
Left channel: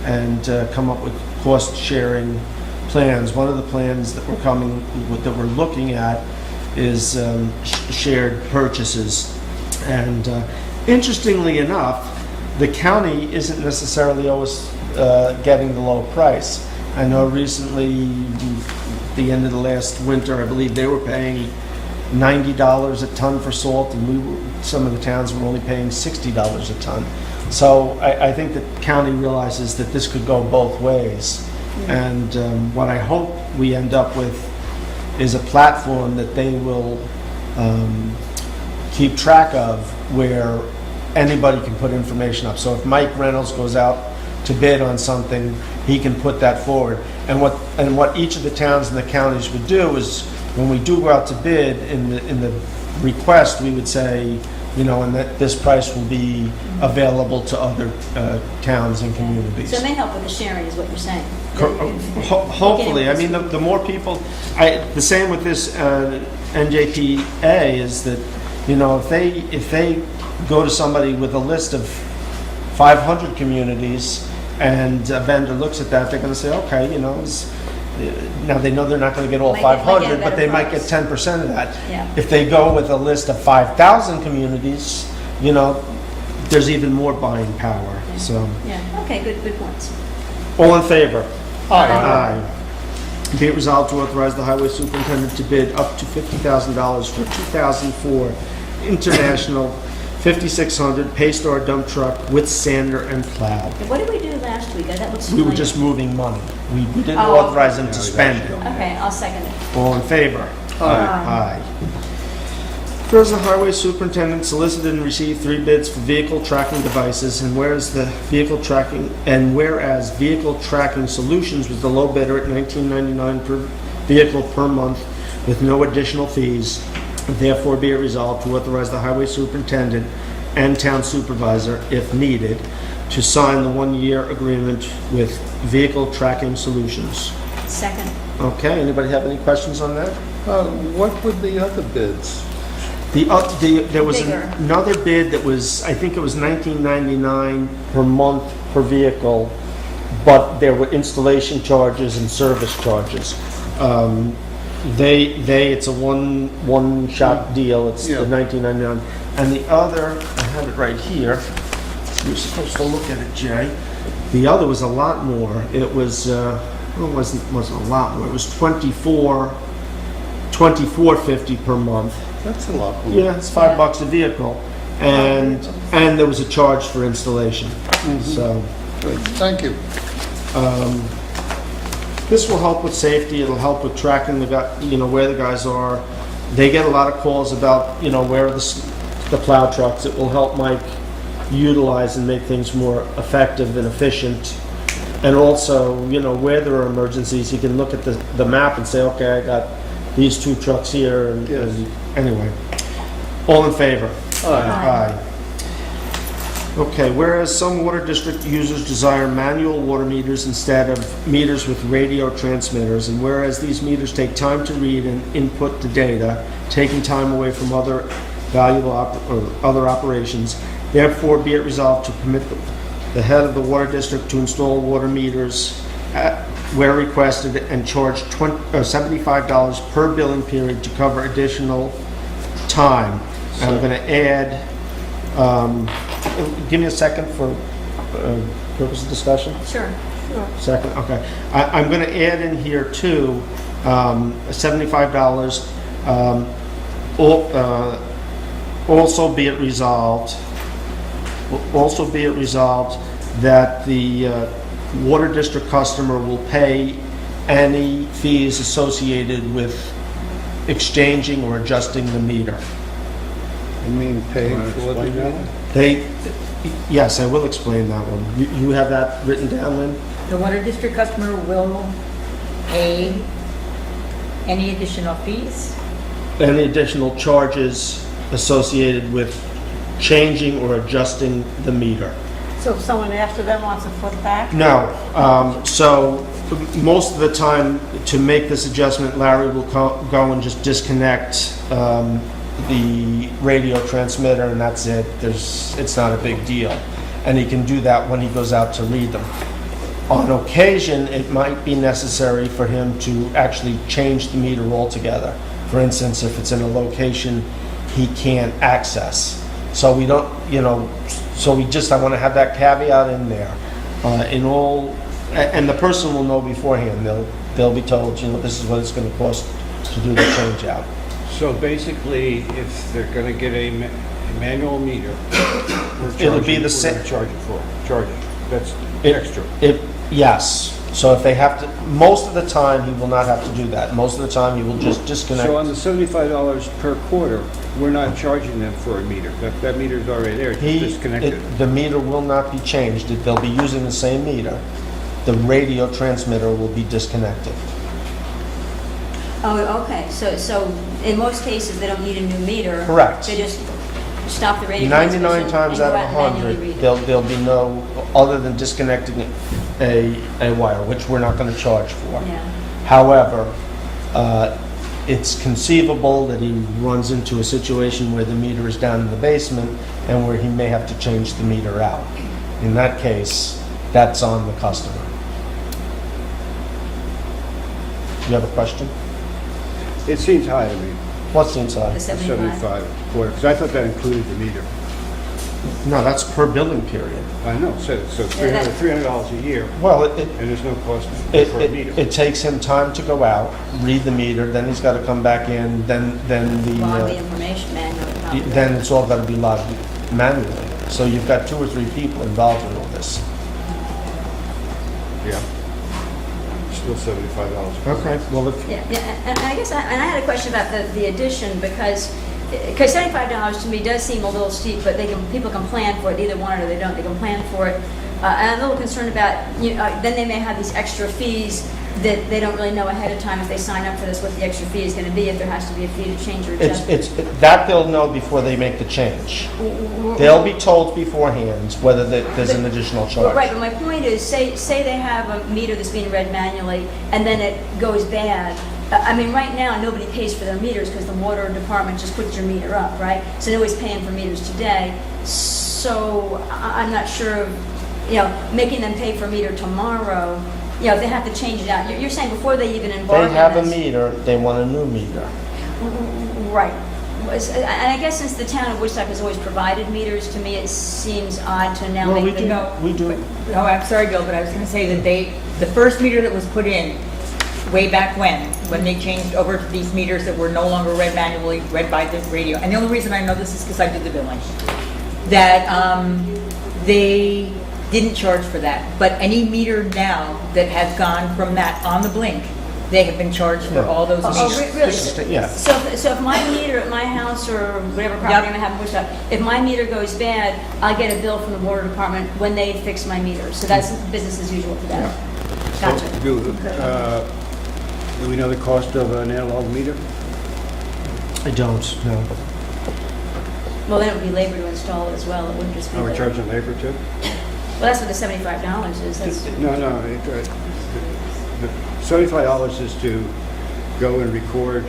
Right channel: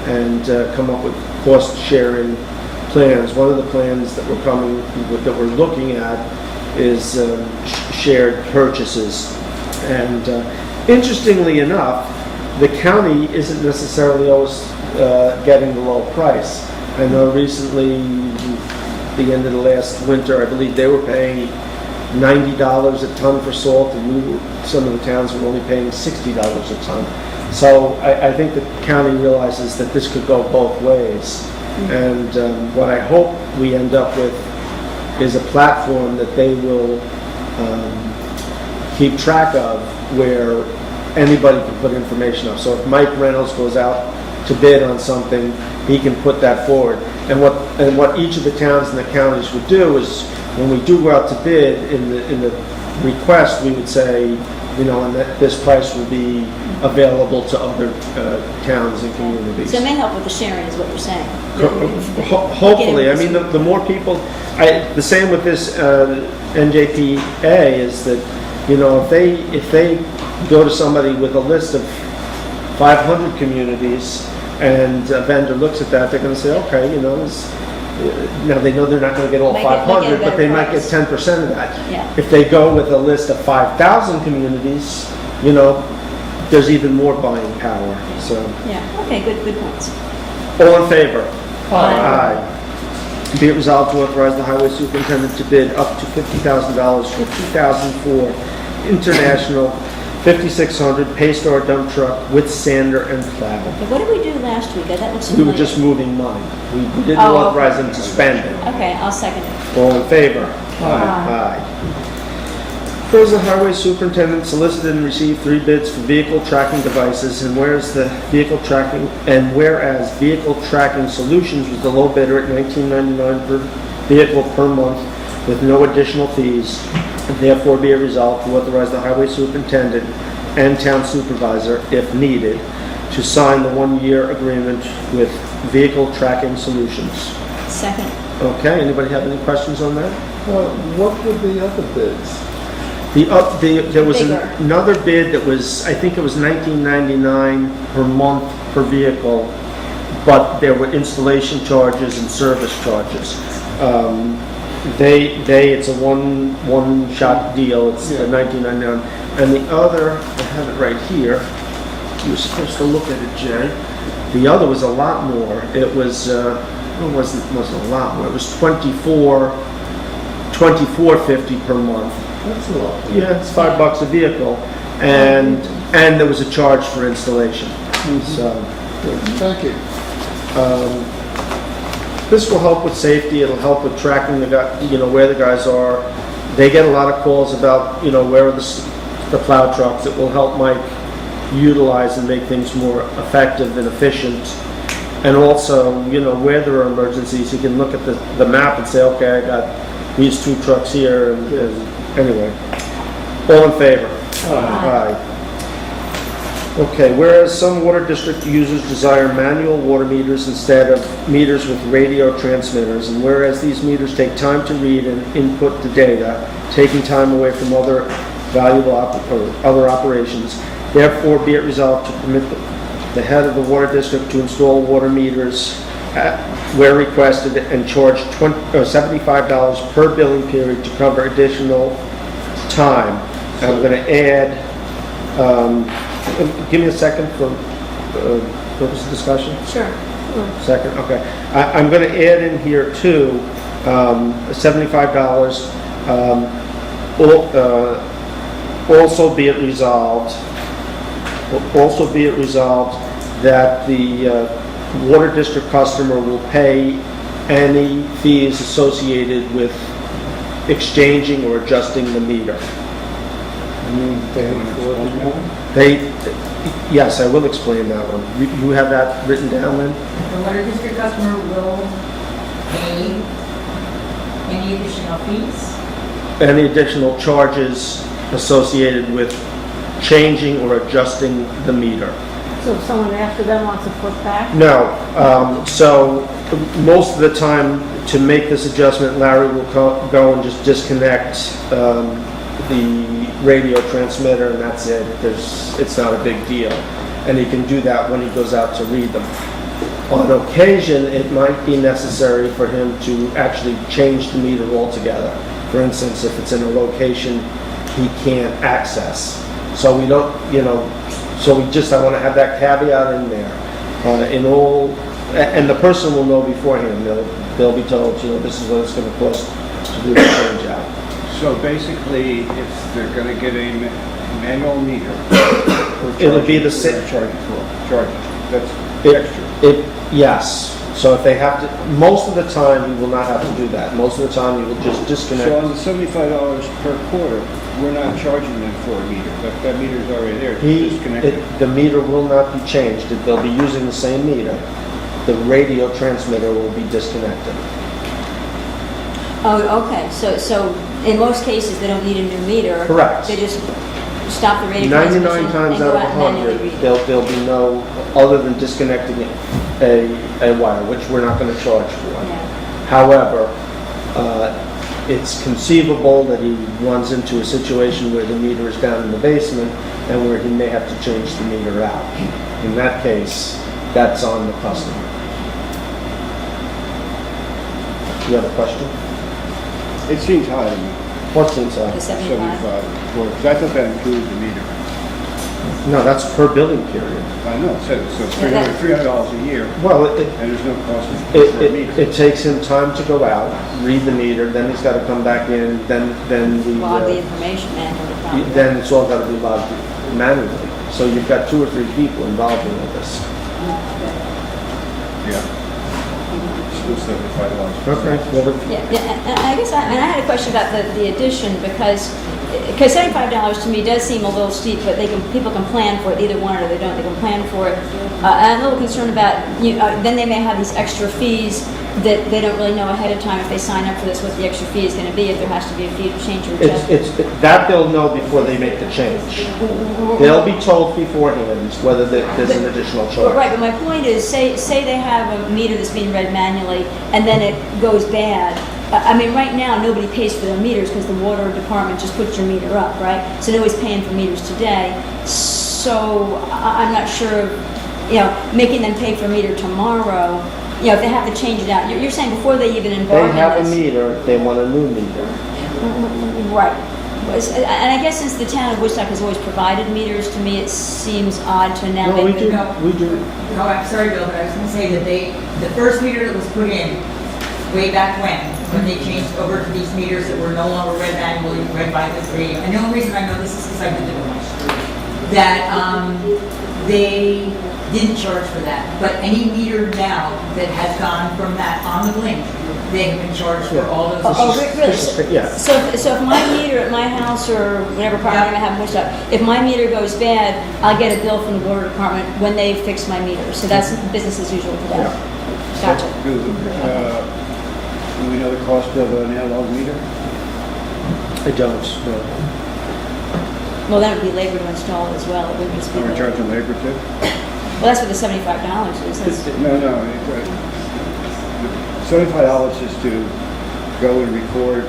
and come up with cost-sharing plans. One of the plans that we're looking at is shared purchases. And interestingly enough, the county isn't necessarily always getting the low price. I know recently, the end of the last winter, I believe they were paying $90 a ton for salt, and some of the towns were only paying $60 a ton. So I think the county realizes that this could go both ways. And what I hope we end up with is a platform that they will keep track of, where anybody can put information up. So if Mike Reynolds goes out to bid on something, he can put that forward. And what each of the towns and the counties would do is, when we do go out to bid, in the request, we would say, and that this price will be available to other towns and communities. So it may help with the sharing, is what you're saying. Hopefully. I mean, the more people, the same with this NJPA is that, if they go to somebody with a list of 500 communities and a vendor looks at that, they're going to say, okay, now they know they're not going to get all 500, but they might get 10% of that. Yeah. If they go with a list of 5,000 communities, there's even more buying power. So. Yeah. Okay. Good points. All in favor? Aye. Be it resolved to authorize the highway superintendent to bid up to $50,000 for 2004 International 5600 Paystar dump truck with sander and plow. What did we do last week? That looks We were familiar. just moving money. We didn't authorize them to spend it. Okay, I'll second it. All in favor? Aye. Whereas the highway superintendent solicited and received 3 bids for vehicle tracking devices, and whereas vehicle tracking solutions was the low bidder at $19.99 per vehicle per month with no additional fees, Therefore be it resolved to authorize the highway superintendent and town supervisor, if needed, to sign the one-year agreement with Vehicle Tracking Solutions. Second. Okay, anybody have any questions on that? What were the other bids? There was Bigger. another bid that was, I think it was $19.99 per month per vehicle, but there were installation charges and service charges. It's a one-shot deal, it's the $19.99. And the other, I have it right here, you were supposed to look at it, Jay. The other was a lot more. It was, it wasn't a lot more, it was $24.50 per month. That's a lot. Yeah, it's $5 a vehicle, and there was a charge for installation. So, Good. Thank you. this will help with safety. It'll help with tracking the guy, where the guys are. They get a lot of calls about, where are the plow trucks. It will help Mike utilize and make things more effective and efficient. And also, where there are emergencies, he can look at the map and say, okay, I got these 2 trucks here, and anyway. All in favor? Aye. Okay, whereas some water district users desire manual water meters instead of meters with radio transmitters, and whereas these meters take time to read and input the data, taking time away from other valuable other operations, therefore be it resolved to permit the head of the water district to install water meters where requested and charge $75 per billing period to cover additional time. And I'm going to add, give me a second for, what was the discussion? Sure. Second, okay. I'm going to add in here too, $75. Also be it resolved that the water district customer will pay any fees associated with exchanging or adjusting the meter. You mean pay for the meter? Yes, I will explain that one. You have that written down, Lynn? The water district customer will pay any additional fees? Any additional charges associated with changing or adjusting the meter. So if someone after them wants to flip back? No. So most of the time, to make this adjustment, Larry will go and just disconnect the radio transmitter, and that's it. It's not a big deal. And he can do that when he goes out to read them. On occasion, it might be necessary for him to actually change the meter altogether. For instance, if it's in a location he can't access. So we don't, I want to have that caveat in there. And the person will know beforehand. They'll be told, this is what it's going to cost to do the change out. So basically, if they're going to get a manual meter, It'll be the same. Charging. That's extra. Yes. So if they have to, most of the time he will not have to do that. Most of the time he will just disconnect. So on the $75 per quarter, we're not charging them for a meter. That meter's already there, it's disconnected. The meter will not be changed. They'll be using the same meter. The radio transmitter will be disconnected. Oh, okay, so in most cases, they don't need a new meter. Correct. They just stop the radio transmission. 99 times and out go of and manually 100, read. there'll be no, other than disconnecting a wire, which we're not going to charge for. Yeah. However, it's conceivable that he runs into a situation where the meter is down in the basement and where he may have to change the meter out. In that case, that's on the customer. You have a question? It seems high to me. What seems high? The 75. Or, because I thought that included the meter. No, that's per billing period. I know, so Yeah, $300 a year, Well, and there's no cost for a meter. it takes him time to go out, read the meter, then he's got to come back in, then Log the information manually. then it's all got to be logged manually. So you've got 2 or 3 people involved in all this. Yeah. Still $75. Okay, well, if, Yeah, and I guess I had a question about the addition because $75 to me does seem a little steep, but people can plan for it. Either want it or they don't. They can plan for it. And I'm a little concerned about then they may have these extra fees that they don't really know ahead of time if they sign up for this, what the extra fee is gonna be, if there has to be a fee to change or adjust. That they'll know before they make the change. They'll be told beforehand whether there's an additional charge. Right, but my point is, say they have a meter that's being read manually, and then it goes bad. I mean, right now, nobody pays for their meters because the water department just puts your meter up, right? So nobody's paying for meters today. So I'm not sure, making them pay for a meter tomorrow, if they have to change it out. You're saying before they even embark on They have a this. meter, they want a new meter. Right. And I guess since the town of Woodstock has always provided meters, to me it seems odd to now Well, make we them. do. No, I'm sorry, Bill, but I was gonna say that the first meter that was put in, way back when they changed over to these meters that were no longer read manually, read by this radio, and the only reason I know this is because I did it once, that they didn't charge for that. But any meter now that has gone from that on the blink, they have been charged for all those Oh, meters. really? Yeah. So if my meter at my house or whatever property I have in Woodstock, if my meter goes bad, I get a bill from the water department when they fix my meter. So that's business as usual for them. Gotcha. Do we know the cost of an analog meter? I don't, no. Well, then it would be labor to install it as well. It wouldn't just be. Are we charging labor too? Well, that's what the $75 is. That's- No. $75 is to go and record,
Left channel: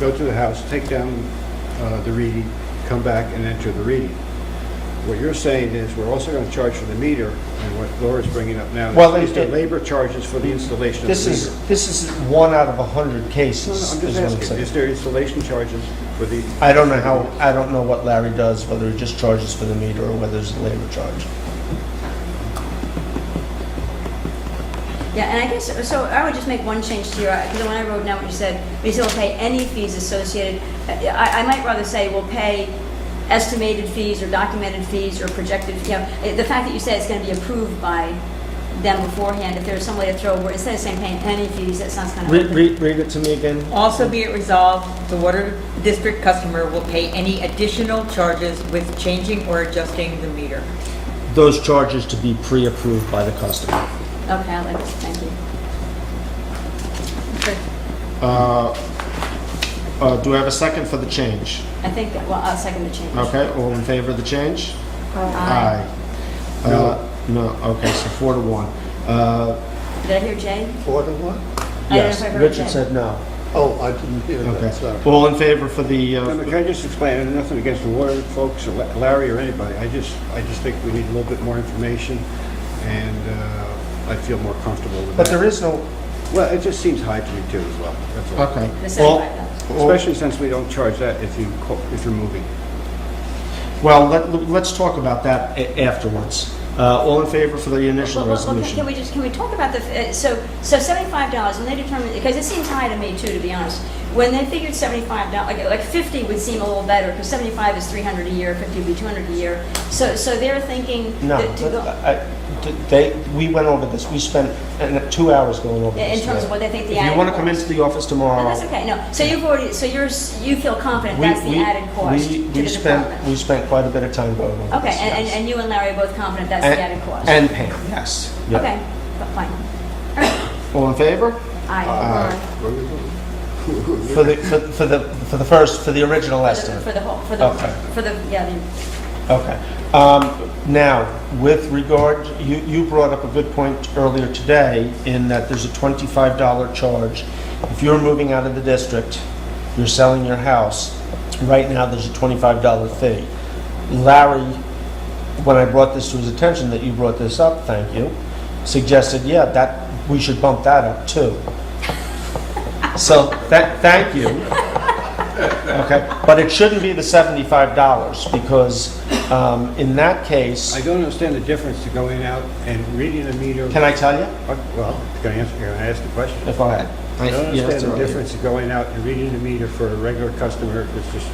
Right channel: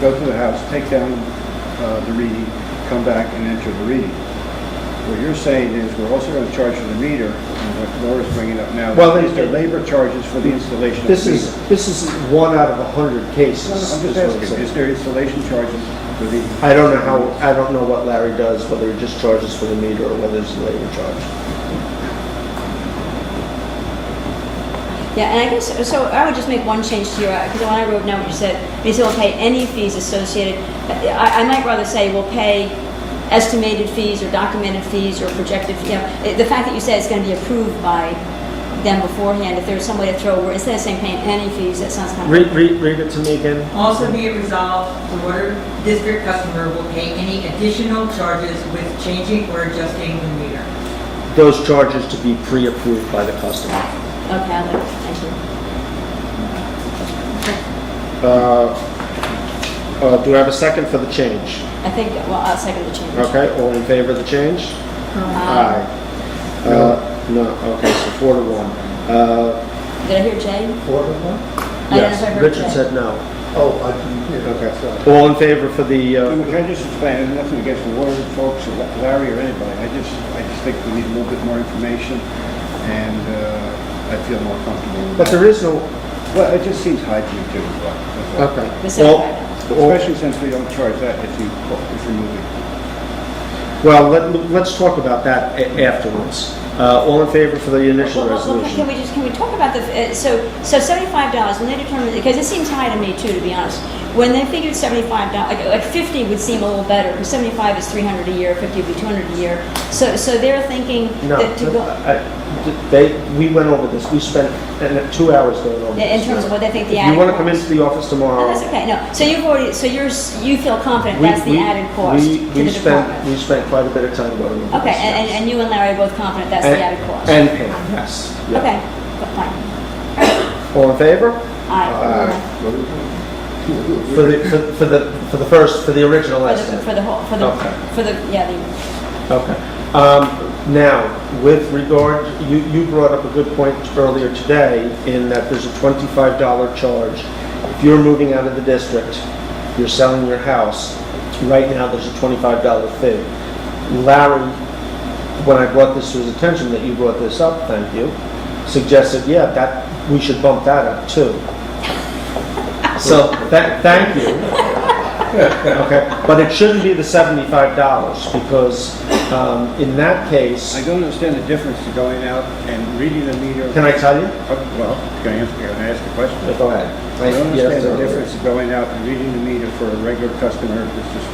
go to the house, take down the reading, come back and enter the reading. What you're saying is we're also going to charge for the meter, and what Laura's bringing up now Well, is the labor charges for the installation of the This meter. is 1 out of 100 cases. I'm is just what I'm asking, saying. is there installation charges for the? I don't know what Larry does, whether he just charges for the meter or whether there's a labor charge. Yeah, and I guess, so I would just make one change to your, because when I wrote down what you said, they said we'll pay any fees associated. I might rather say we'll pay estimated fees or documented fees or projected, the fact that you said it's going to be approved by them beforehand, if there's some way to throw, where instead of saying paying any fees, that sounds kind of. Read it to me again. Also be it resolved, the water district customer will pay any additional charges with changing or adjusting the meter. Those charges to be pre-approved by the customer. Okay, I like it, thank you. Do I have a second for the change? I think, well, I'll second the change. Okay, all in favor of the change? Aye. No, okay, so 4-1. Did I hear Jay? 4-1? I don't know Yes, if I heard Richard Jay. said no. Oh, I didn't hear that, Okay. sorry. All in favor for the, Can I just explain, nothing against the water folks or Larry or anybody, I just think we need a little bit more information, and I feel more comfortable. but there is no, Well, it just seems high to me too as well. That's all. okay. The Well, $75. Especially since we don't charge that if you're moving. Well, let's talk about that afterwards. All in favor for the initial Well, resolution? can we talk about the, so $75, when they determined, because it seems high to me too, to be honest. When they figured $75, like 50 would seem a little better, because 75 is 300 a year, 50 would be 200 a year. So they're thinking No, that to go, we went over this, we spent 2 hours going over this. in terms of what they think the If you added want to come cost. into the office tomorrow. No, that's okay, no. So you've already, you feel confident that's the added cost to the department? We spent quite a bit of time going over Okay, this. yes. and you and Larry are both confident that's the added cost? And Pam, yes. Yeah. Okay, fine. All in favor? Aye. For the original estimate. For the whole, Okay. yeah, Okay. Now, with regard, you brought up a good point earlier today in that there's a $25 charge. If you're moving out of the district, you're selling your house, right now there's a $25 fee. Larry, when I brought this to his attention that you brought this up, thank you, suggested, yeah, that we should bump that up too. So, thank you. Okay, but it shouldn't be the $75 because in that case, I don't understand the difference of going out and reading a meter. can I tell you? Well, can I ask the question? Go ahead. I don't Yes, understand the sir. difference of going out and reading the meter for a regular customer that's just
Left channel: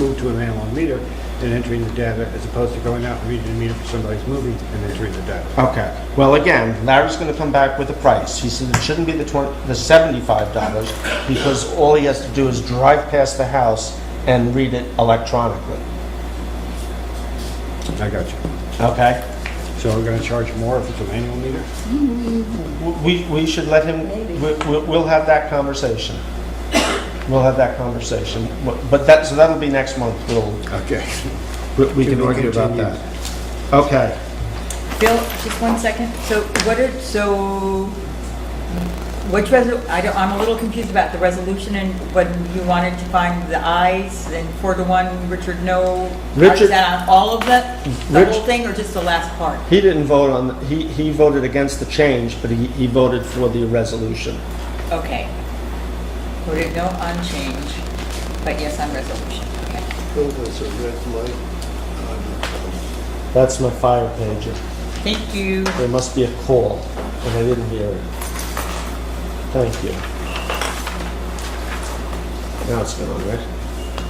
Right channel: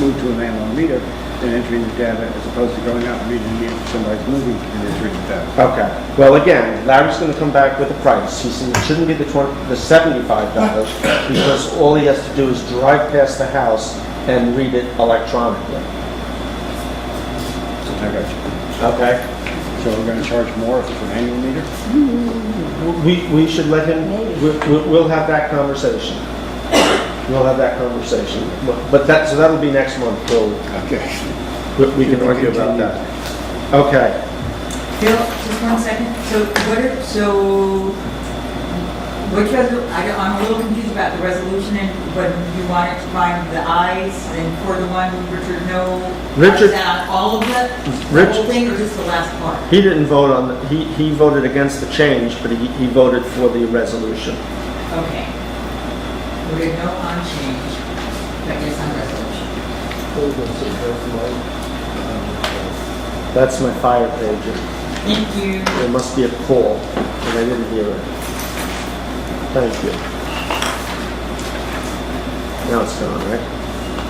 moved to an analog meter and entering the data as opposed to going out and reading the meter for somebody's moving and entering the data. Okay, well, again, Larry's going to come back with a price. He said it shouldn't be the $75 because all he has to do is drive past the house and read it electronically. I got you. Okay? So we're gonna charge more if it's an annual meter? We should let him, we'll have that conversation. We'll have that conversation. But so that'll be next month, Bill. Okay. We can argue about that. Okay. Bill, just one second. I'm a little confused about the resolution and what you wanted to find the ayes and 4-1, Richard no. Richard- Is that on all of the whole thing or just the last part? He didn't vote on, he voted against the change, but he voted for the resolution. Okay. Voted no on change, but yes on resolution. That's my fire pager. Thank you. There must be a call, and I didn't hear it. Thank you. Now it's gone, right?